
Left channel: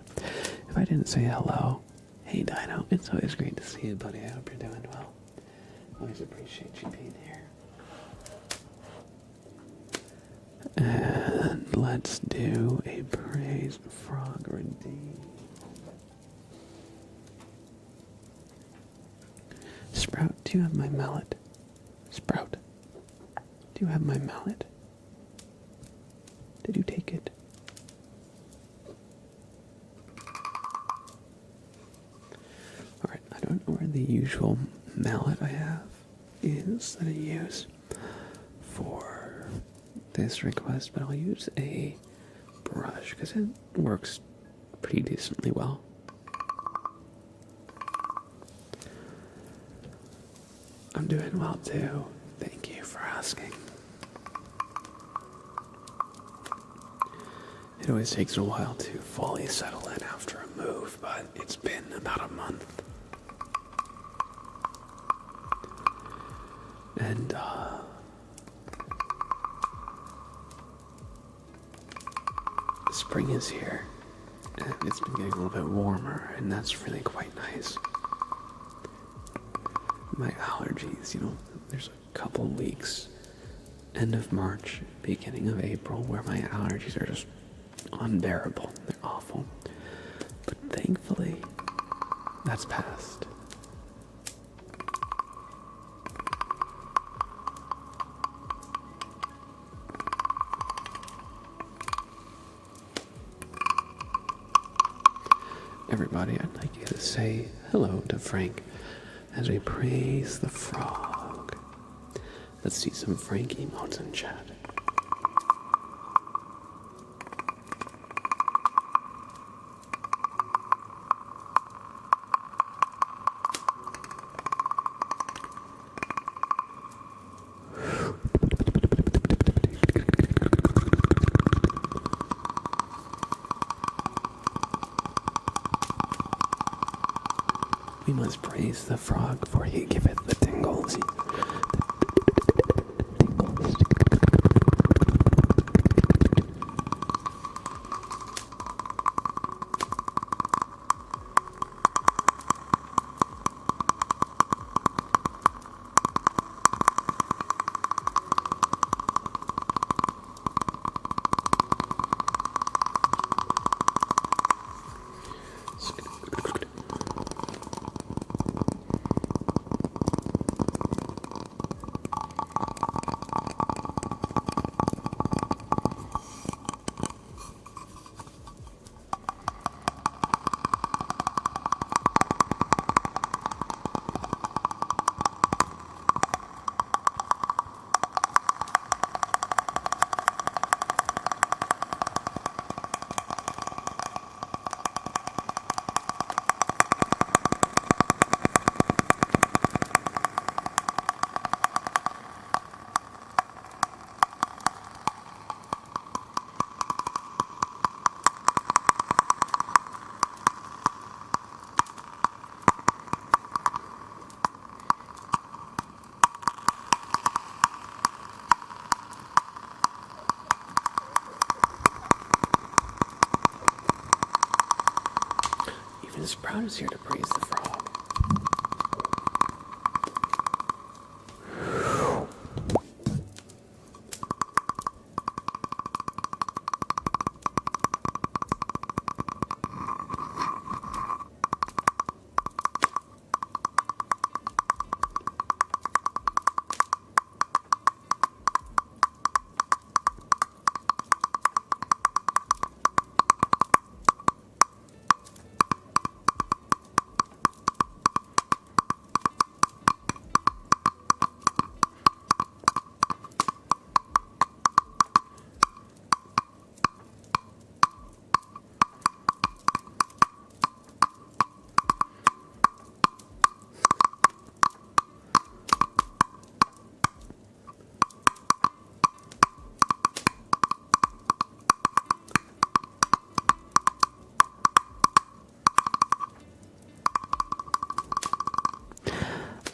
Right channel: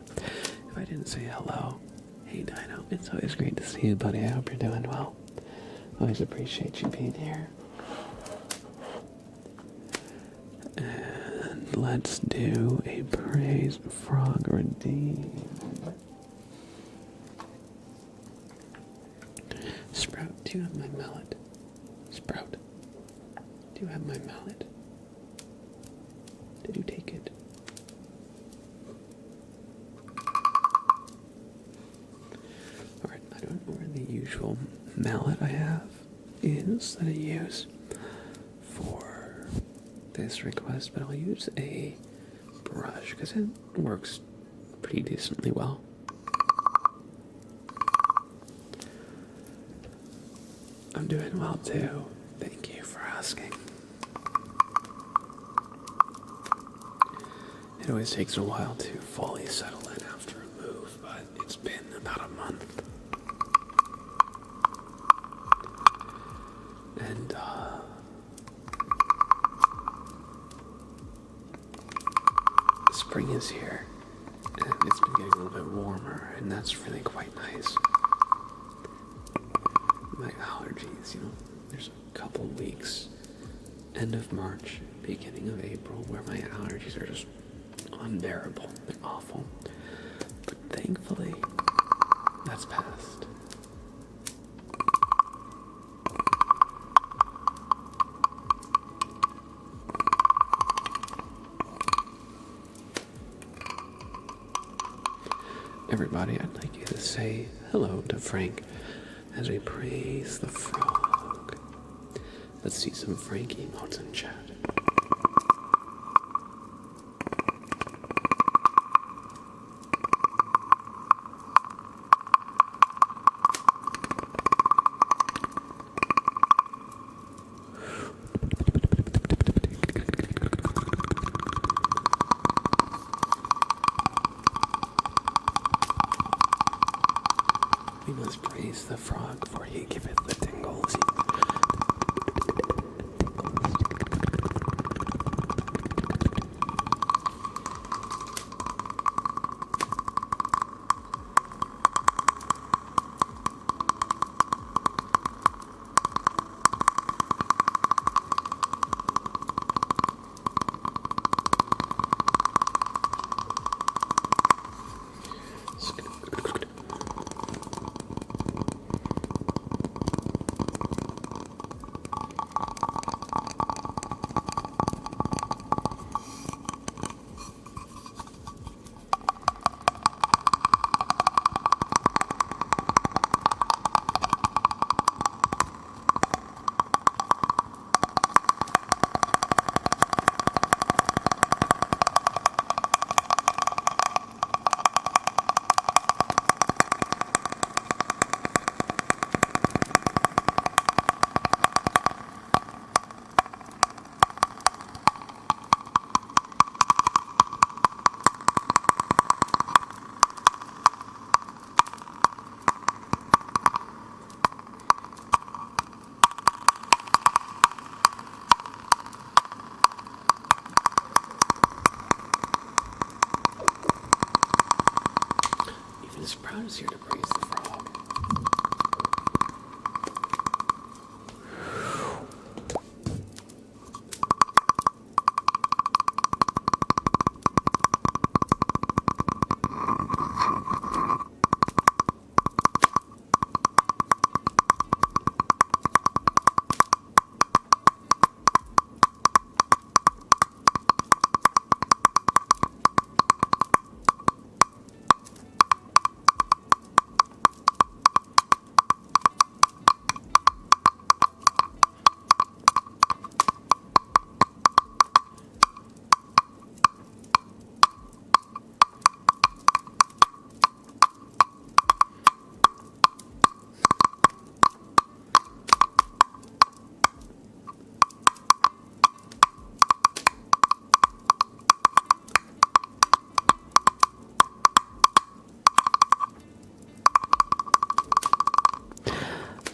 if I didn't say hello, hey Dino, it's always great to see you, buddy. I hope you're doing well. Always appreciate you being here. And let's do a praise frog redeem. Sprout, do you have my mallet? Sprout, do you have my mallet? Did you take it? Alright, I don't know where the usual mallet I have is that I use for this request, but I'll use a brush because it works pretty decently well. I'm doing well too. Thank you for asking. It always takes a while to fully settle in after a move, but it's been about a month. And, spring is here, and it's been getting a little bit warmer, and that's really quite nice. My allergies, there's a couple weeks, end of March, beginning of April, where my allergies are just unbearable. They're awful. But thankfully, that's past. Everybody, I'd like you to say hello to Frank as we praise the frog. Let's see some Frank emotes in chat. We must praise the frog for he giveth the tingles. crowd is here to praise the frog.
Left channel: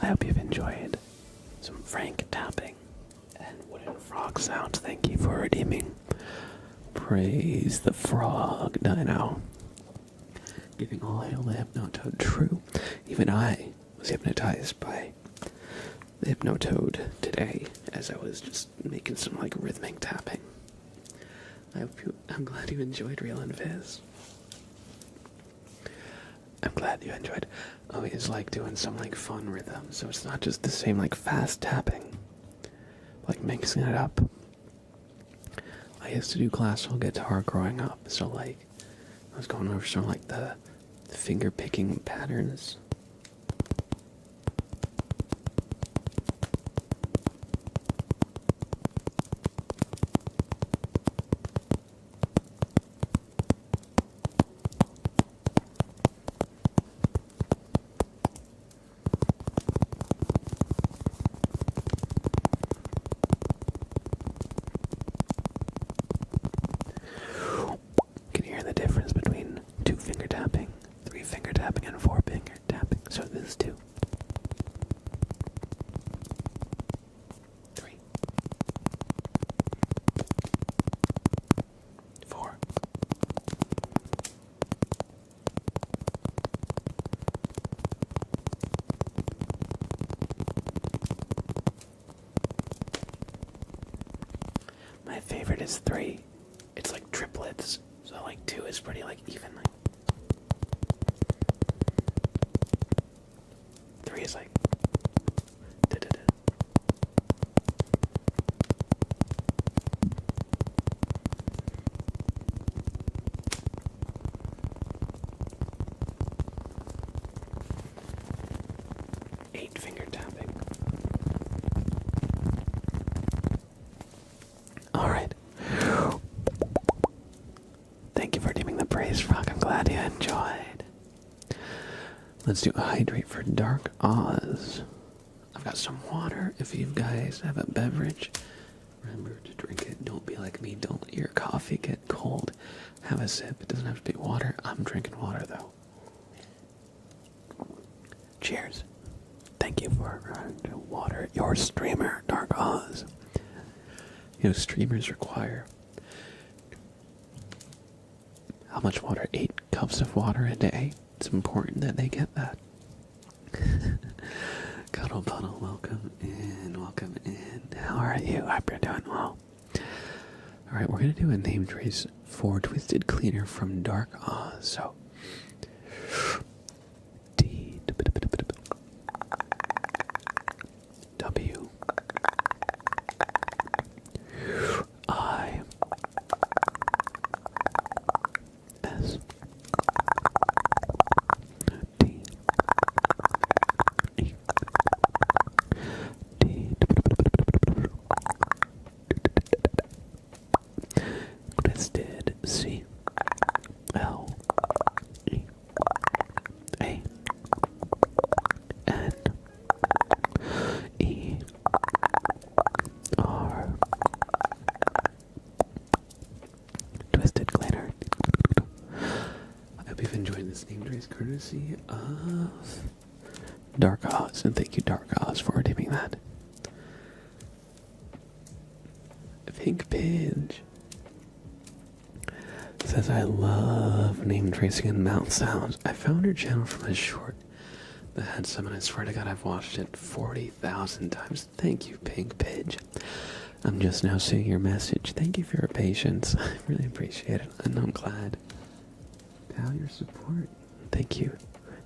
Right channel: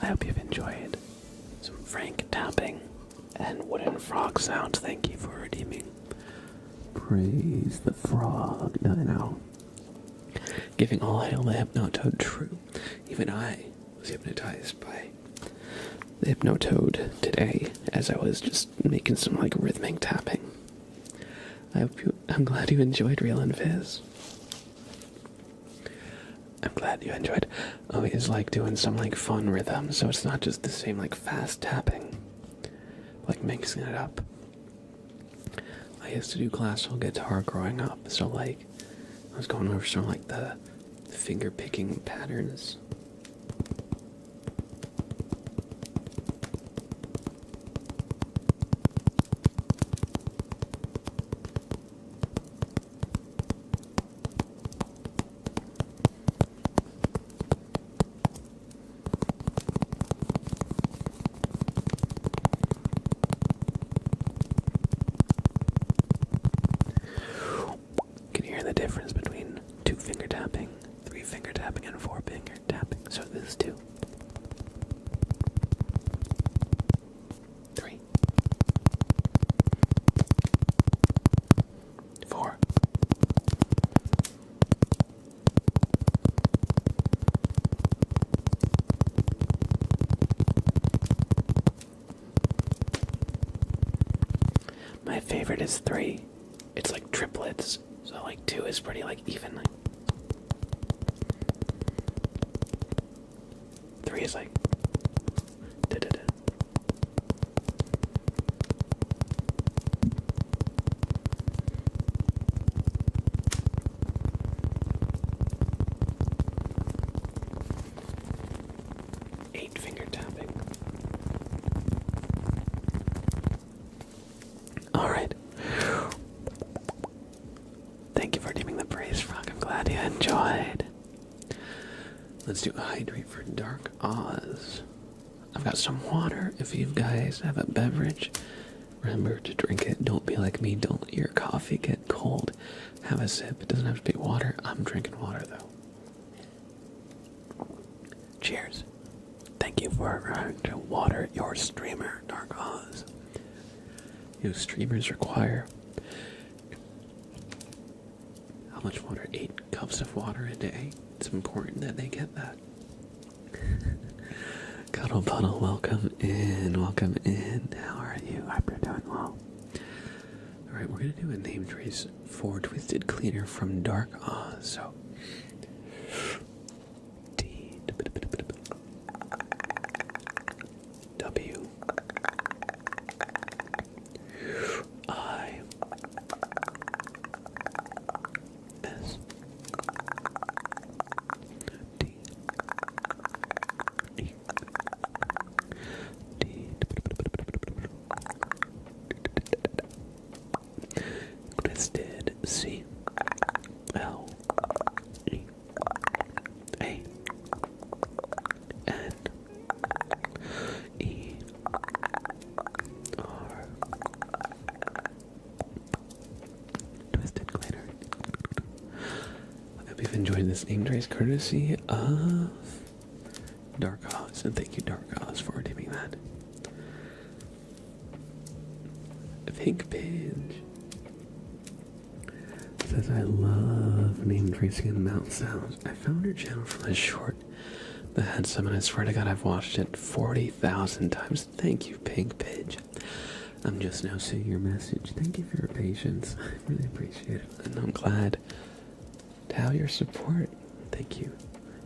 I hope you've enjoyed some frank tapping and wooden frog sounds. Thank you for redeeming. Praise the frog, Dino. Giving all hail the Hypnotoad true. Even I was hypnotized by the Hypnotoad today as I was just making some rhythmic tapping. I'm glad you enjoyed Real and Fizz. I'm glad you enjoyed. Always doing some fun rhythm, so it's not just the same fast tapping. Mixing it up. I used to do classical guitar growing up, so I was going over some the finger picking patterns. The difference between 2-finger tapping, 3-finger tapping, and 4-finger tapping. So this is 2, 3, 4. My favorite is 3. It's like triplets. So 2 is pretty even. 3 is da da da. 8-finger tapping. Alright. Thank you for redeeming the praise, Frog. I'm glad you enjoyed. Let's do a hydrate for Dark Oz. I've got some water. If you guys have a beverage, remember to drink it. Don't be like me. Don't let your coffee get cold. Have a sip. It doesn't have to be water. I'm drinking water, though. Cheers. Thank you for water your streamer, Dark Oz. Streamers require how much water? 8 cups of water a day. It's important that they get that. Cuddle Puddle, welcome in, welcome in. How are you? I hope you're doing well. Alright, we're going to do a name trace for Twisted Cleaner from Dark Oz. So, D, W, I, S, D, E, D, Twisted, C, L, E, A, N, E, R, Twisted Cleaner. I hope you've enjoyed this name trace courtesy of Dark Oz, and thank you, Dark Oz, for redeeming that. Pink Pidge. says, I love name tracing and mouth sounds. I found her channel from a short that had some, and I swear to God, I've watched it 40,000 times. Thank you, Pink Pidge. I'm just now seeing your message. Thank you for your patience. I really appreciate it, and I'm glad to have your support. Thank you.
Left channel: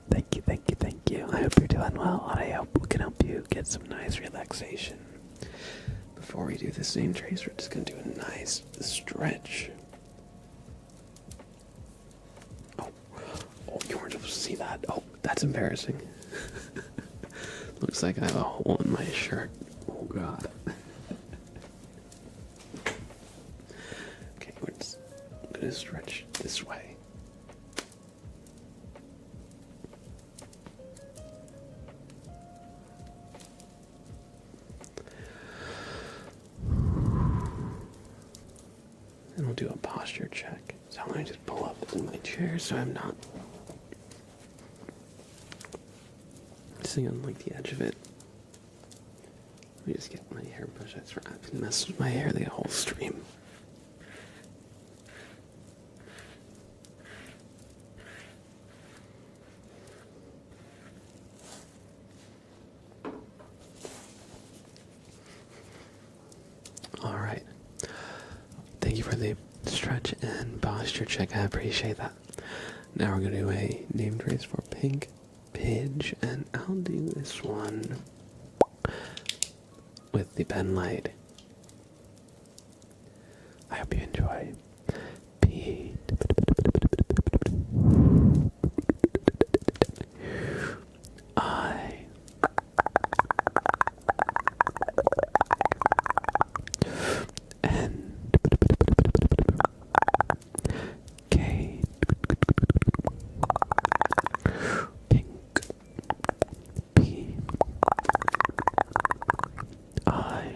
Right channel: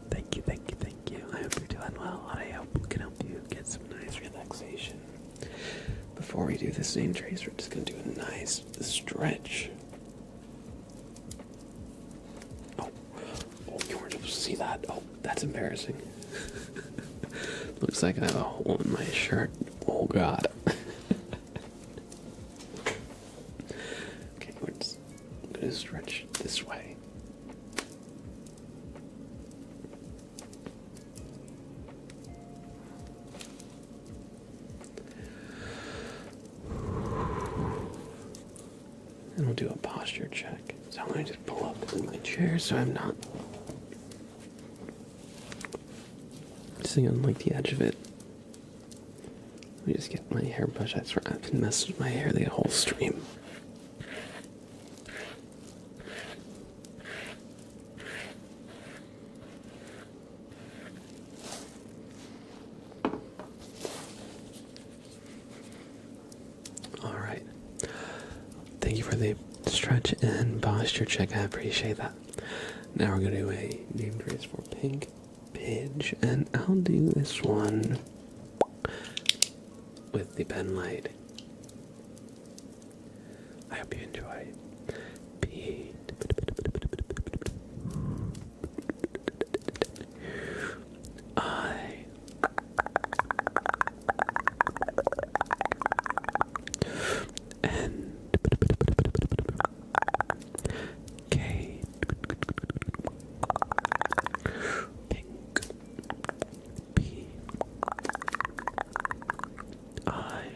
Thank you, thank you, thank you. I hope you're doing well, and I hope we can help you get some nice relaxation. Before we do this name trace, we're just going to do a nice stretch. Oh, you weren't supposed to see that. Oh, that's embarrassing. Looks like I have a hole in my shirt. Oh, God. Okay, we're just going to stretch this way. And we'll do a posture check. So I'm going to just pull up in my chair so I'm not sitting on like the edge of it. Let me just get my hair brushed. I swear I've been messing with my hair the whole stream. Alright. Thank you for the stretch and posture check. I appreciate that. Now we're going to do a name trace for Pink Pidge, and I'll do this one with the pen light. I hope you enjoy. P. I. N. K. Pink. P. I.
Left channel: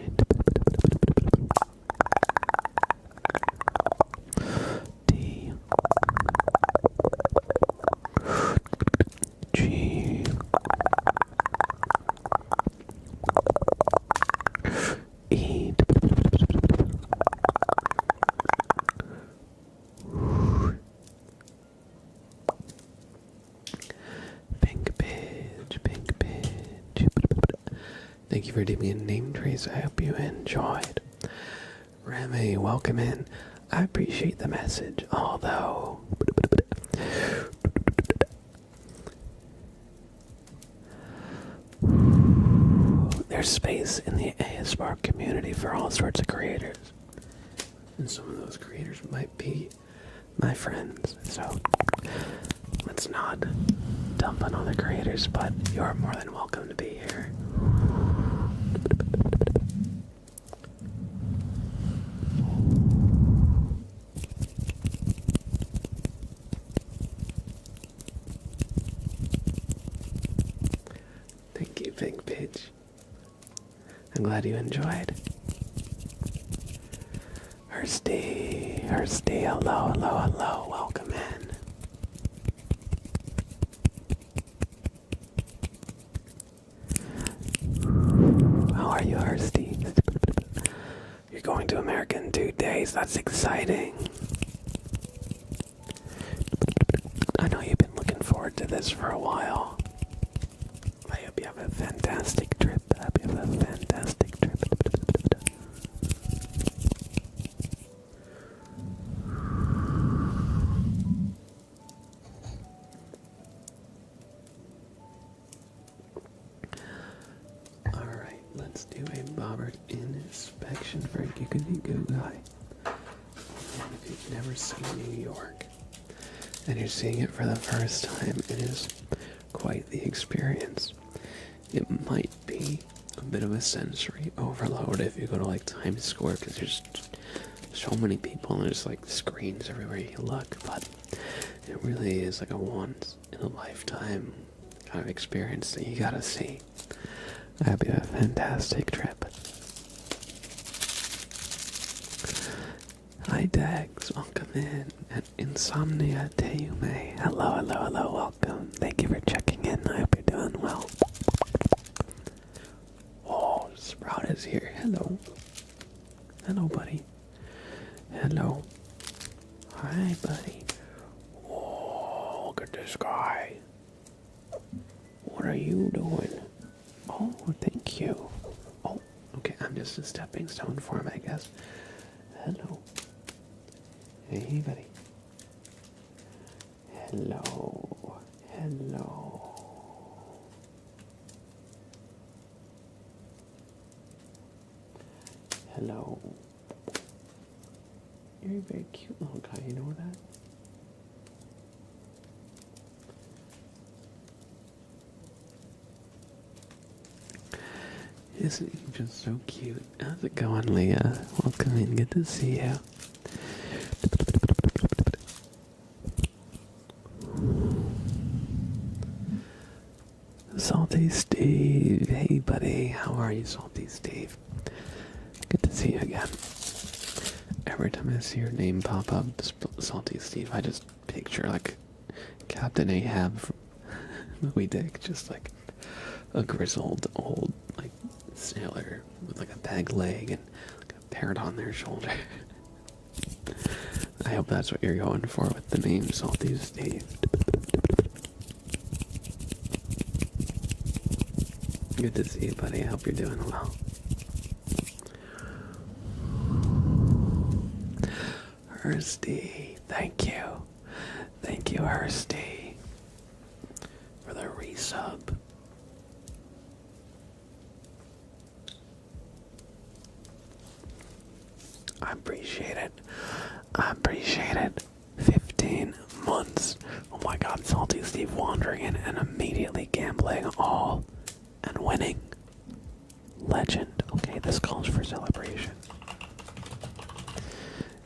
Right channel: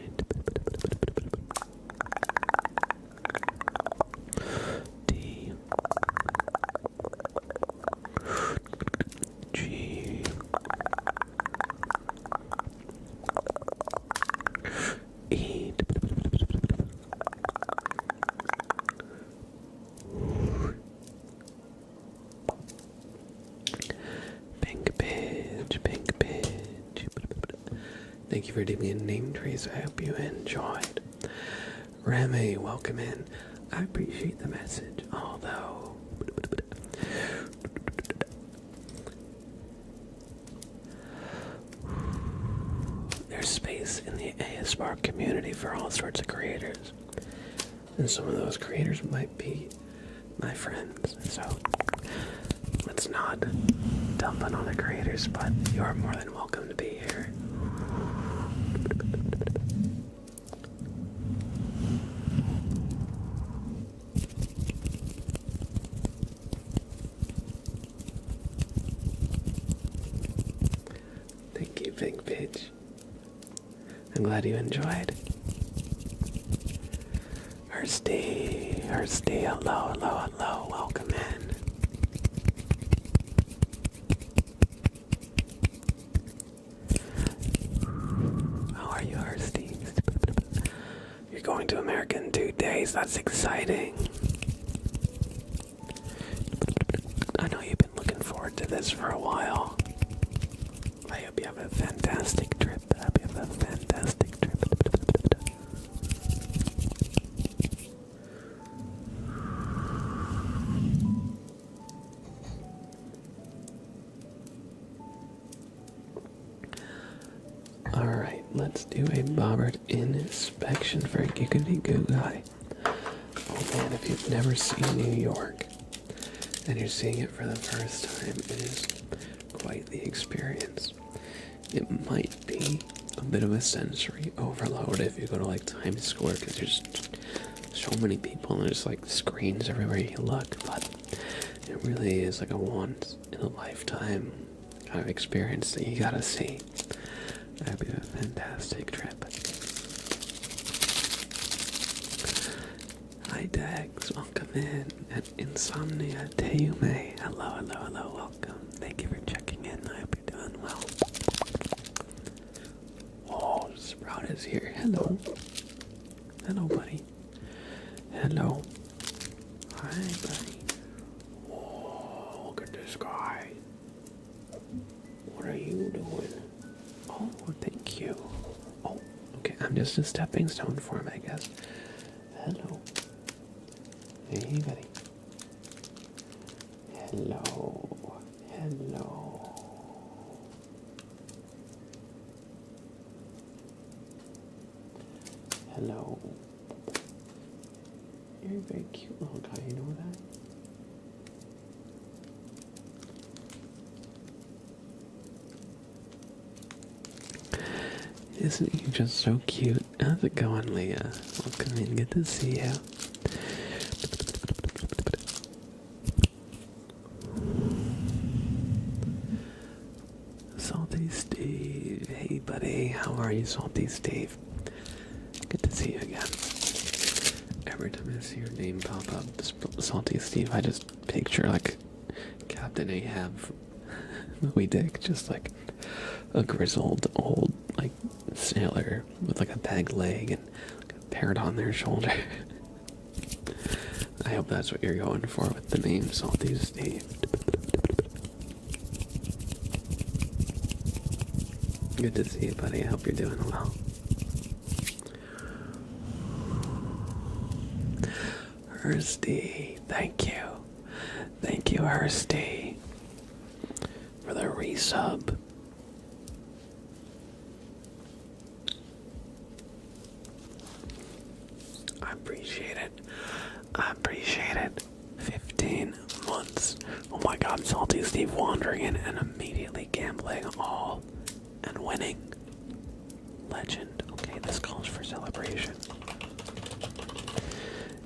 D. G. E. Pink Pidge, Pink Pidge. Thank you for doing a name trace. I hope you enjoyed. Remy, welcome in. I appreciate the message, although there's space in the ASMR community for all sorts of creators. And some of those creators might be my friends. So let's not dump on other creators, but you're more than welcome to be here. Thank you, Pink Pidge. I'm glad you enjoyed. Hursty, hello, hello, hello, welcome in. How are you, Hursty? You're going to America in 2 days, that's exciting. I know you've been looking forward to this for a while. I hope you have a fantastic trip. I hope you have a fantastic trip. Alright, let's do a bobbert inspection for Giggity Goo Guy. Oh man, if you've never seen New York and you're seeing it for the first time, it is quite the experience. It might be a bit of a sensory overload if you go to like Times Square, because there's so many people and there's like screens everywhere you look, but it really is like a once in a lifetime kind of experience that you gotta see. I hope you have a fantastic trip. Hi Dax, welcome in. And Insomnia Teume, hello, hello, hello, welcome. Thank you for checking in. I hope you're doing well. Oh, Sprout is here. Hello. Hello, buddy. Hello. Hi, buddy. Oh, look at this guy. What are you doing? Oh, thank you. Oh, okay, I'm just a stepping stone for him, I guess. Hello. Hey, buddy. Hello. Hello. Hello. You're a very cute little guy, you know that? Isn't he just so cute? How's it going, Leah? Welcome in, good to see you. Salty Steve, hey buddy, how are you, Salty Steve? Good to see you again. Every time I see your name pop up, Salty Steve, I just picture like Captain Ahab from Moby Dick, just like a grizzled old like sailor with like a peg leg and like a parrot on their shoulder. I hope that's what you're going for with the name Salty Steve. Good to see you, buddy. I hope you're doing well. Hursty, thank you. Thank you, Hursty, for the resub. I appreciate it. I appreciate it. 15 months. Oh my god, Salty Steve wandering in and immediately gambling all and winning. Legend. Okay, this calls for celebration.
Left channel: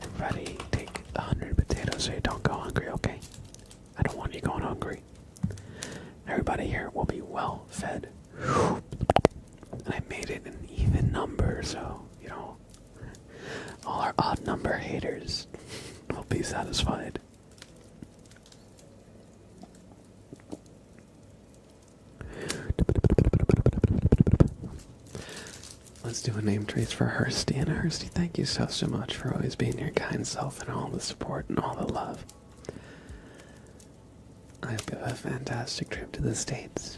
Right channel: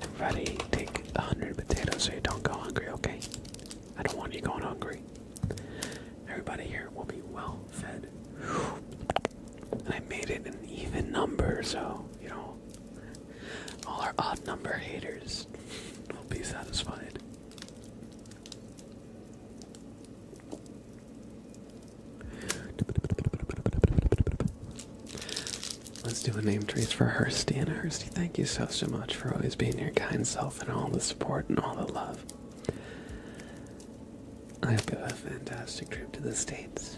Everybody take 100 potatoes so you don't go hungry, okay? I don't want you going hungry. Everybody here will be well fed. And I made it an even number, so, you know, all our odd number haters will be satisfied. Let's do a name trace for Hursty. And Hursty, thank you so much for always being your kind self and all the support and all the love. I hope you have a fantastic trip to the States.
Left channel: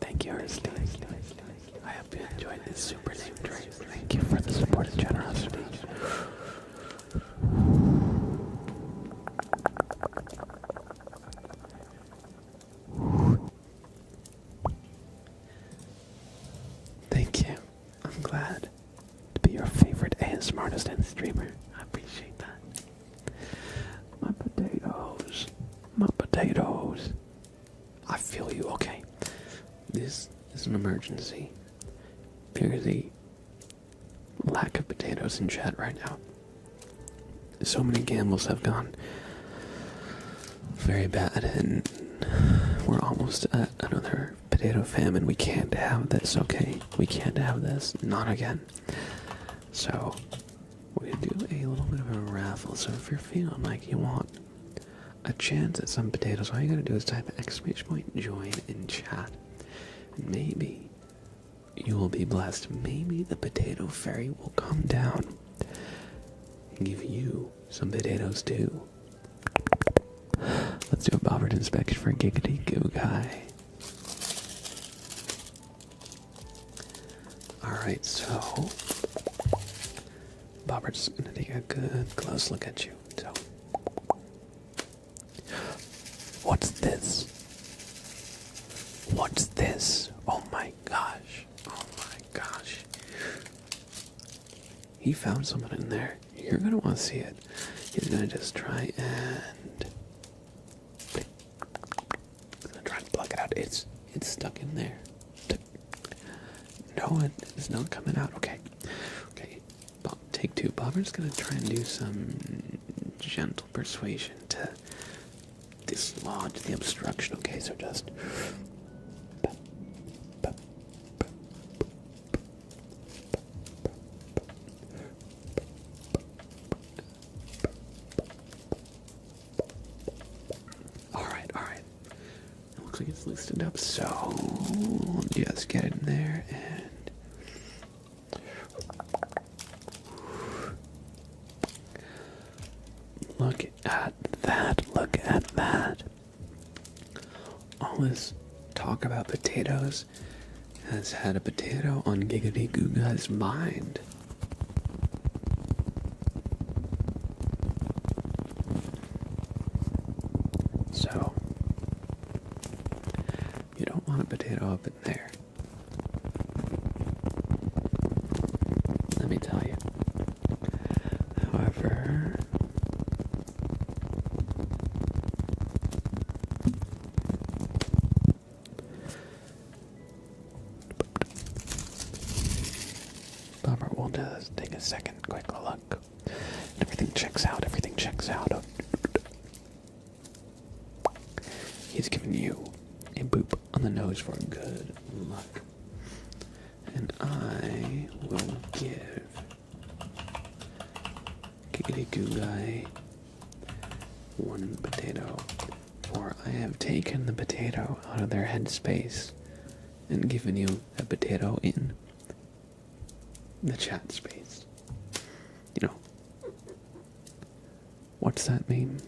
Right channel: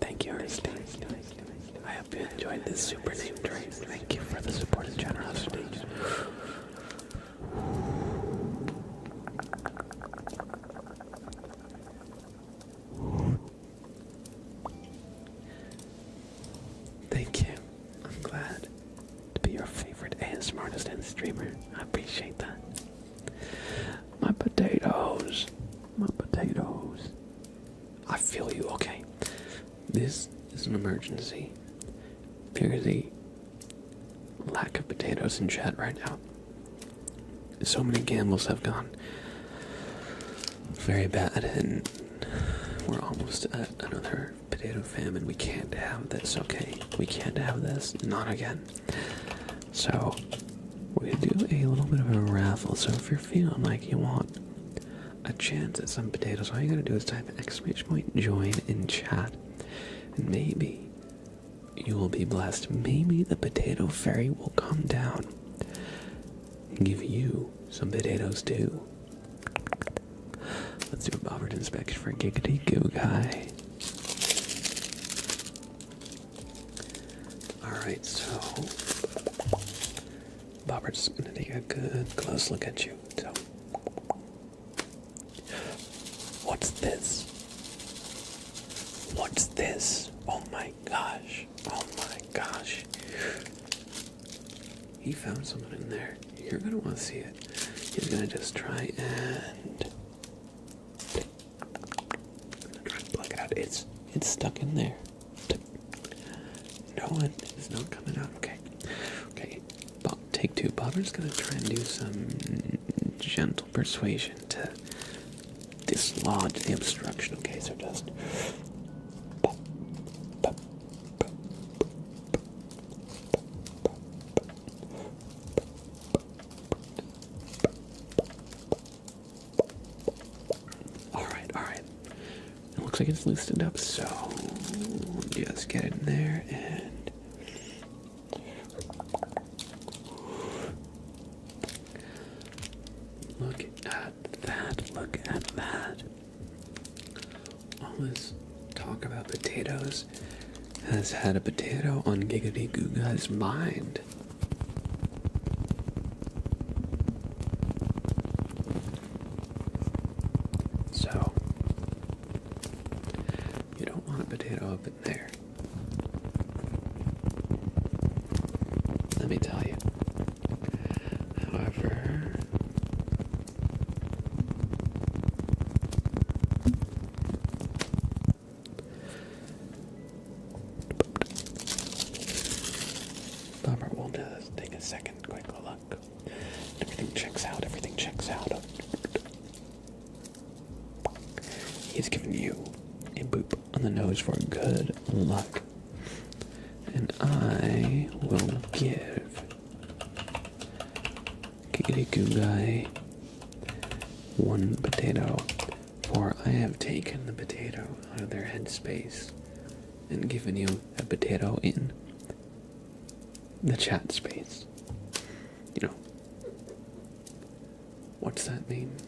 Thank you, Hursty. I hope you enjoyed this super name trace. Thank you for the support and generosity. Thank you. I'm glad to be your favorite ASMR artist and streamer. I appreciate that. My potatoes. My potatoes. I feel you, okay? This is an emergency. There's a lack of potatoes in chat right now. So many gambles have gone very bad, and we're almost at another potato famine. We can't have this, okay? We can't have this. Not again. So, we're gonna do a little bit of a raffle. So if you're feeling like you want a chance at some potatoes, all you gotta do is type !join in chat. And maybe you will be blessed. Maybe the potato fairy will come down and give you some potatoes too. Let's do a Bobbert inspection for Giggity Goo Guy. Alright. Alright, so Bobbert's gonna take a good close look at you. So what's this? What's this? Oh my gosh. Oh my gosh. He found someone in there. You're gonna want to see it. He's gonna just try and try to plug it out. It's stuck in there. No, it is not coming out. Okay. Okay. Take two. Bobber's gonna try and do some gentle persuasion to dislodge the obstruction. Okay, so just looks like it's loosened up, so just get it in there and look at that, look at that. All this talk about potatoes has had a potato on Giggity Googa's mind. So you don't want a potato up in there. Let me tell you. However, Bummer, we'll just take a second, quick look. Everything checks out, everything checks out. He's giving you a boop on the nose for good luck. And I will give Giggity Goo Guy one potato, for I have taken the potato out of their headspace and given you a potato in the chat space. You know, what's that mean?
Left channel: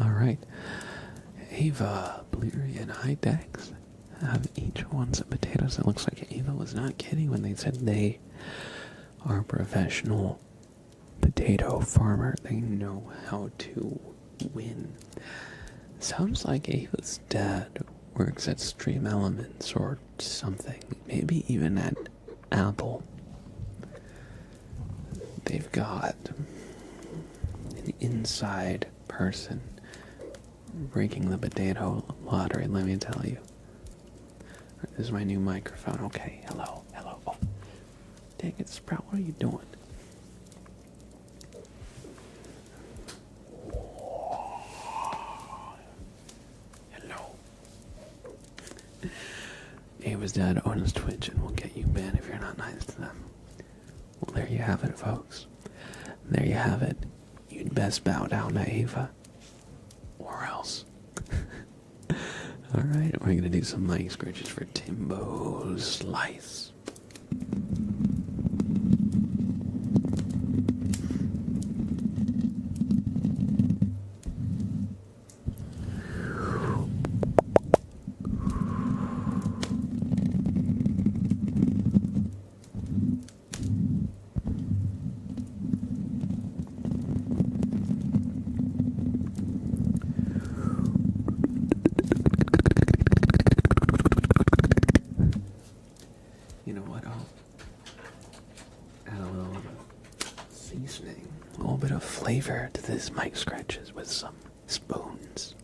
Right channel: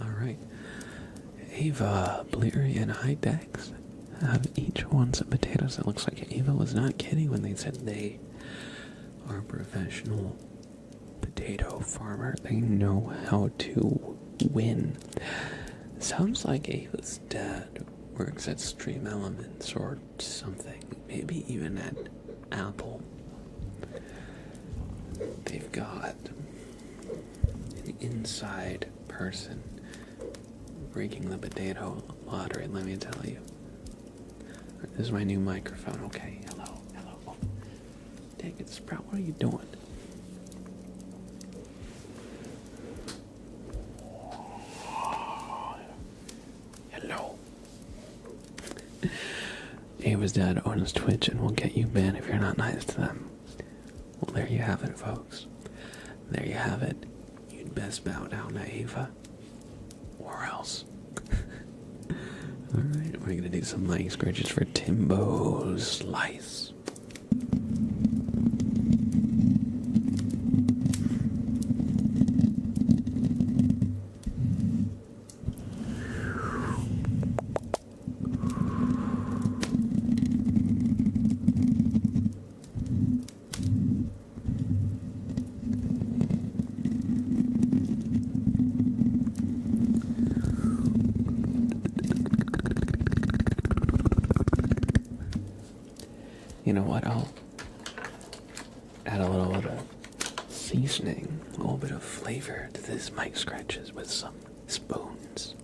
Alright, Ava, Bleary, and Hydex have each won some potatoes. It looks like Ava was not kidding when they said they are a professional potato farmer. They know how to win. Sounds like Ava's dad works at Stream Elements or something. Maybe even at Apple. They've got an inside person breaking the potato lottery, let me tell you. This is my new microphone. Okay, hello. Oh, dang it, Sprout, what are you doing? Hello. Ava's dad owns Twitch and will get you banned if you're not nice to them. Well, there you have it, folks. There you have it. You'd best bow down to Ava. Or else. Alright, we're gonna do some mic scratches for Timbo's Slice. You know what, I'll add a little bit of seasoning, a little bit of flavor to this mic scratches with some spoons.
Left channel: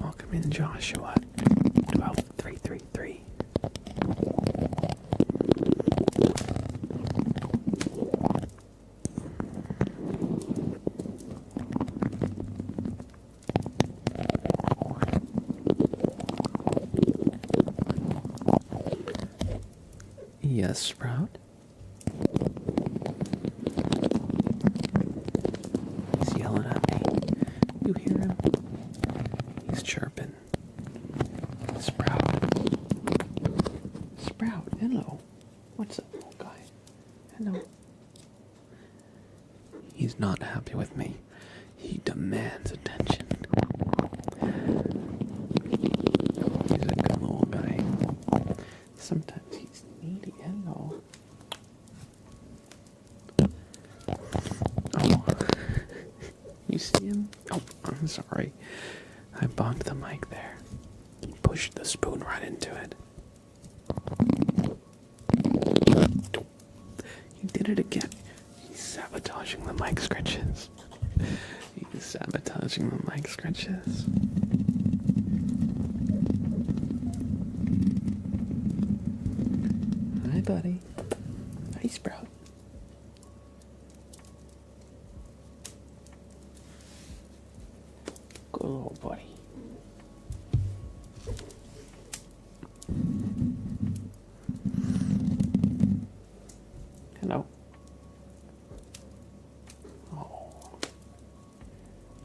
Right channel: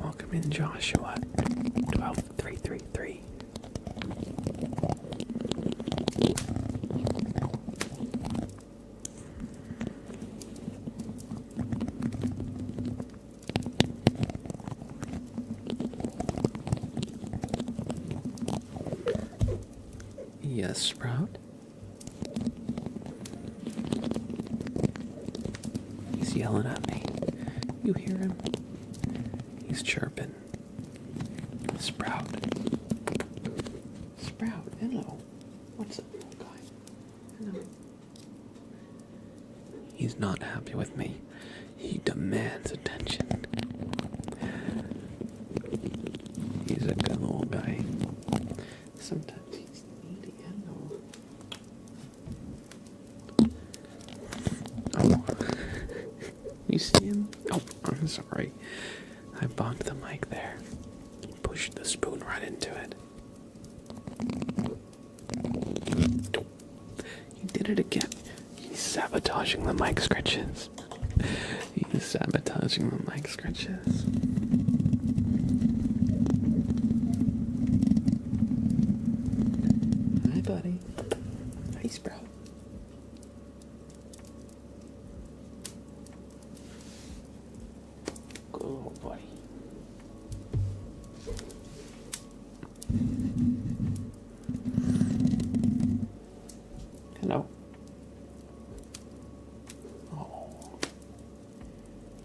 Welcome in, Joshua. 12333. Yes, Sprout? He's yelling at me. You hear him? He's chirping. Sprout. Sprout, hello. What's up, little guy? Hello. He's not happy with me. He demands attention. He's a good little guy. Sometimes he's needy. Hello. Oh. You see him? Oh, I'm sorry. I bonked the mic there. He pushed the spoon right into it. He did it again. He's sabotaging the mic scratches. He's sabotaging the mic scratches. Hi, buddy. Hi, Sprout. Good little buddy. Hello. Oh.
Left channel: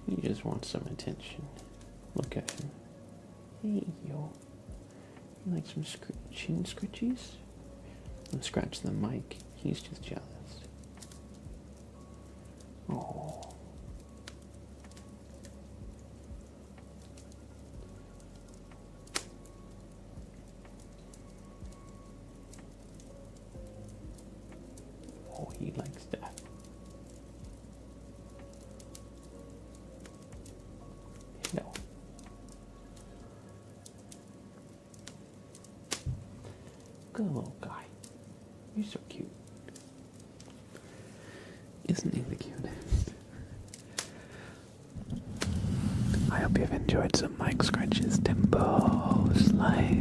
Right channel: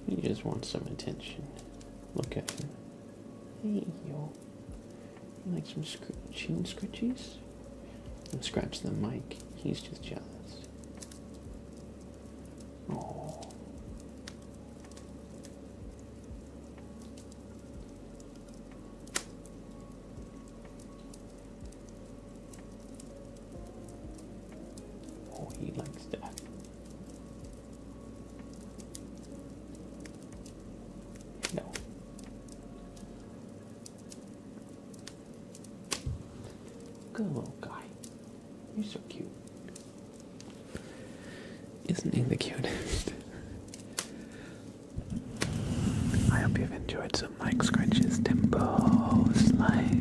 He just wants some attention. Look at him. Hey, yo. You like some chin scritchies? And scratch the mic. He's just jealous. Oh. Oh, he likes that. Hello. Good little guy. You're so cute. Isn't he the cutest? I hope you've enjoyed some mic scratches, Timbo. Slice.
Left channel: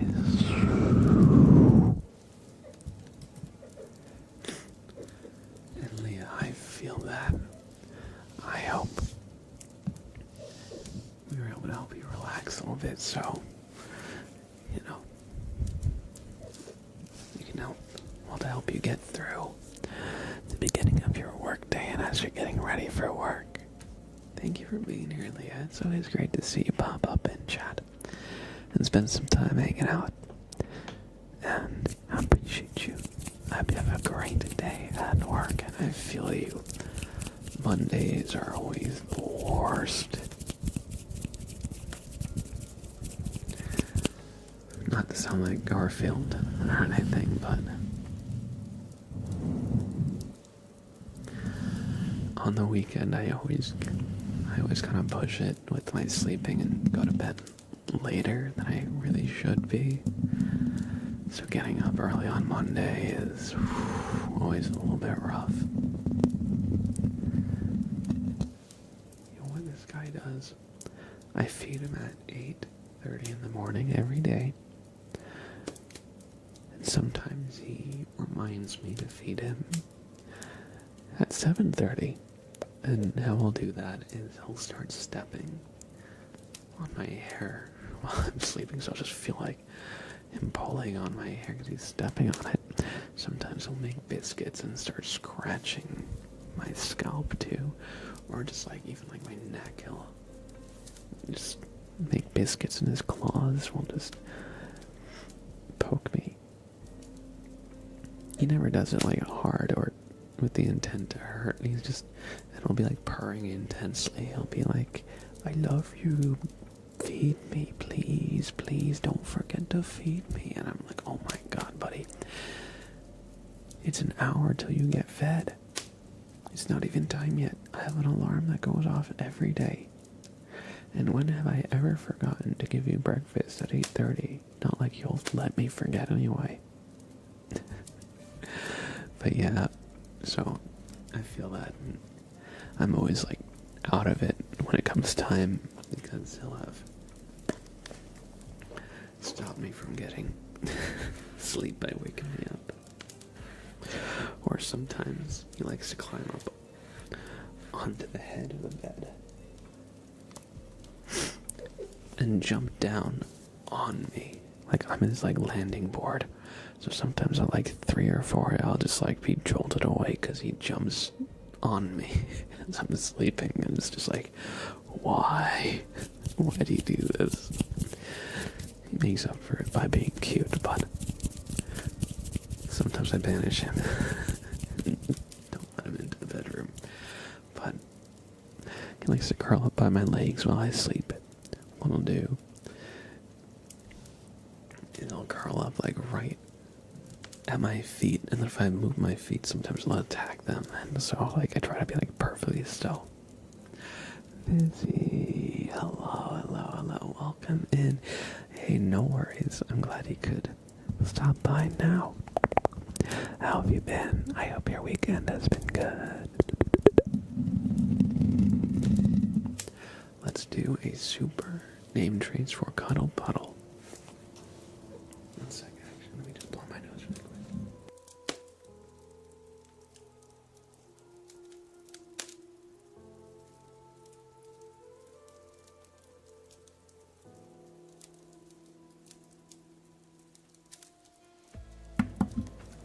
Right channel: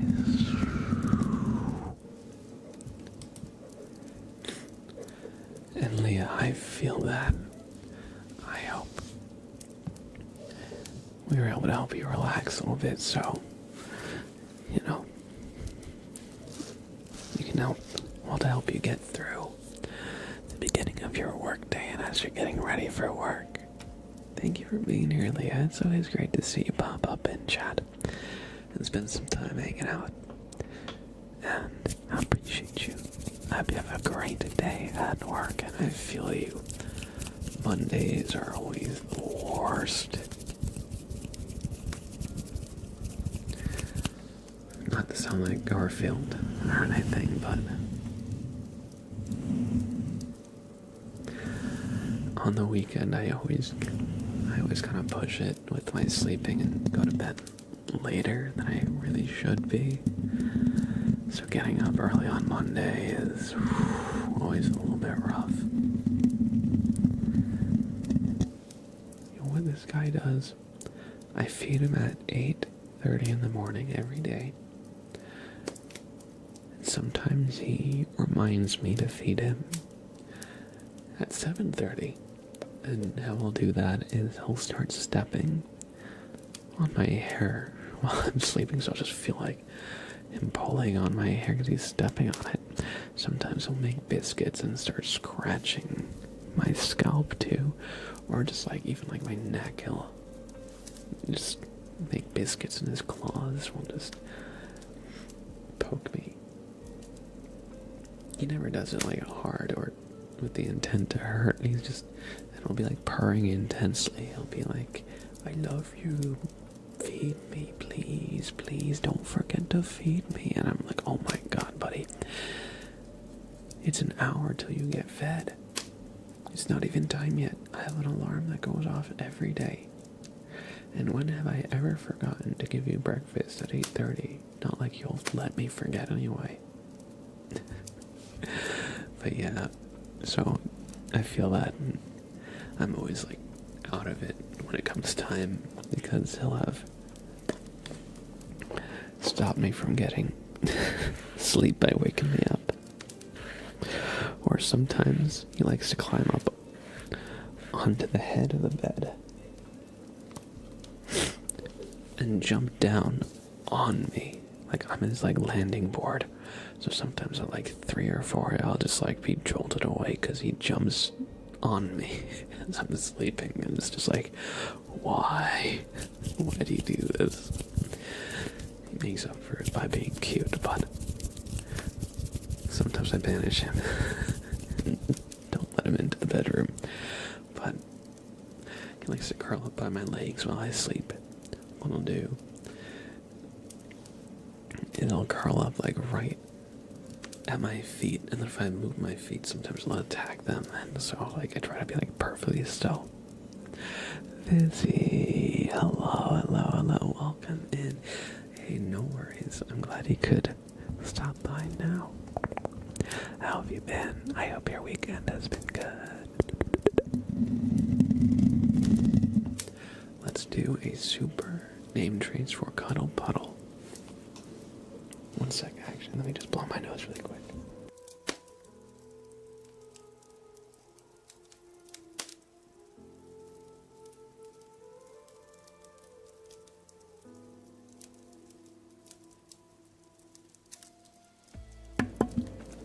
And Leah, I feel that. I hope we were able to help you relax a little bit, so, you know, you can help, well, to help you get through the beginning of your work day and as you're getting ready for work. Thank you for being here, Leah. It's always great to see you pop up and chat and spend some time hanging out. And I appreciate you. I hope you have a great day at work, and I feel you. Mondays are always the worst. Not to sound like Garfield or anything, but on the weekend I always kind of push it with my sleeping and go to bed later than I really should be. So getting up early on Monday is always a little bit rough. You know what this guy does? I feed him at 8:30 in the morning every day. And sometimes he reminds me to feed him at 7:30. And how I'll do that is he'll start stepping on my hair while I'm sleeping, so I'll just feel like him pulling on my hair because he's stepping on it. Sometimes he'll make biscuits and start scratching my scalp too, or just like even like my neck. He'll just make biscuits in his claws. Will just poke me. He never does it like hard or with the intent to hurt. He's just, and he'll be like purring intensely. He'll be like, "I love you. Feed me, please, please don't forget to feed me." And I'm like, oh my god, buddy. It's an hour till you get fed. It's not even time yet. I have an alarm that goes off every day. And when have I ever forgotten to give you breakfast at 8:30? Not like you'll let me forget anyway. But yeah, so I feel that I'm always like out of it when it comes time, because he'll have stopped me from getting sleep by waking me up. Or sometimes he likes to climb up onto the head of the bed and jump down on me Like, I'm his, like, landing board. So sometimes at, like, 3 or 4, I'll just, like, be jolted awake because he jumps on me as I'm sleeping. And it's just like, why? Why do you do this? He makes up for it by being cute, but sometimes I banish him. Don't let him into the bedroom. But he likes to curl up by my legs while I sleep. What I'll do is I'll curl up like right at my feet, and then if I move my feet, sometimes I'll attack them, and so like I try to be like perfectly still. Busy, hello, welcome in. Hey, no worries. I'm glad he could stop by now. How have you been? I hope your weekend has been good. Let's do a super name trace for Cuddle Puddle. One sec, actually. Let me just blow my nose really quick.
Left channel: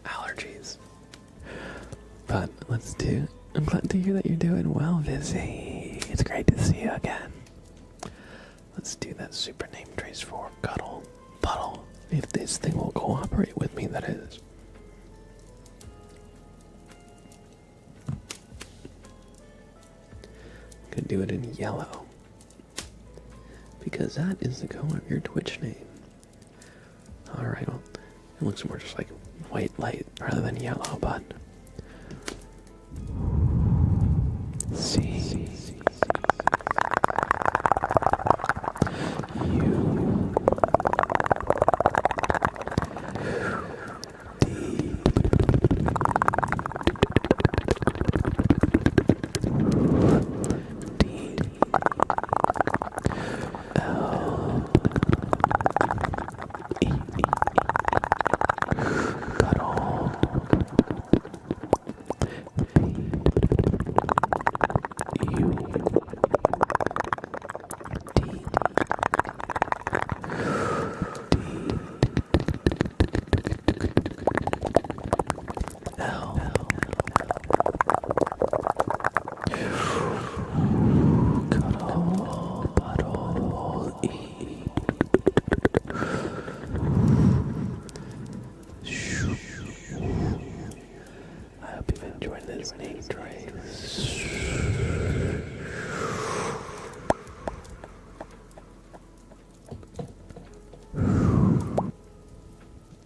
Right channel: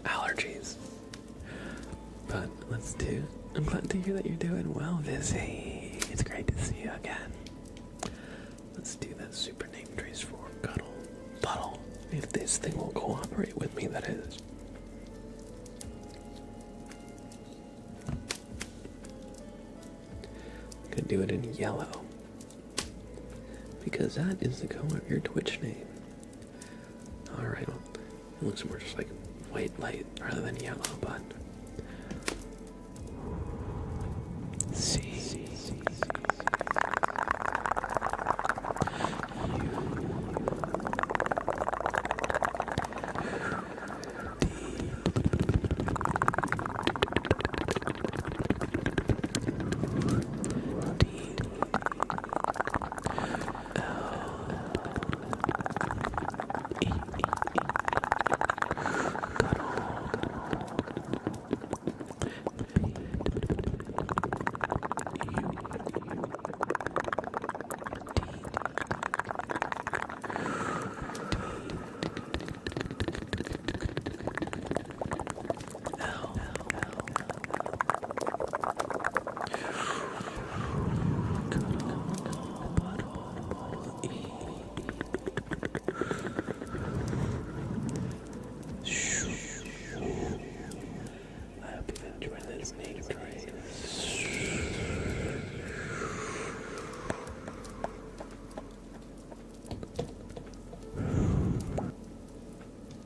Allergies. But let's do. I'm glad to hear that you're doing well, Vizzy. It's great to see you again. Let's do that super name trace for Cuddle Puddle. If this thing will cooperate with me, that is. Could do it in yellow, because that is the color of your Twitch name. Alright, well, it looks more just like white light rather than yellow, but C. Name trace.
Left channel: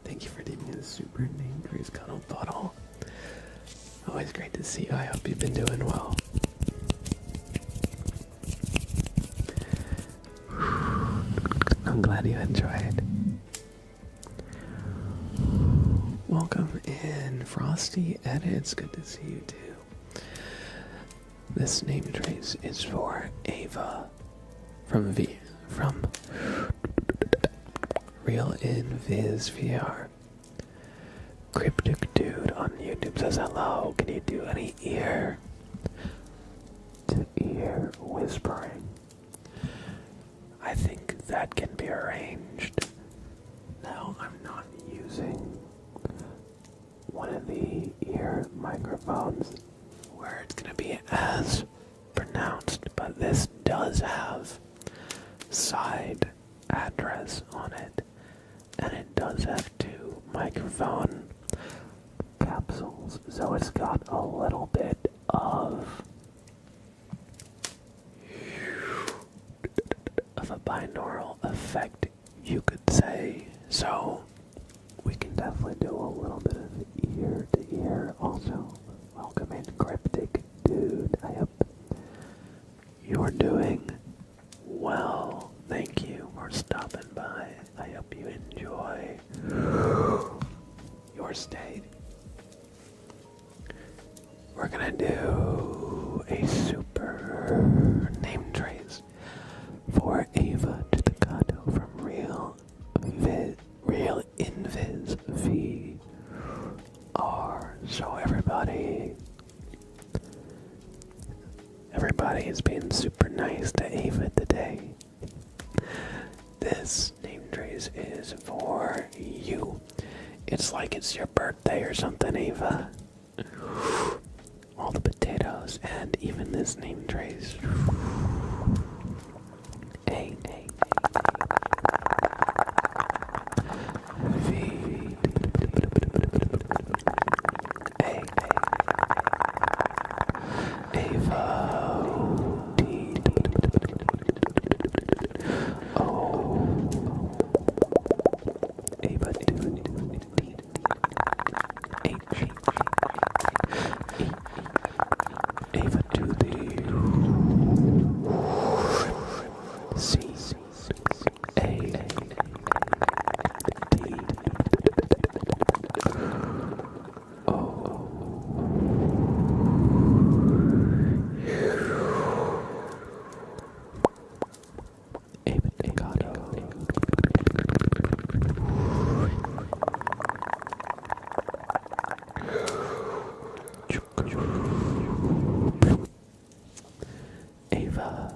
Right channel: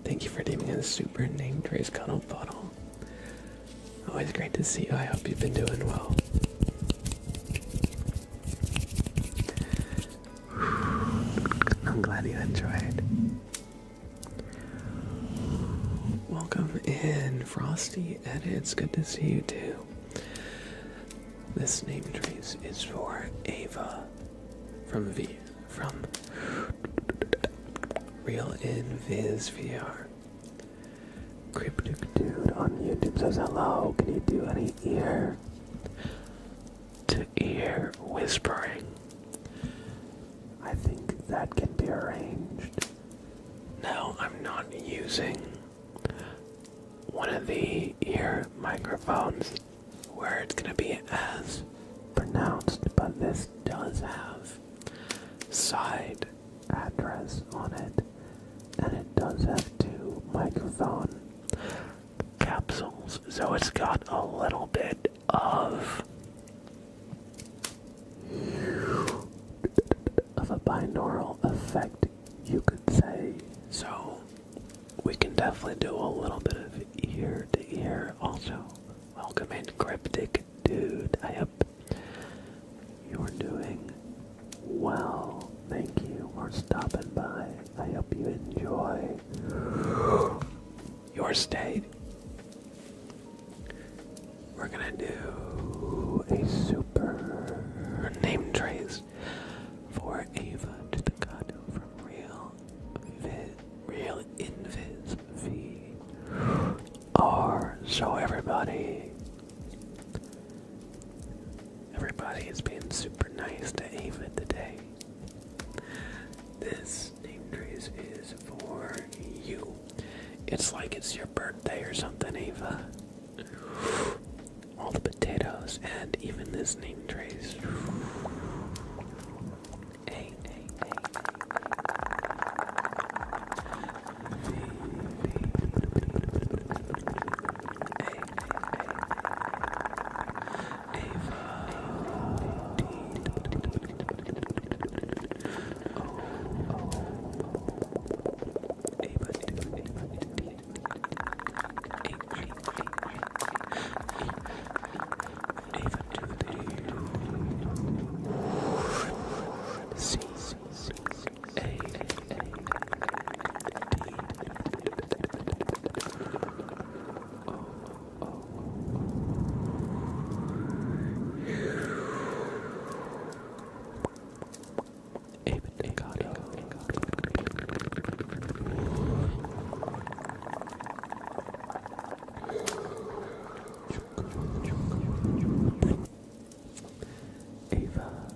Thank you for naming a super name trace, Cuddle Puddle. Always great to see you. I hope you've been doing well. I'm glad you enjoyed. Welcome in, Frosty Edits. Good to see you too. This name trace is for Ava from Real in Viz VR. Cryptic Dude on YouTube says hello. Can you do any ear to ear whispering? I think that can be arranged. No, I'm not using one of the ear microphones where it's gonna be as pronounced, but this does have side address on it, and it does have 2 microphone capsules, so it's got a little bit of a binaural effect, you could say. So we can definitely do a little bit of ear to ear. Also, welcome in, Cryptic Dude. I hope you're doing well. Thank you for stopping by. I hope you enjoy your stay. We're gonna do a super name trace for Ava to the Gato from Real Invis VR. So everybody is being super nice to Ava today. This name trace This is for you. It's like it's your birthday or something, Ava. All the potatoes and even this name trace. A V A Ava D O Ava D H E Ava to the C A D O Ava Decato Ava.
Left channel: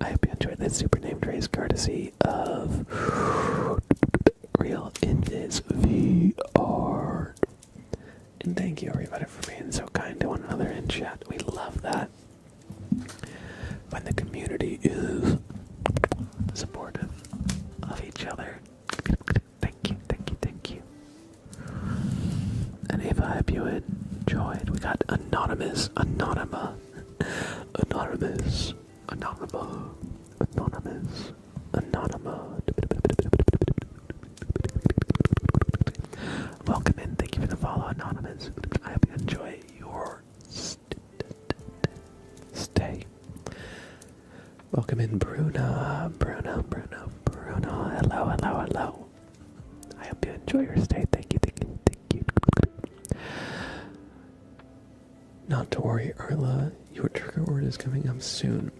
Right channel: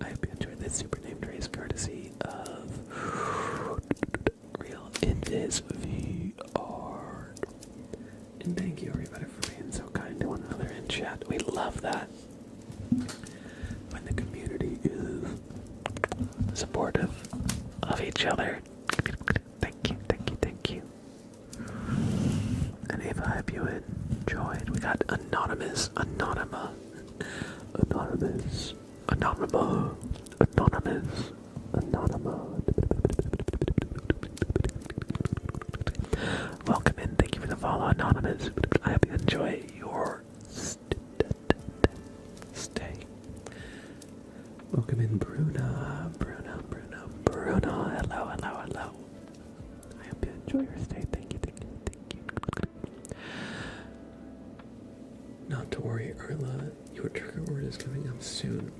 I hope you enjoyed that super name trace courtesy of Real Invis VR. And thank you everybody for being so kind to one another in chat. We love that. When the community is supportive of each other. Thank you, thank you, thank you. And Ava, I hope you enjoyed. We got Anonymous, Anonymous, Anonymous, Anonymous, Anonymous, Anonymous. Welcome in, thank you for the follow, Anonymous. I hope you enjoy your stay. Welcome in, Bruna, Bruna, Bruna, Bruna. Hello, hello, hello. I hope you enjoy your stay. Thank you, thank you, thank you. Not to worry, Arla. Your trigger word is coming up soon.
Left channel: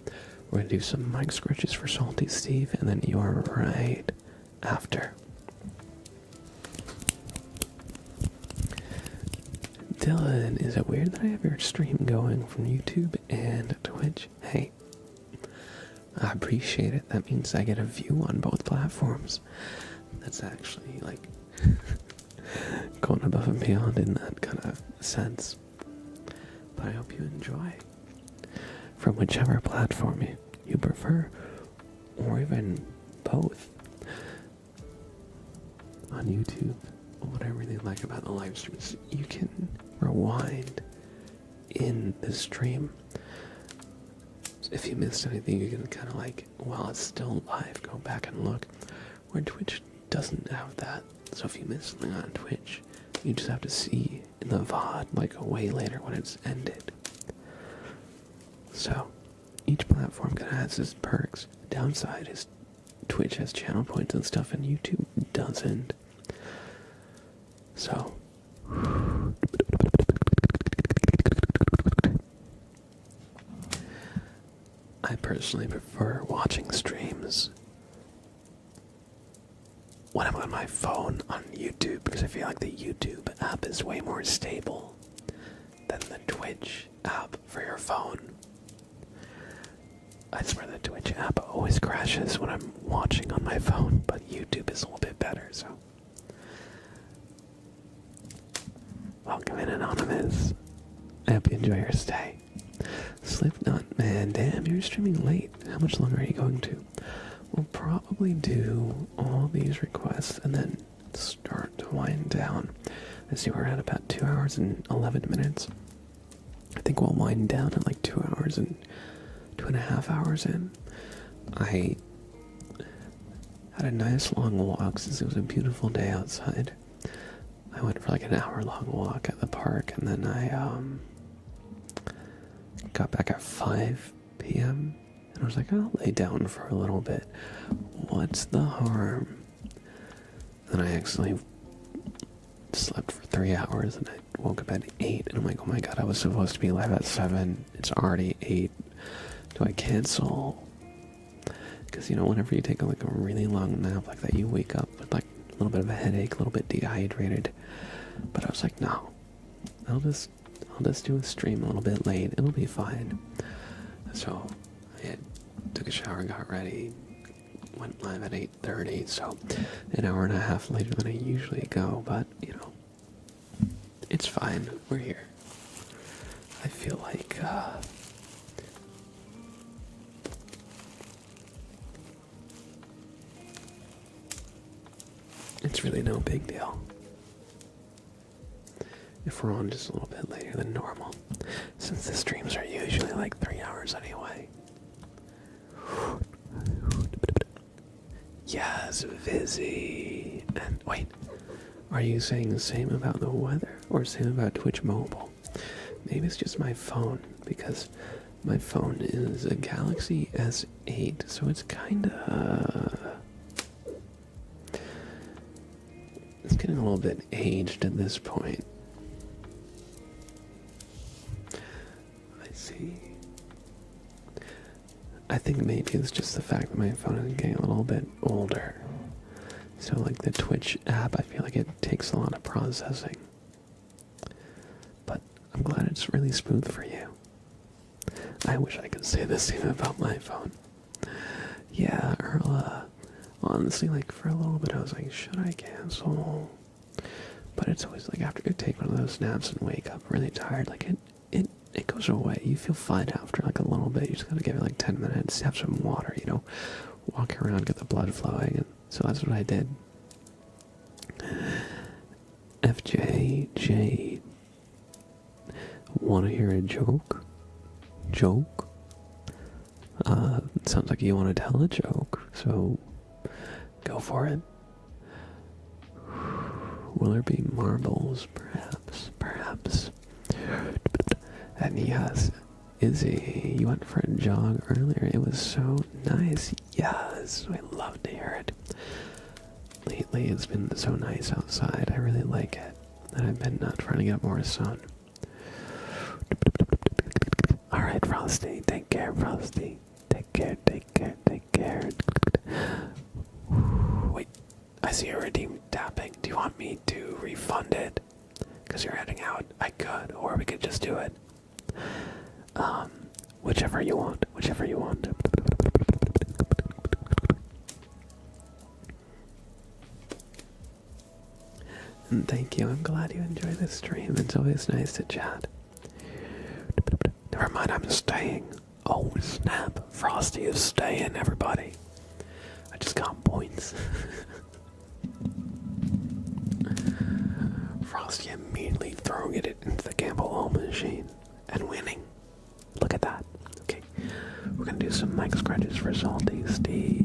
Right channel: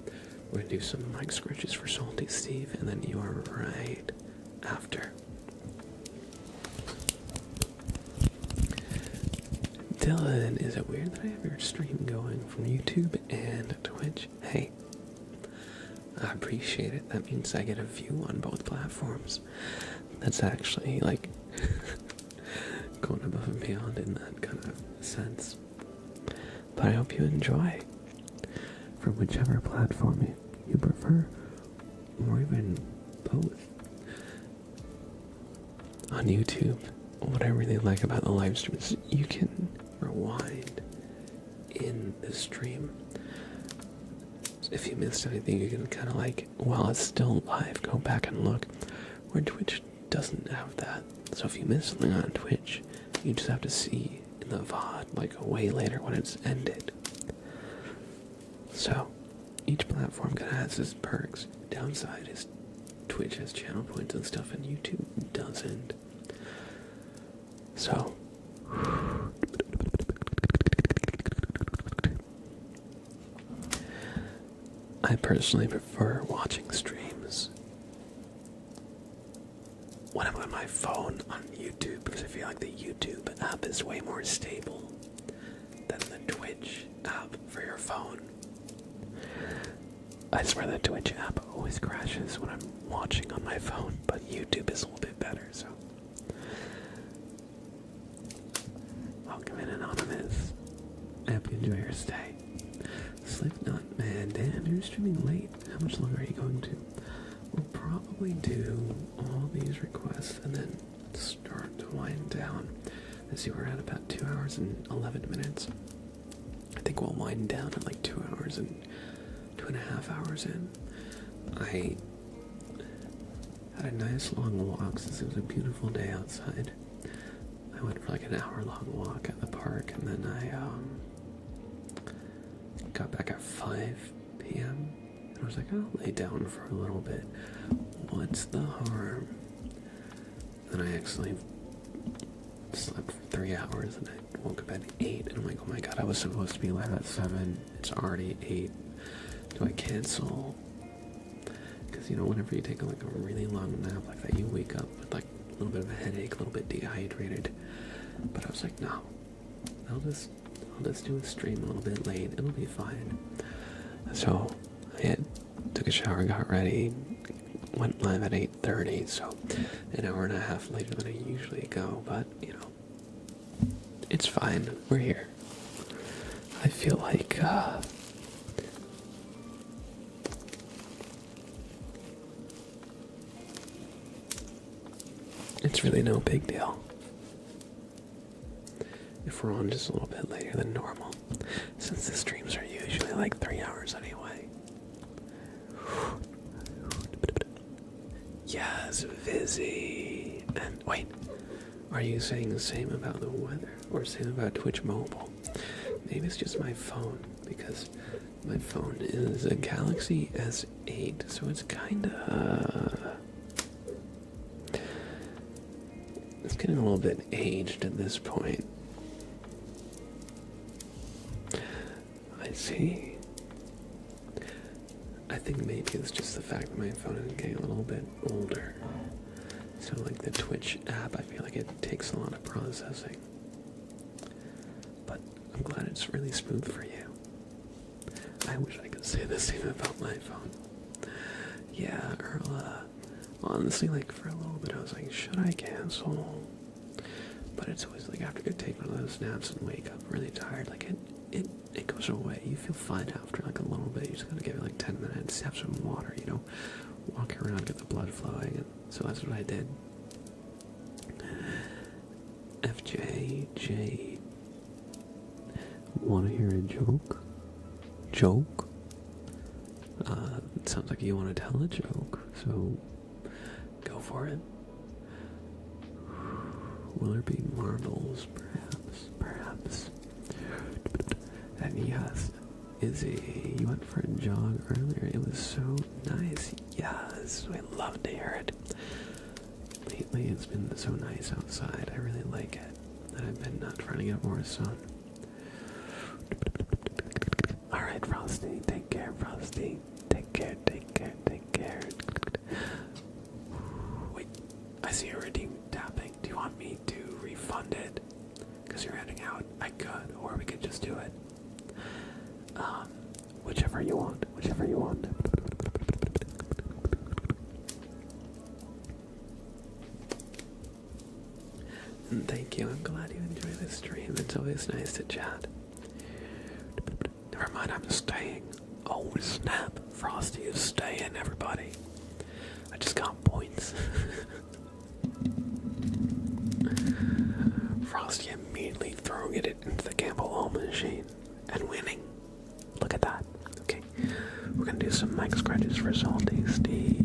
We're gonna do some mic scratches for Salty Steve, and then you are right after. Dylan, is it weird that I have your stream going from YouTube and Twitch? Hey, I appreciate it. That means I get a view on both platforms. That's actually like going above and beyond in that kind of sense. But I hope you enjoy from whichever platform you prefer, or even both. On YouTube, what I really like about the live stream is you can rewind in the stream. If you missed anything, you can kind of like, while it's still live, go back and look. Where Twitch doesn't have that. So if you miss something on Twitch, you just have to see in the VOD like way later when it's ended. So each platform kind of has its perks. The downside is Twitch has channel points and stuff, and YouTube doesn't. So I personally prefer watching streams when I'm on my phone on YouTube, because I feel like the YouTube app is way more stable than the Twitch app for your phone. I swear the Twitch app always crashes when I'm watching on my phone, but YouTube is a little bit better, so. Welcome in, Anonymous. I hope you enjoy your stay. Slipknot, man, damn, you're streaming late. How much longer are you going to? We'll probably do all these requests and then start to wind down. I see we're at about 2 hours and 11 minutes. I think we'll wind down at like 2 hours and 2.5 hours in. I had a nice long walk since it was a beautiful day outside. I went for like an hour-long walk at the park, and then I got back at 5 p.m. and I was like, I'll lay down for a little bit. What's the harm? Then I actually slept for 3 hours, and I woke up at 8, and I'm like, oh my god, I was supposed to be live at 7. It's already 8. Do I cancel? Because, you know, whenever you take like a really long nap like that, you wake up with like a little bit of a headache, a little bit dehydrated. But I was like, no, I'll just do a stream a little bit late. It'll be fine. So I took a shower, got ready, went live at 8:30, so an hour and a half later than I usually go, but, it's fine. We're here. I feel like, it's really no big deal if we're on just a little bit later than normal, since the streams are usually like 3 hours anyway. Yes, Vizzy. And wait, are you saying the same about the weather or same about Twitch Mobile? Maybe it's just my phone, because my phone is a Galaxy S8, so it's kinda... it's getting a little bit aged at this point. I see. I think maybe it's just the fact that my phone is getting a little bit older. So like the Twitch app, I feel like it takes a lot of processing. But I'm glad it's really smooth for you. I wish I could say the same about my phone. Yeah, Earl, honestly, like for a little bit I was like, should I cancel? But it's always like after you take one of those naps and wake up really tired, like it goes away. You feel fine after like a little bit. You just gotta give it like 10 minutes, have some water, walk around, get the blood flowing. And so that's what I did. FJJ, wanna hear a joke? Joke? It sounds like you want to tell a joke, so go for it. Will there be marbles? Perhaps. And yes, Izzy, you went for a jog earlier. It was so nice. Yes, I love to hear it. Lately, it's been so nice outside. I really like it. And I've been trying to get more sun. Alright, Frosty. Take care, Frosty. Take care. Wait, I see a redeem tapping. Do you want me to refund it? Because you're heading out. I could, or we could just do it. Whichever you want. And thank you. I'm glad you enjoy this stream. It's always nice to chat. Never mind, I'm staying. Oh, snap. Frosty is staying, everybody. I just got points. Frosty immediately throwing it into the Campbell Hall machine and winning. Look at that. Okay, we're gonna do some mic scratches for Salty Steve.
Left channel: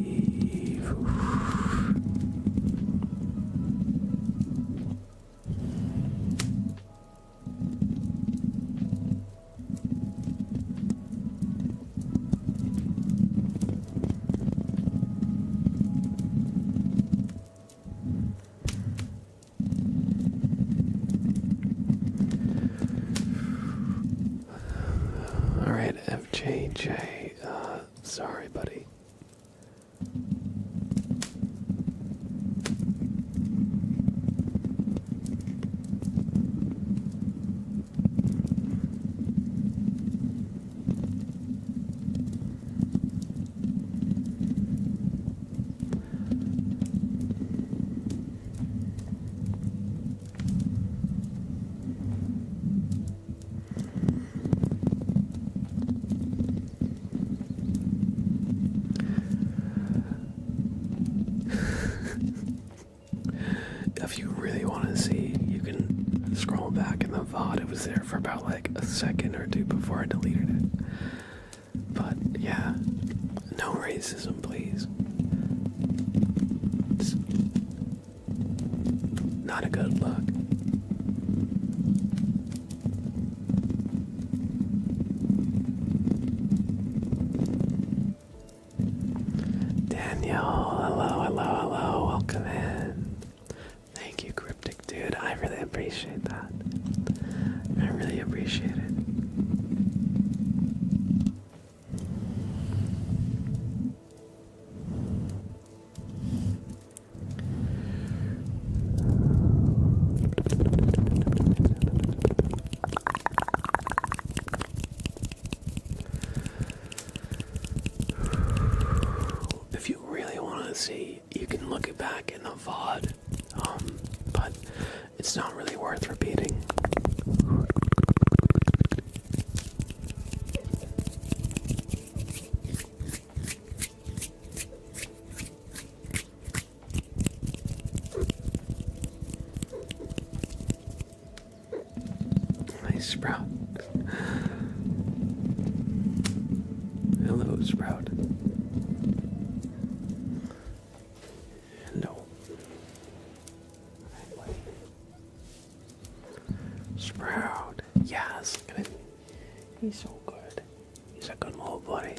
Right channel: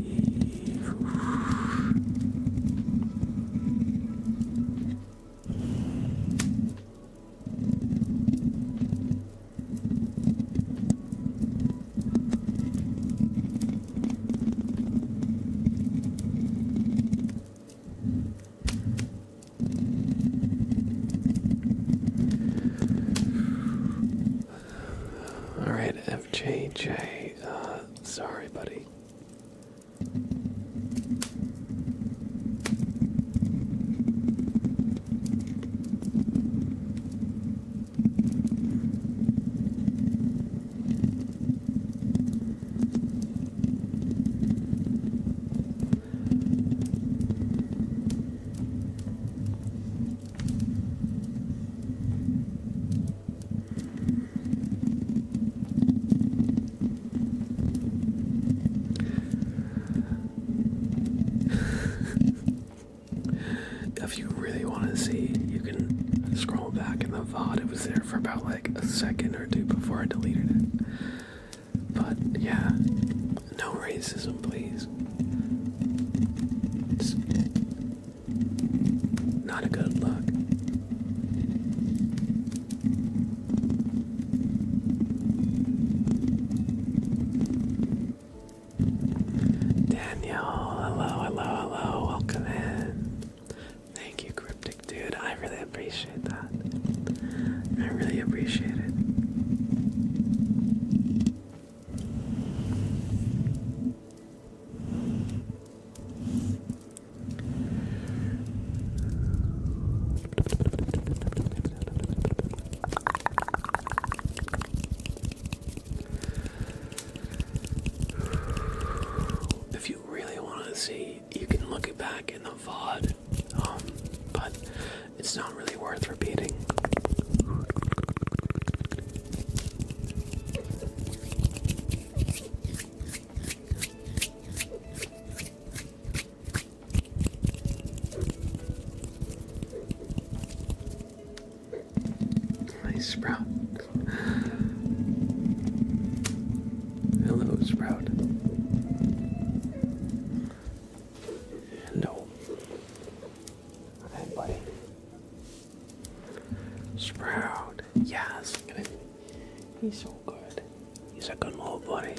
Alright, FJJ, sorry, buddy. If you really want to see, you can scroll back in the VOD. It was there for about like a second or two before I deleted it. But yeah, no racism, please. It's not a good look. Daniel, hello, welcome in. Thank you, Cryptic Dude. I really appreciate that. I really appreciate it. If you really want see, you can look it back in the VOD, but it's not really worth repeating. Nice Sprout. Hello, Sprout. No. Hey, buddy. Sprout. Yes. He's so good. He's a good little buddy.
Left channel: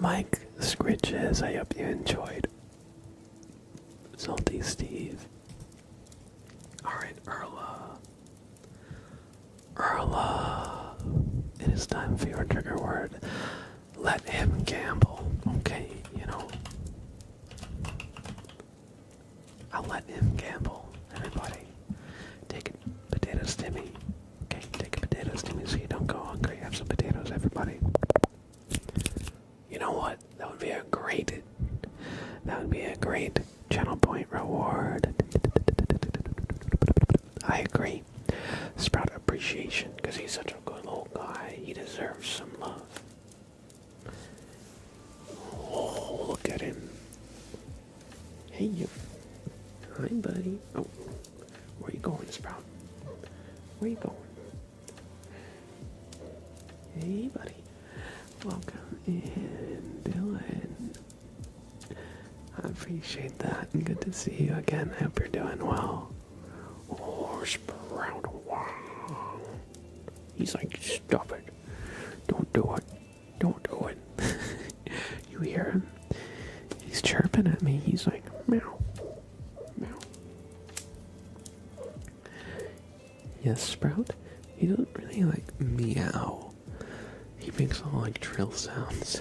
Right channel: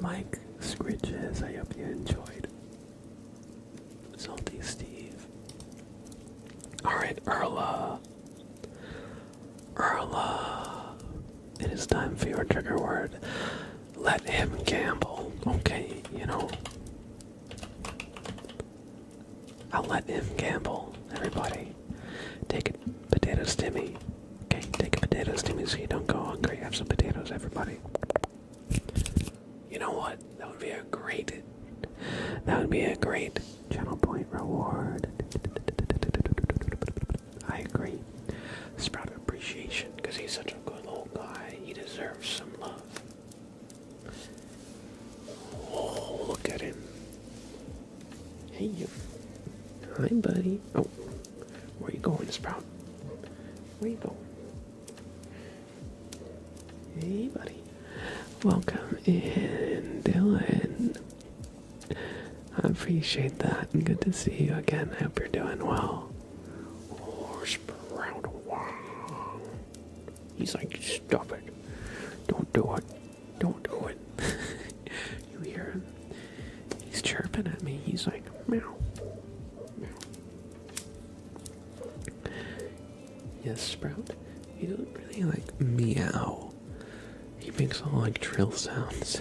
Mike Scritches, I hope you enjoyed. Salty Steve. Alright, Erla. It is time for your trigger word. Let him gamble. Okay, I'll let him gamble. Everybody, take a potato stimmy. Okay, take a potato stimmy so you don't go hungry. Have some potatoes, everybody. You know what? That would be a great channel point reward. I agree. Sprout appreciation, because he's such a good little guy. He deserves some love. Oh, look at him. Hey, you. Hi, buddy. Oh, where you going, Sprout? Where you going? Hey, buddy. Welcome in, Dylan. I appreciate that. Good to see you again. I hope you're doing well. Oh, Sprout. Wow. He's like, stop it. Don't do it. Don't do it. You hear him? He's chirping at me. He's like, meow. Meow. Yes, Sprout? He doesn't really like meow. He makes all like trill sounds.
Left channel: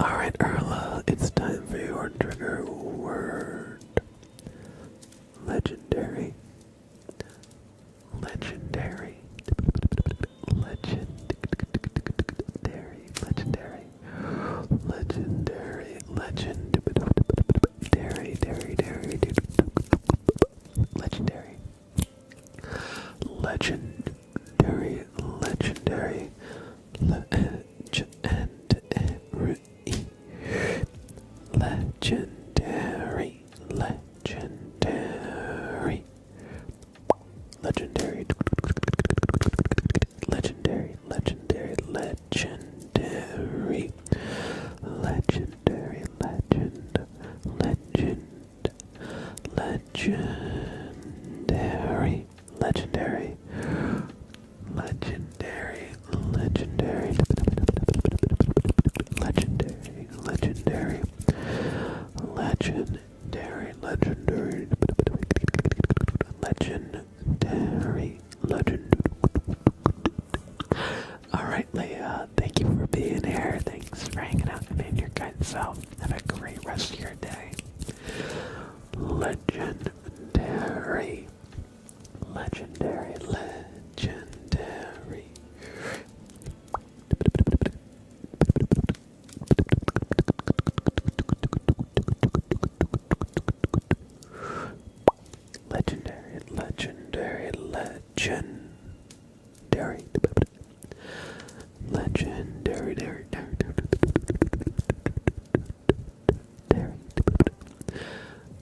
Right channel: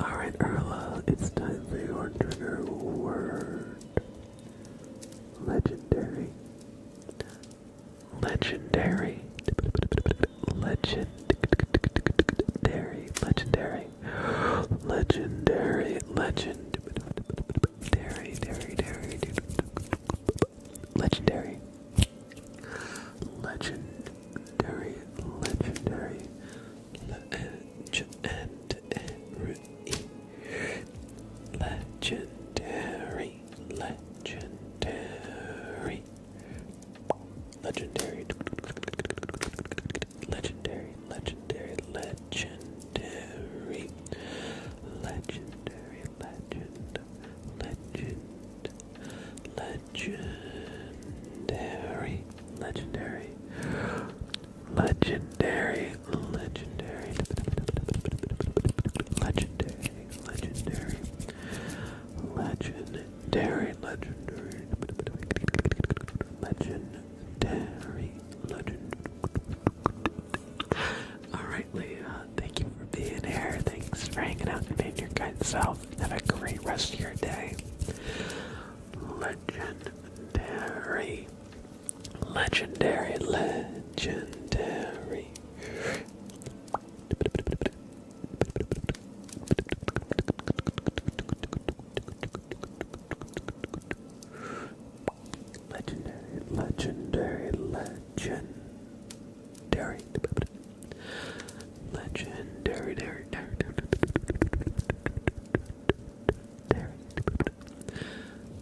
Alright, Erla, it's time for your trigger word. Legendary. Legendary. Legendary. Legendary. Legendary. Legendary. Legendary. Legendary. Legendary. Legendary. Legendary. Legendary. Legendary. Legendary. Legend. Legendary. Legendary. Legendary. Legendary. Legendary. Legendary. Legendary. Legendary. Legend. Alright, Leah, thank you for being here. Thanks for hanging out and being your kind self. Have a great rest of your day. Legendary. Legendary. Legendary. Legendary. Legendary. Legendary.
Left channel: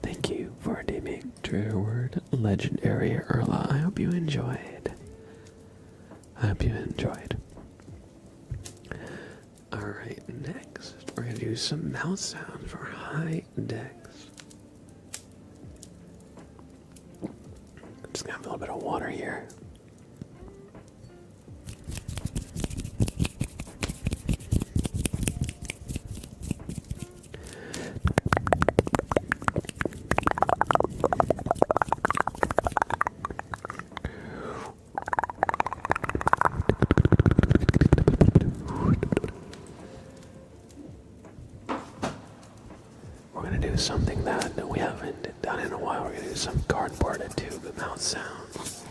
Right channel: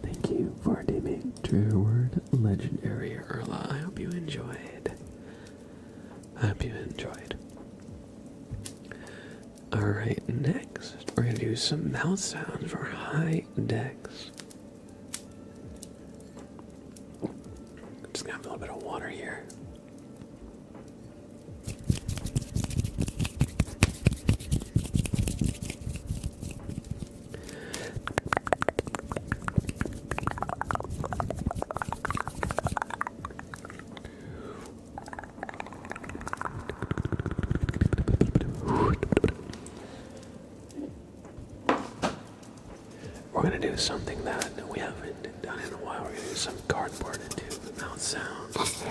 Thank you for naming trigger word legendary, Erla. I hope you enjoyed. Alright, next we're gonna do some mouth sounds for high decks. I'm just gonna have a little bit of water here. we're gonna do something that we haven't done in a while. We're gonna do some cardboard tube mouth sounds.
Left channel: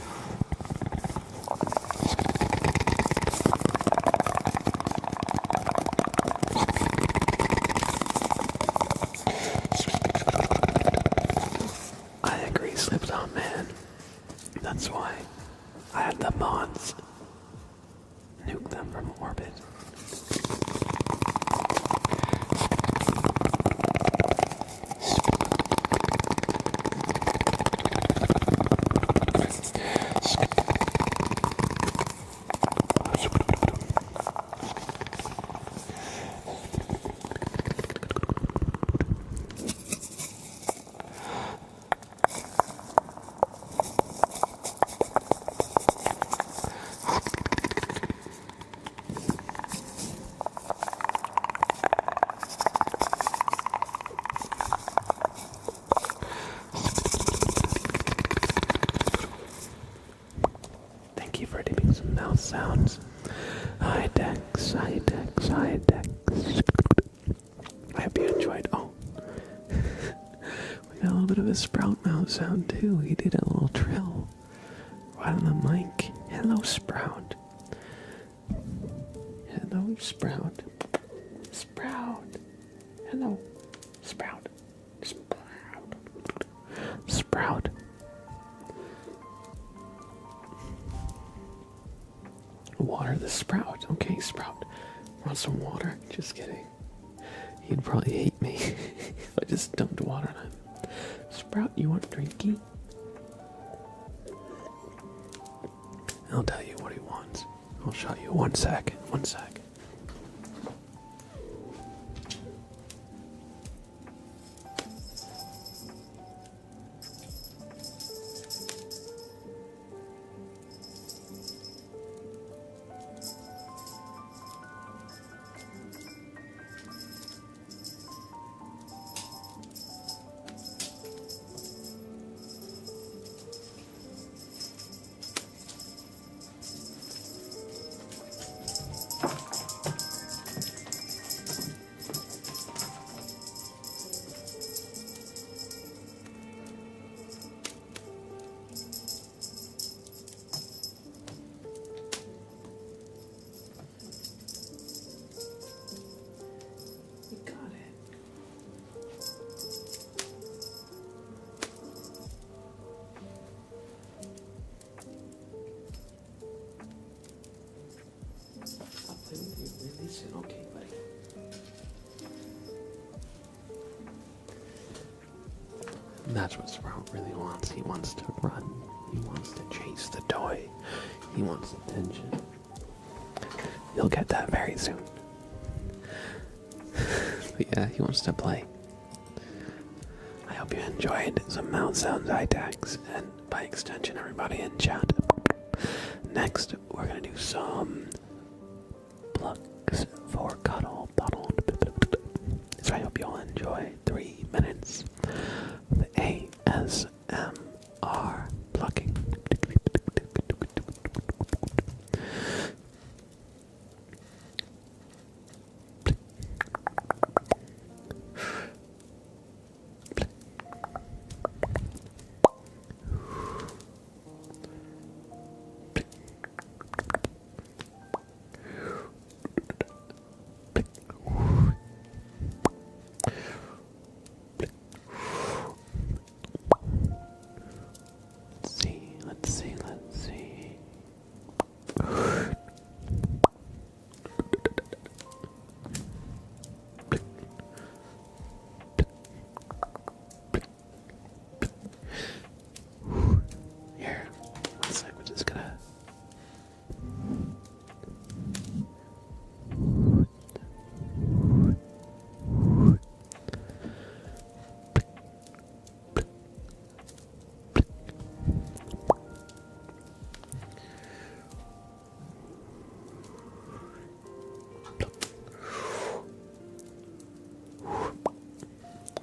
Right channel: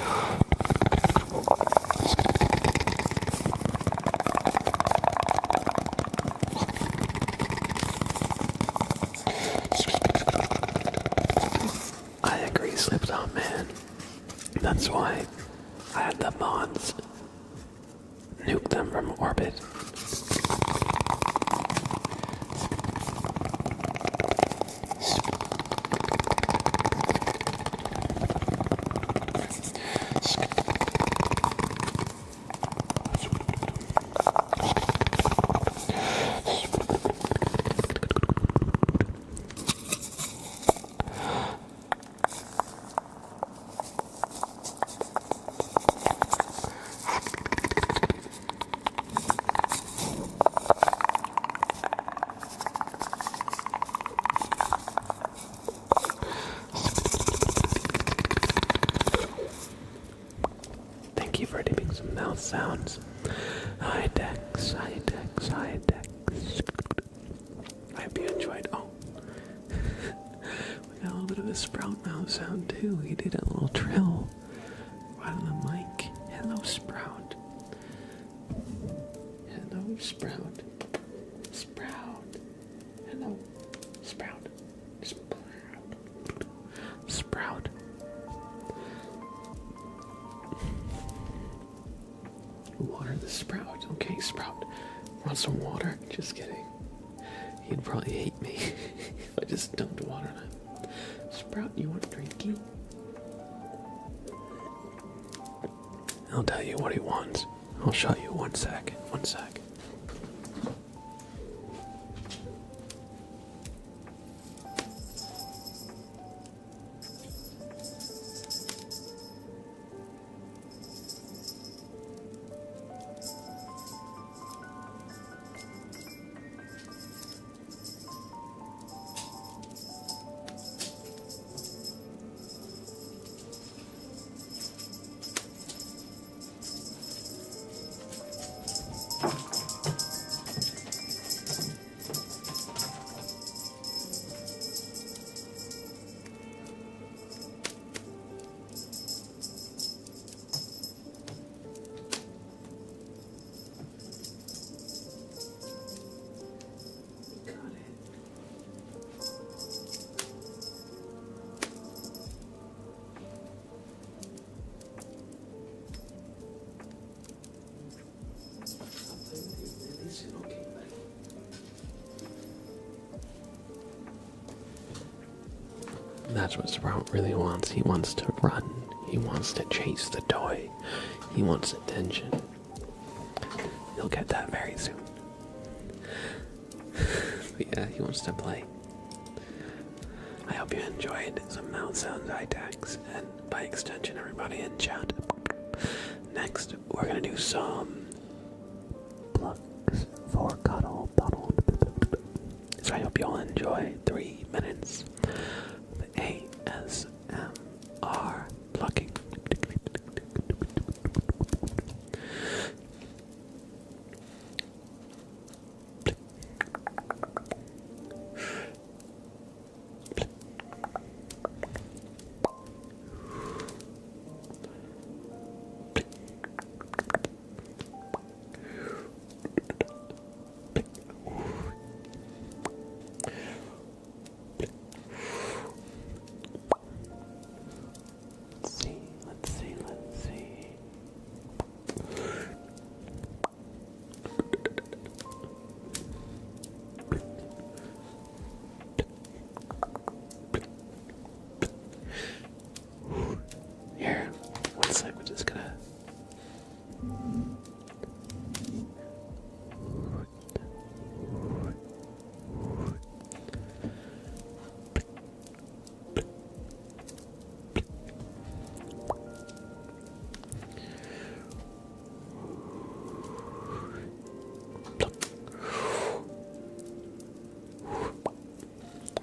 I agree, Slipped On Man. That's why I had the mods nuke them from orbit. Thank you for doing some mouth sounds. Hi Dex, hi Dex, hi Dex. I hope you enjoyed. Oh, we got a little bit of a Sprout mouth sound too. He did a little trill right on the mic. Hello, Sprout. Hello, Sprout. Sprout. Hello, Sprout. Sprout. Sprout. Water the Sprout. Okay, Sprout. Want some water? Just kidding. He'd probably hate me if I just dumped water on him. Sprout, you want drinky? I'll tell you what he wants. I'll show you. One sec. One sec. That's what Sprout really wants. He wants to run. He wants to chase the toy. He wants attention. You'll get that very soon. But yeah, he wants to play. I hope you enjoyed some mouth sounds, iTags, and by extension, everybody in chat. Next, we're gonna do some plugs for cuddle bottled. So I hope you all enjoy 3 minutes of ASMR plucking. Let's see. Here, one sec, we're just gonna...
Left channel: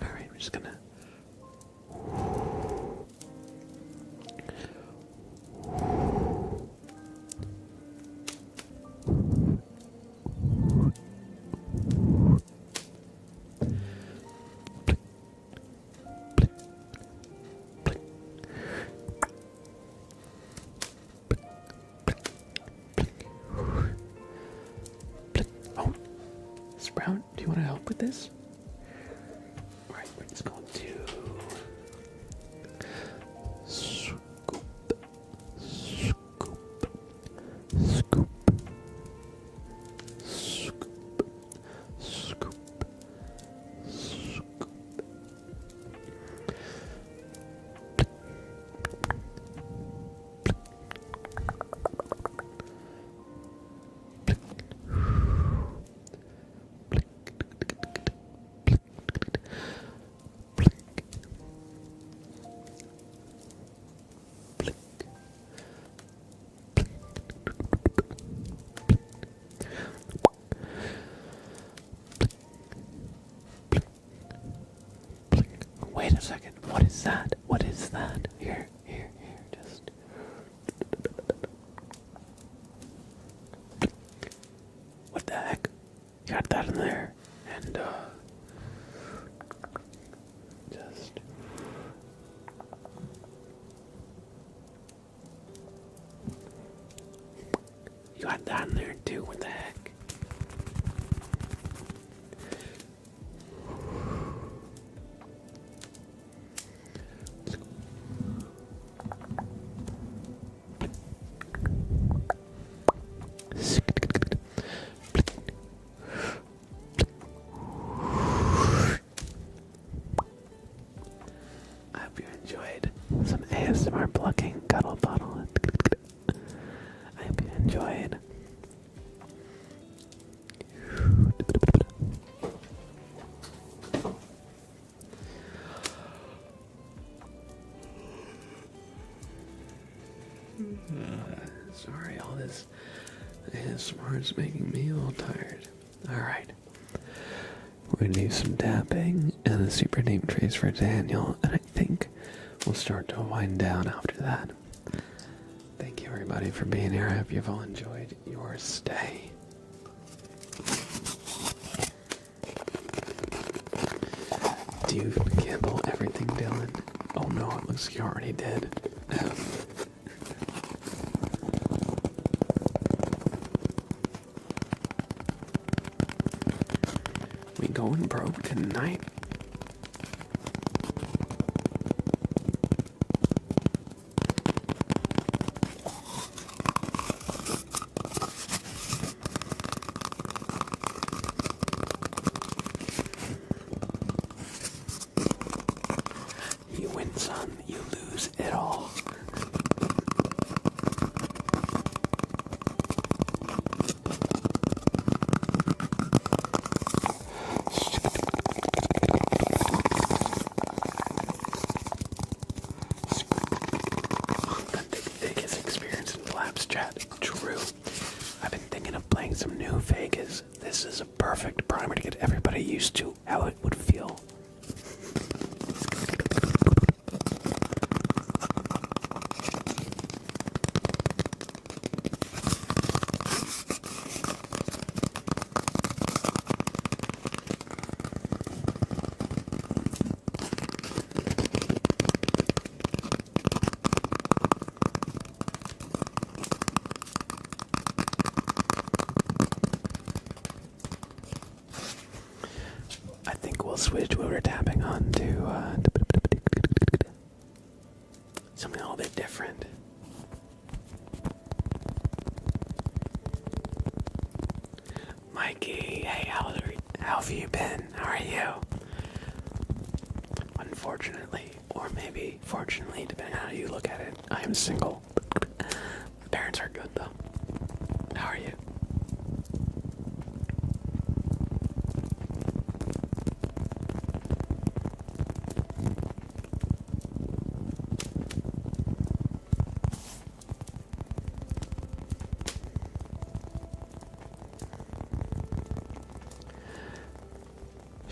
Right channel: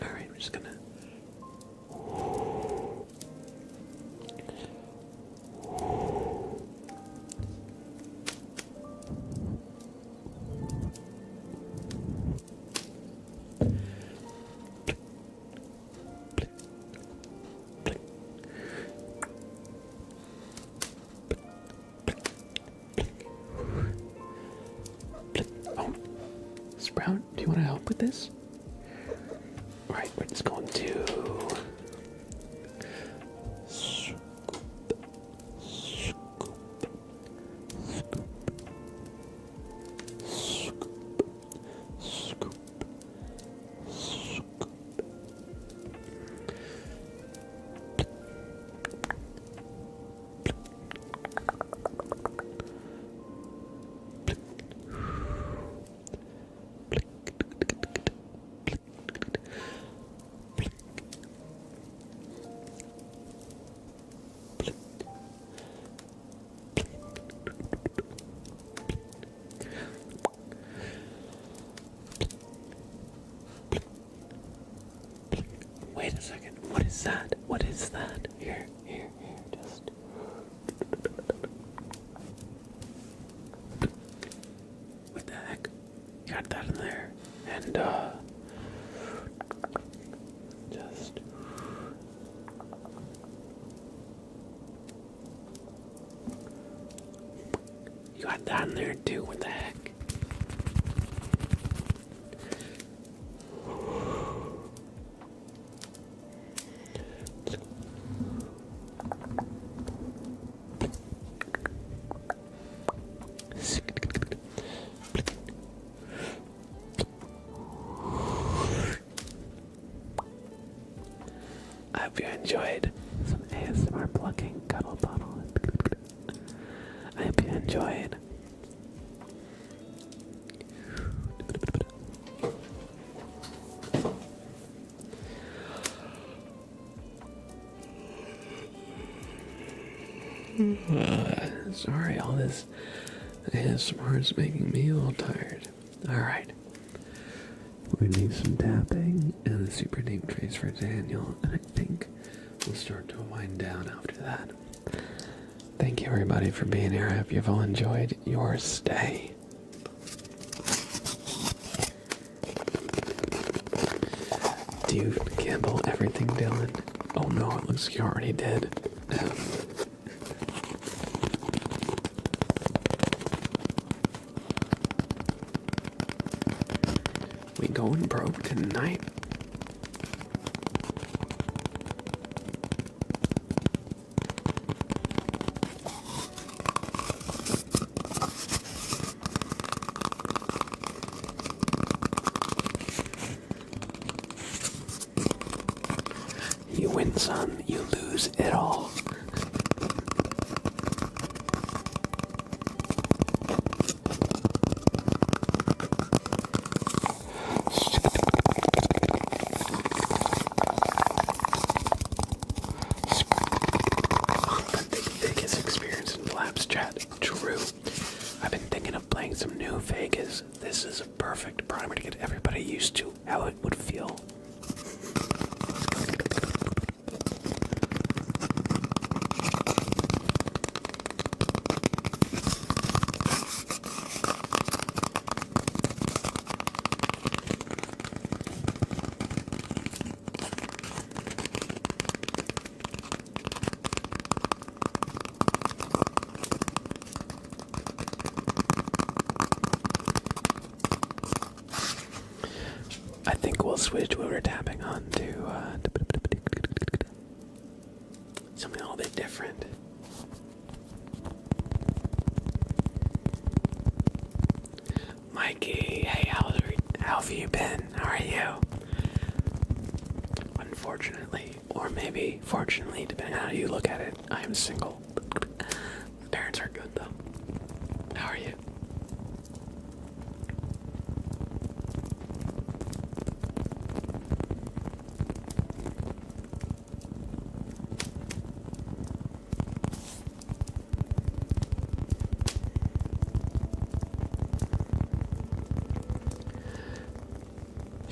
Alright, we're just gonna... Sprout, do you want to help with this? Alright, we're just going to scoop, scoop, scoop, scoop, scoop. Wait a second. What is that? What is that? Here, just. What the heck? You got that in there. And, just. You got that in there too. What the heck? I hope you enjoyed some ASMR plucking, cuddle bottle. I hope you enjoyed. Sorry, all this ASMR is making me a little tired. Alright. We're gonna do some tapping and a super deep trace for Daniel, and I think we'll start to wind down after that. Thank you everybody for being here. I hope you've all enjoyed your stay. Do you gamble everything, Dylan? Oh no, it looks like you already did. We going broke tonight? You win some, you lose it all. Chat. True. I've been thinking of playing some new Vegas. This is a perfect primer to get everybody used to how it would feel. I think we'll switch what we're tapping on to something a little bit different. Mikey, hey, how have you been? How are you? Unfortunately, or maybe fortunately, depending on how you look at it, I am single. My parents are good though. How are you?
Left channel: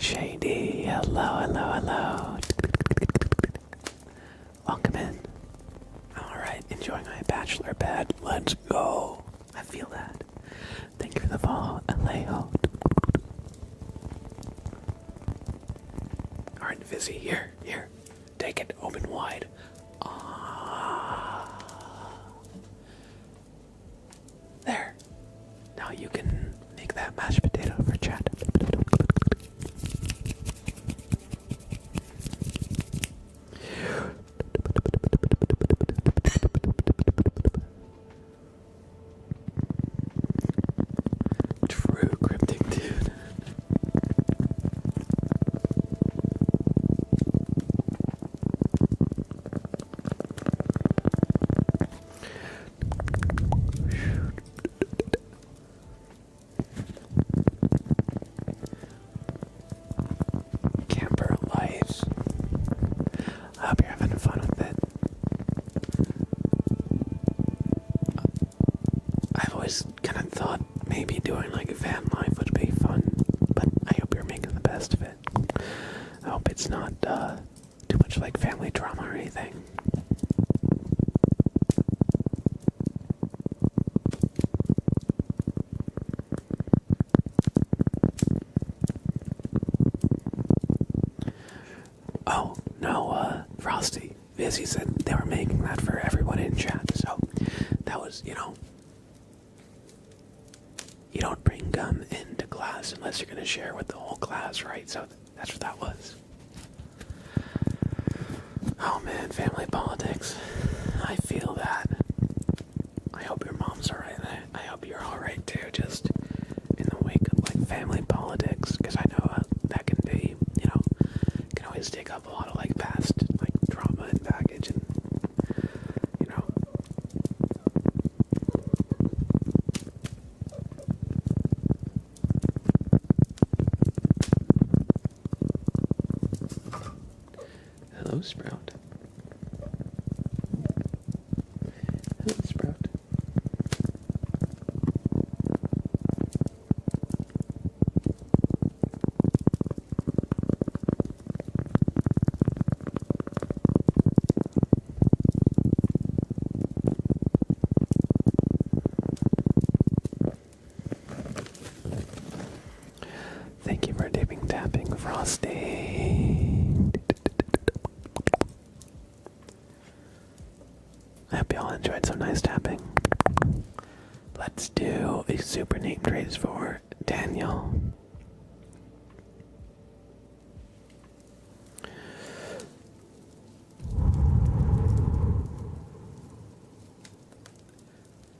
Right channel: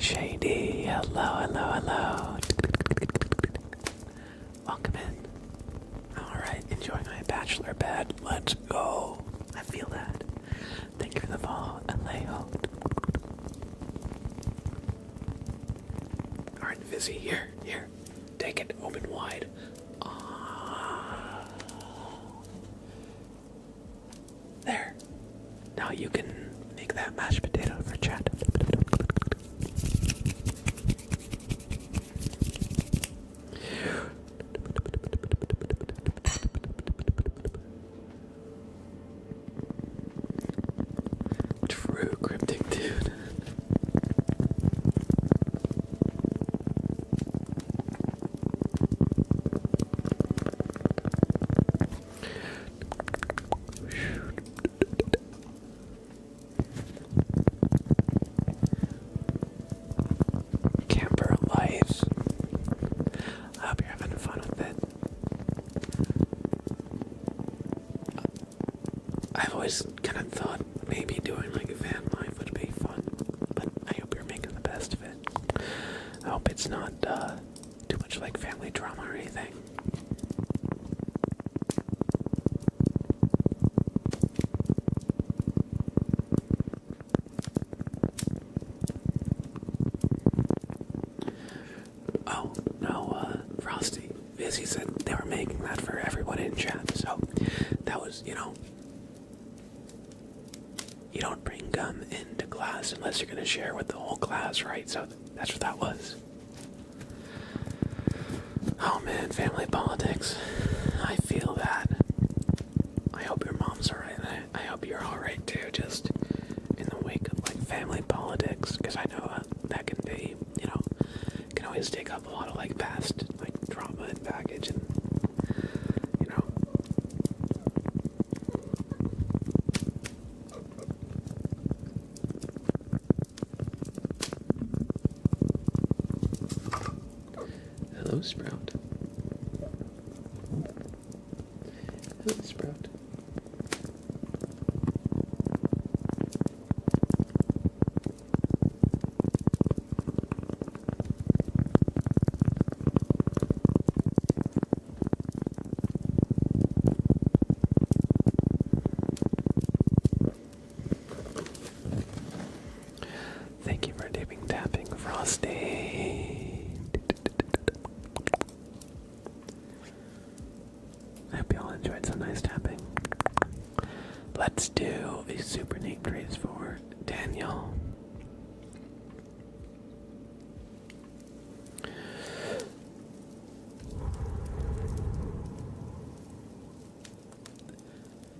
Shady, hello. Welcome in. Alright, enjoying my bachelor bed. Let's go. I feel that. Thank you for the follow, Alejo. Alright, Vizzy, here. Take it, open wide. There. Now you can make that mashed potato for chat. hope it's not too much like family drama or anything. Oh, no, Frosty. Vizzy said they were making that for everyone in chat, so that was, you don't bring gum into class unless you're going to share with the whole class, right? So that's what that was. Oh man, family politics. I feel that. I hope your mom's alright. I hope you're alright too, just in the wake of like family politics, because I know that can be, can always take up a lot of like past like trauma and baggage and Hello, Sprout. Hello, Sprout. Thank you for tapping, Frosty. I hope you all enjoyed some nice tapping. Let's do a super name trace for Daniel.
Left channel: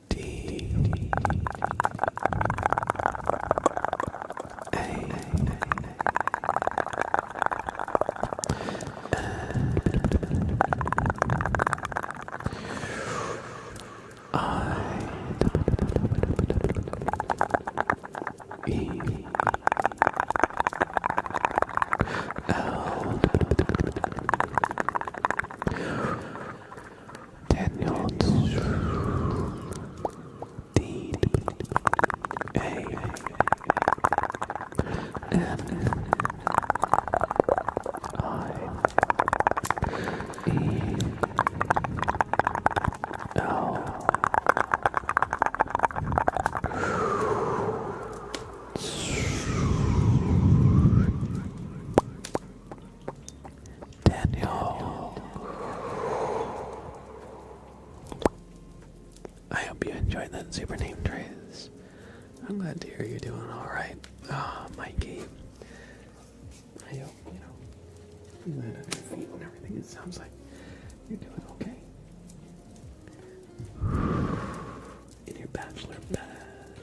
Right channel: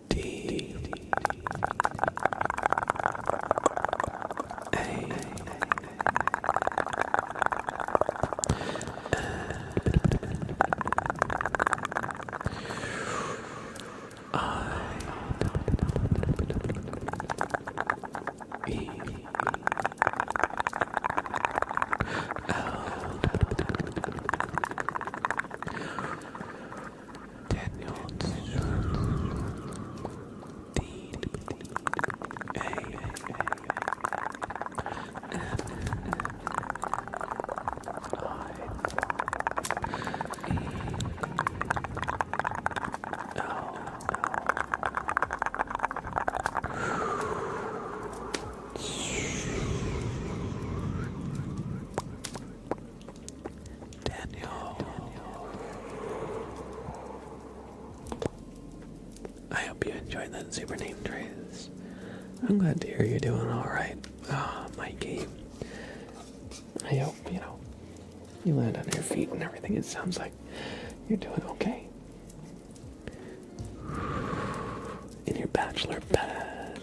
D A E L Daniel D A N I E L Daniel. I hope you enjoyed that super name trace. I'm glad to hear you're doing alright. Mikey. I hope, you land on your feet and everything. It sounds like you're doing okay. In your bachelor bed.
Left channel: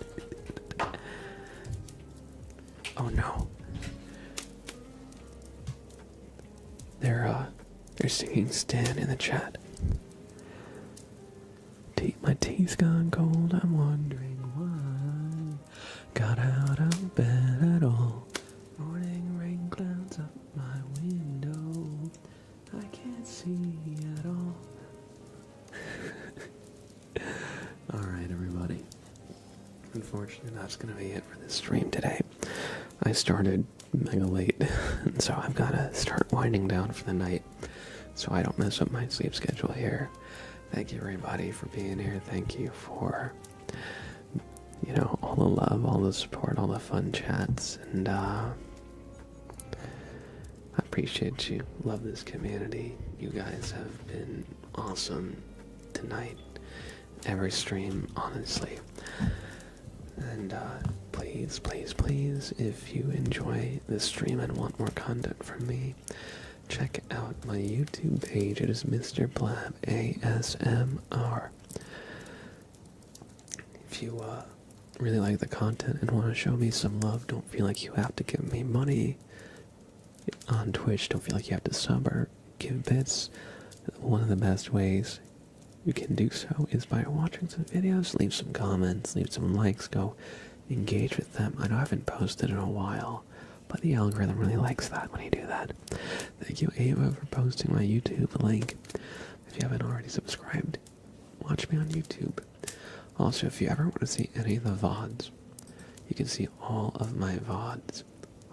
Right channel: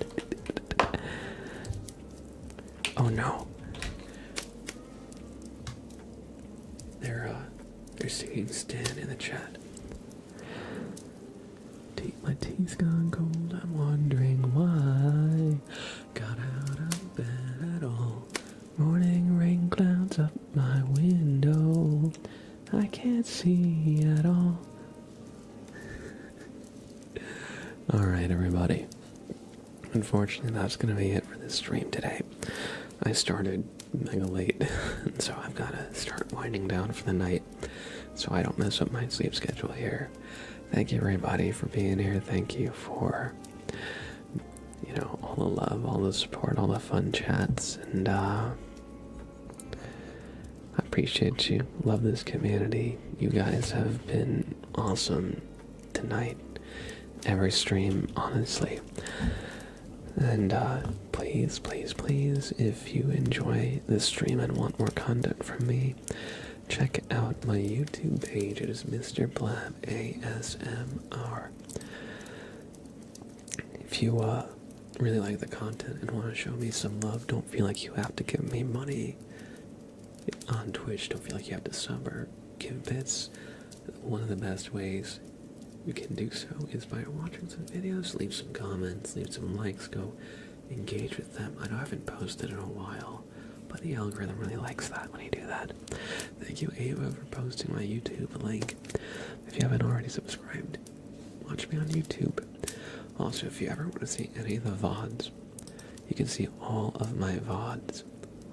Oh no. They're singing Stan in the chat. My teeth gone cold, I'm wondering why. Got out of bed at all. Morning rain clouds up my window. I can't see at all. Alright, everybody. Unfortunately, that's gonna be it for this stream today. I started mega late, and so I've gotta start winding down for the night so I don't mess up my sleep schedule here. Thank you, everybody, for being here. Thank you for, all the love, all the support, all the fun chats, and I appreciate you. Love this community. You guys have been awesome tonight. Every stream, honestly. And please, please, please, if you enjoy this stream and want more content from me, check out my YouTube page. It is Mr. Blab ASMR. If you really like the content and want to show me some love, don't feel like you have to give me money on Twitch. Don't feel like you have to sub or give bits. One of the best ways you can do so is by watching some videos, leave some comments, leave some likes, go engage with them. I know I haven't posted in a while, but the algorithm really likes that when you do that. Thank you, Ava, for posting my YouTube link. If you haven't already subscribed, watch me on YouTube. Also, if you ever want to see any of the VODs, you can see all of my VODs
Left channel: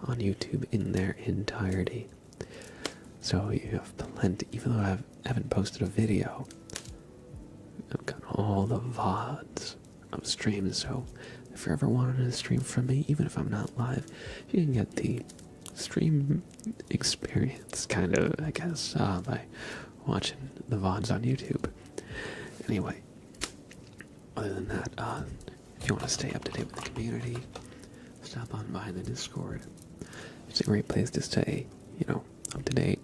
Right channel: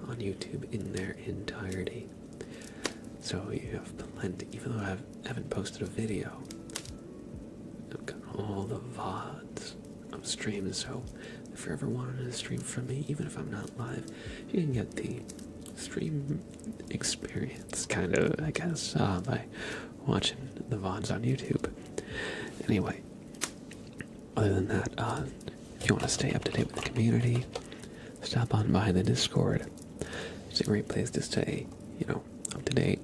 on YouTube in their entirety. So you have plenty, even though I haven't posted a video, I've got all the VODs of streams, so if you're ever wanting to stream from me, even if I'm not live, you can get the stream experience, kind of, I guess, by watching the VODs on YouTube. Anyway, other than that, if you want to stay up to date with the community, stop on by the Discord. It's a great place to stay, up to date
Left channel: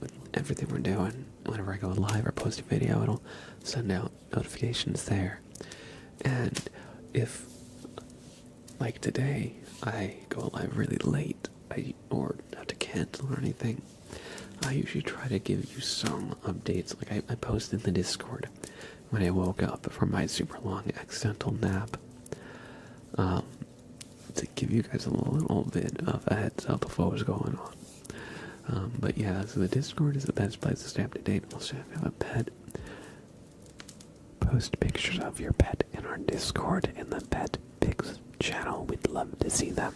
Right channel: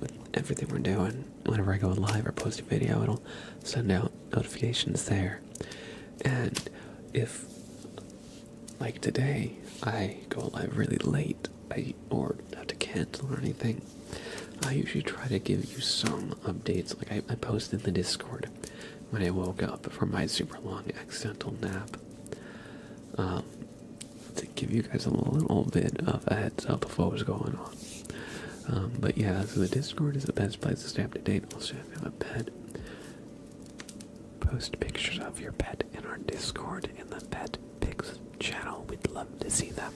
with everything we're doing. Whenever I go live or post a video, it'll send out notifications there. And if, like today, I go live really late, or have to cancel or anything, I usually try to give you some updates. Like I posted in the Discord when I woke up from my super long accidental nap, to give you guys a little bit of a heads up of what was going on. But yeah, so the Discord is the best place to stay up to date. Also, if you have a pet, post pictures of your pet in our Discord in the Pet Pics channel. We'd love to see them.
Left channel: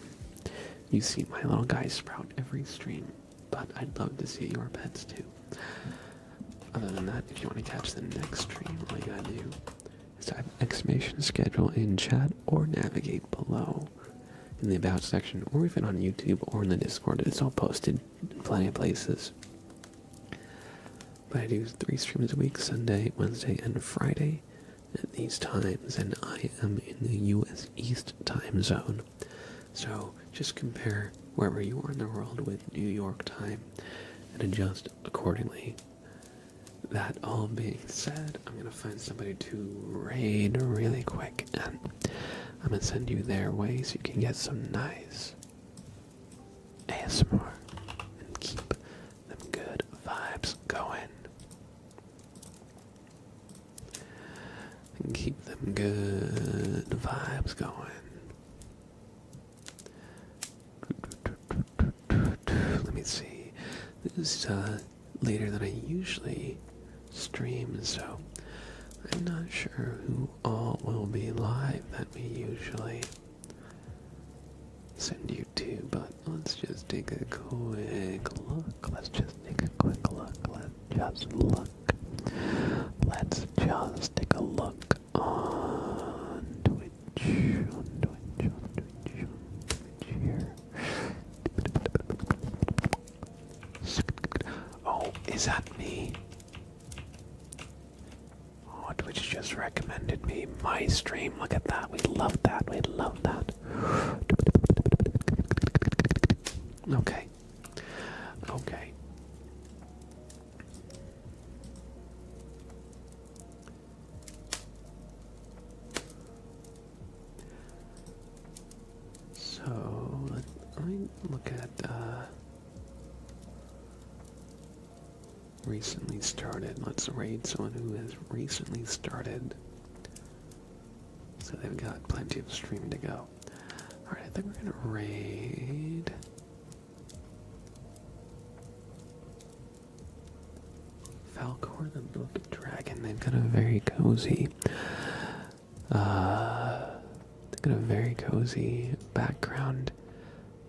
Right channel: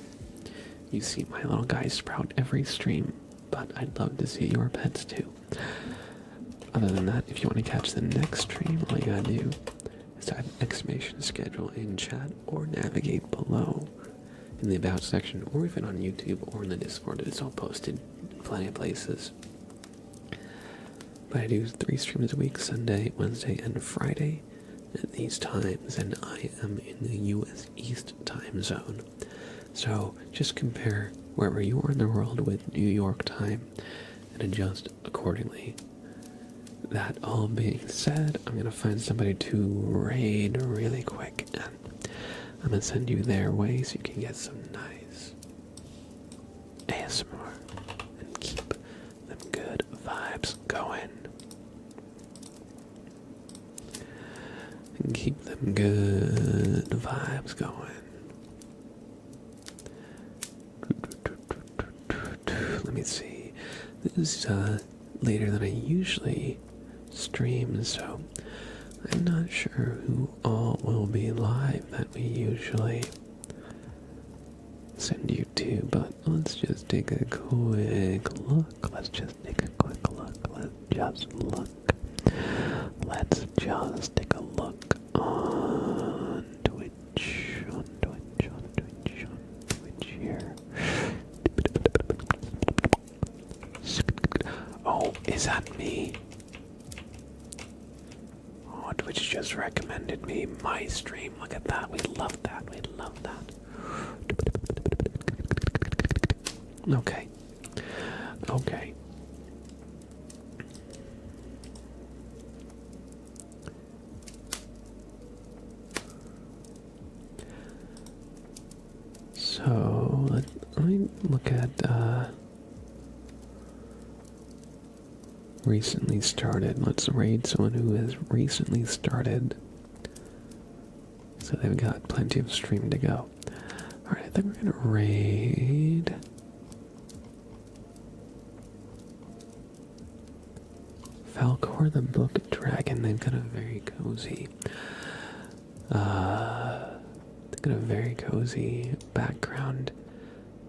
You see my little guy Sprout every stream, but I'd love to see your pets too. Other than that, if you want to catch the next stream, all you gotta do is type exclamation schedule in chat or navigate below in the About section, or even on YouTube or in the Discord. It's all posted in plenty of places. But I do 3 streams a week, Sunday, Wednesday, and Friday at these times, and I am in the US East time zone. So just compare wherever you are in the world with New York time and adjust accordingly. That all being said, I'm going to find somebody to raid really quick, and I'm going to send you their way so you can get some nice ASMR and keep them good vibes going. And keep them good vibes going. Let me see. This is later than I usually stream, so I'm not sure who all will be live that we usually send you to, but let's just take a quick look. Let's just take a look on Twitch here. Oh, is that me? Oh, Twitch just recommended me my stream. Look at that. We love that. Okay. So, let me look at, recently started. Let's raid someone who has recently started, so they've got plenty of stream to go. Alright, I think we're gonna raid Falcor the Book Dragon. They've got a very cozy background.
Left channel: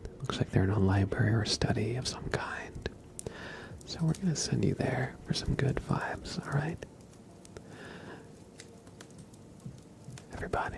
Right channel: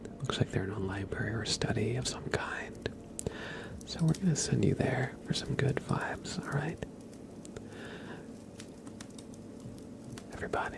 It looks like they're in a library or study of some kind. So we're gonna send you there for some good vibes, alright? Everybody.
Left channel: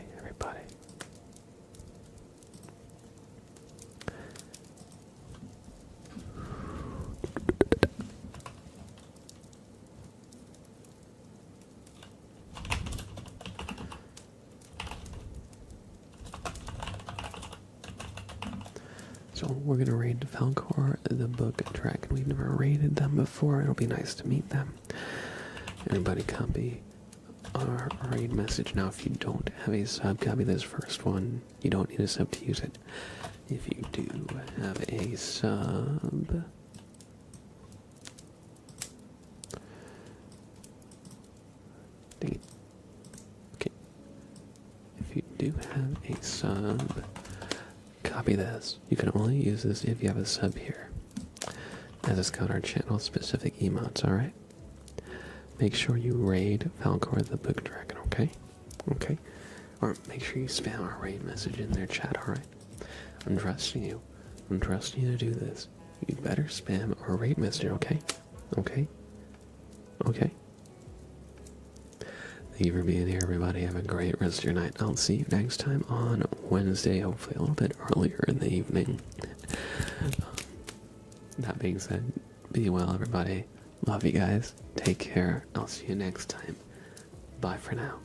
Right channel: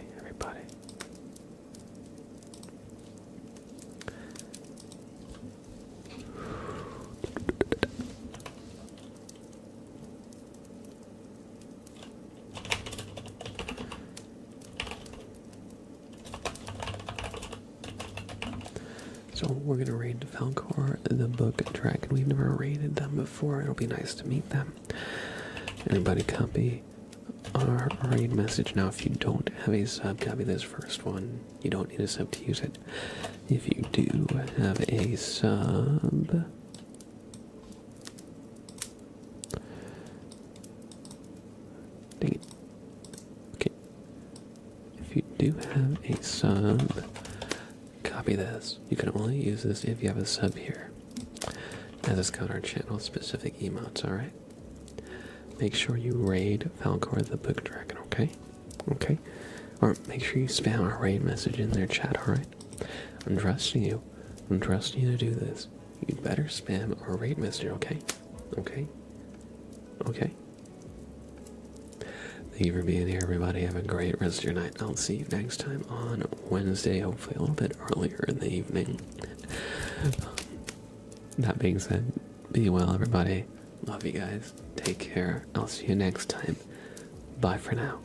So we're gonna raid Falcor the Book Dragon. We've never raided them before. It'll be nice to meet them. Everybody copy our raid message. Now if you don't have a sub, copy this first one. You don't need a sub to use it. If you do have a sub, dang it. Okay. If you do have a sub, copy this. You can only use this if you have a sub here, as it's got our channel specific emotes, alright? Make sure you raid Falcor the Book Dragon, okay? Okay? Or make sure you spam our raid message in their chat, alright? I'm trusting you. I'm trusting you to do this. you'd better spam or rate, mister, okay? Okay? Okay? Thank you for being here, everybody. Have a great rest of your night. I'll see you next time on Wednesday, hopefully a little bit earlier in the evening. That being said, be well, everybody. Love you guys. Take care. I'll see you next time. Bye for now.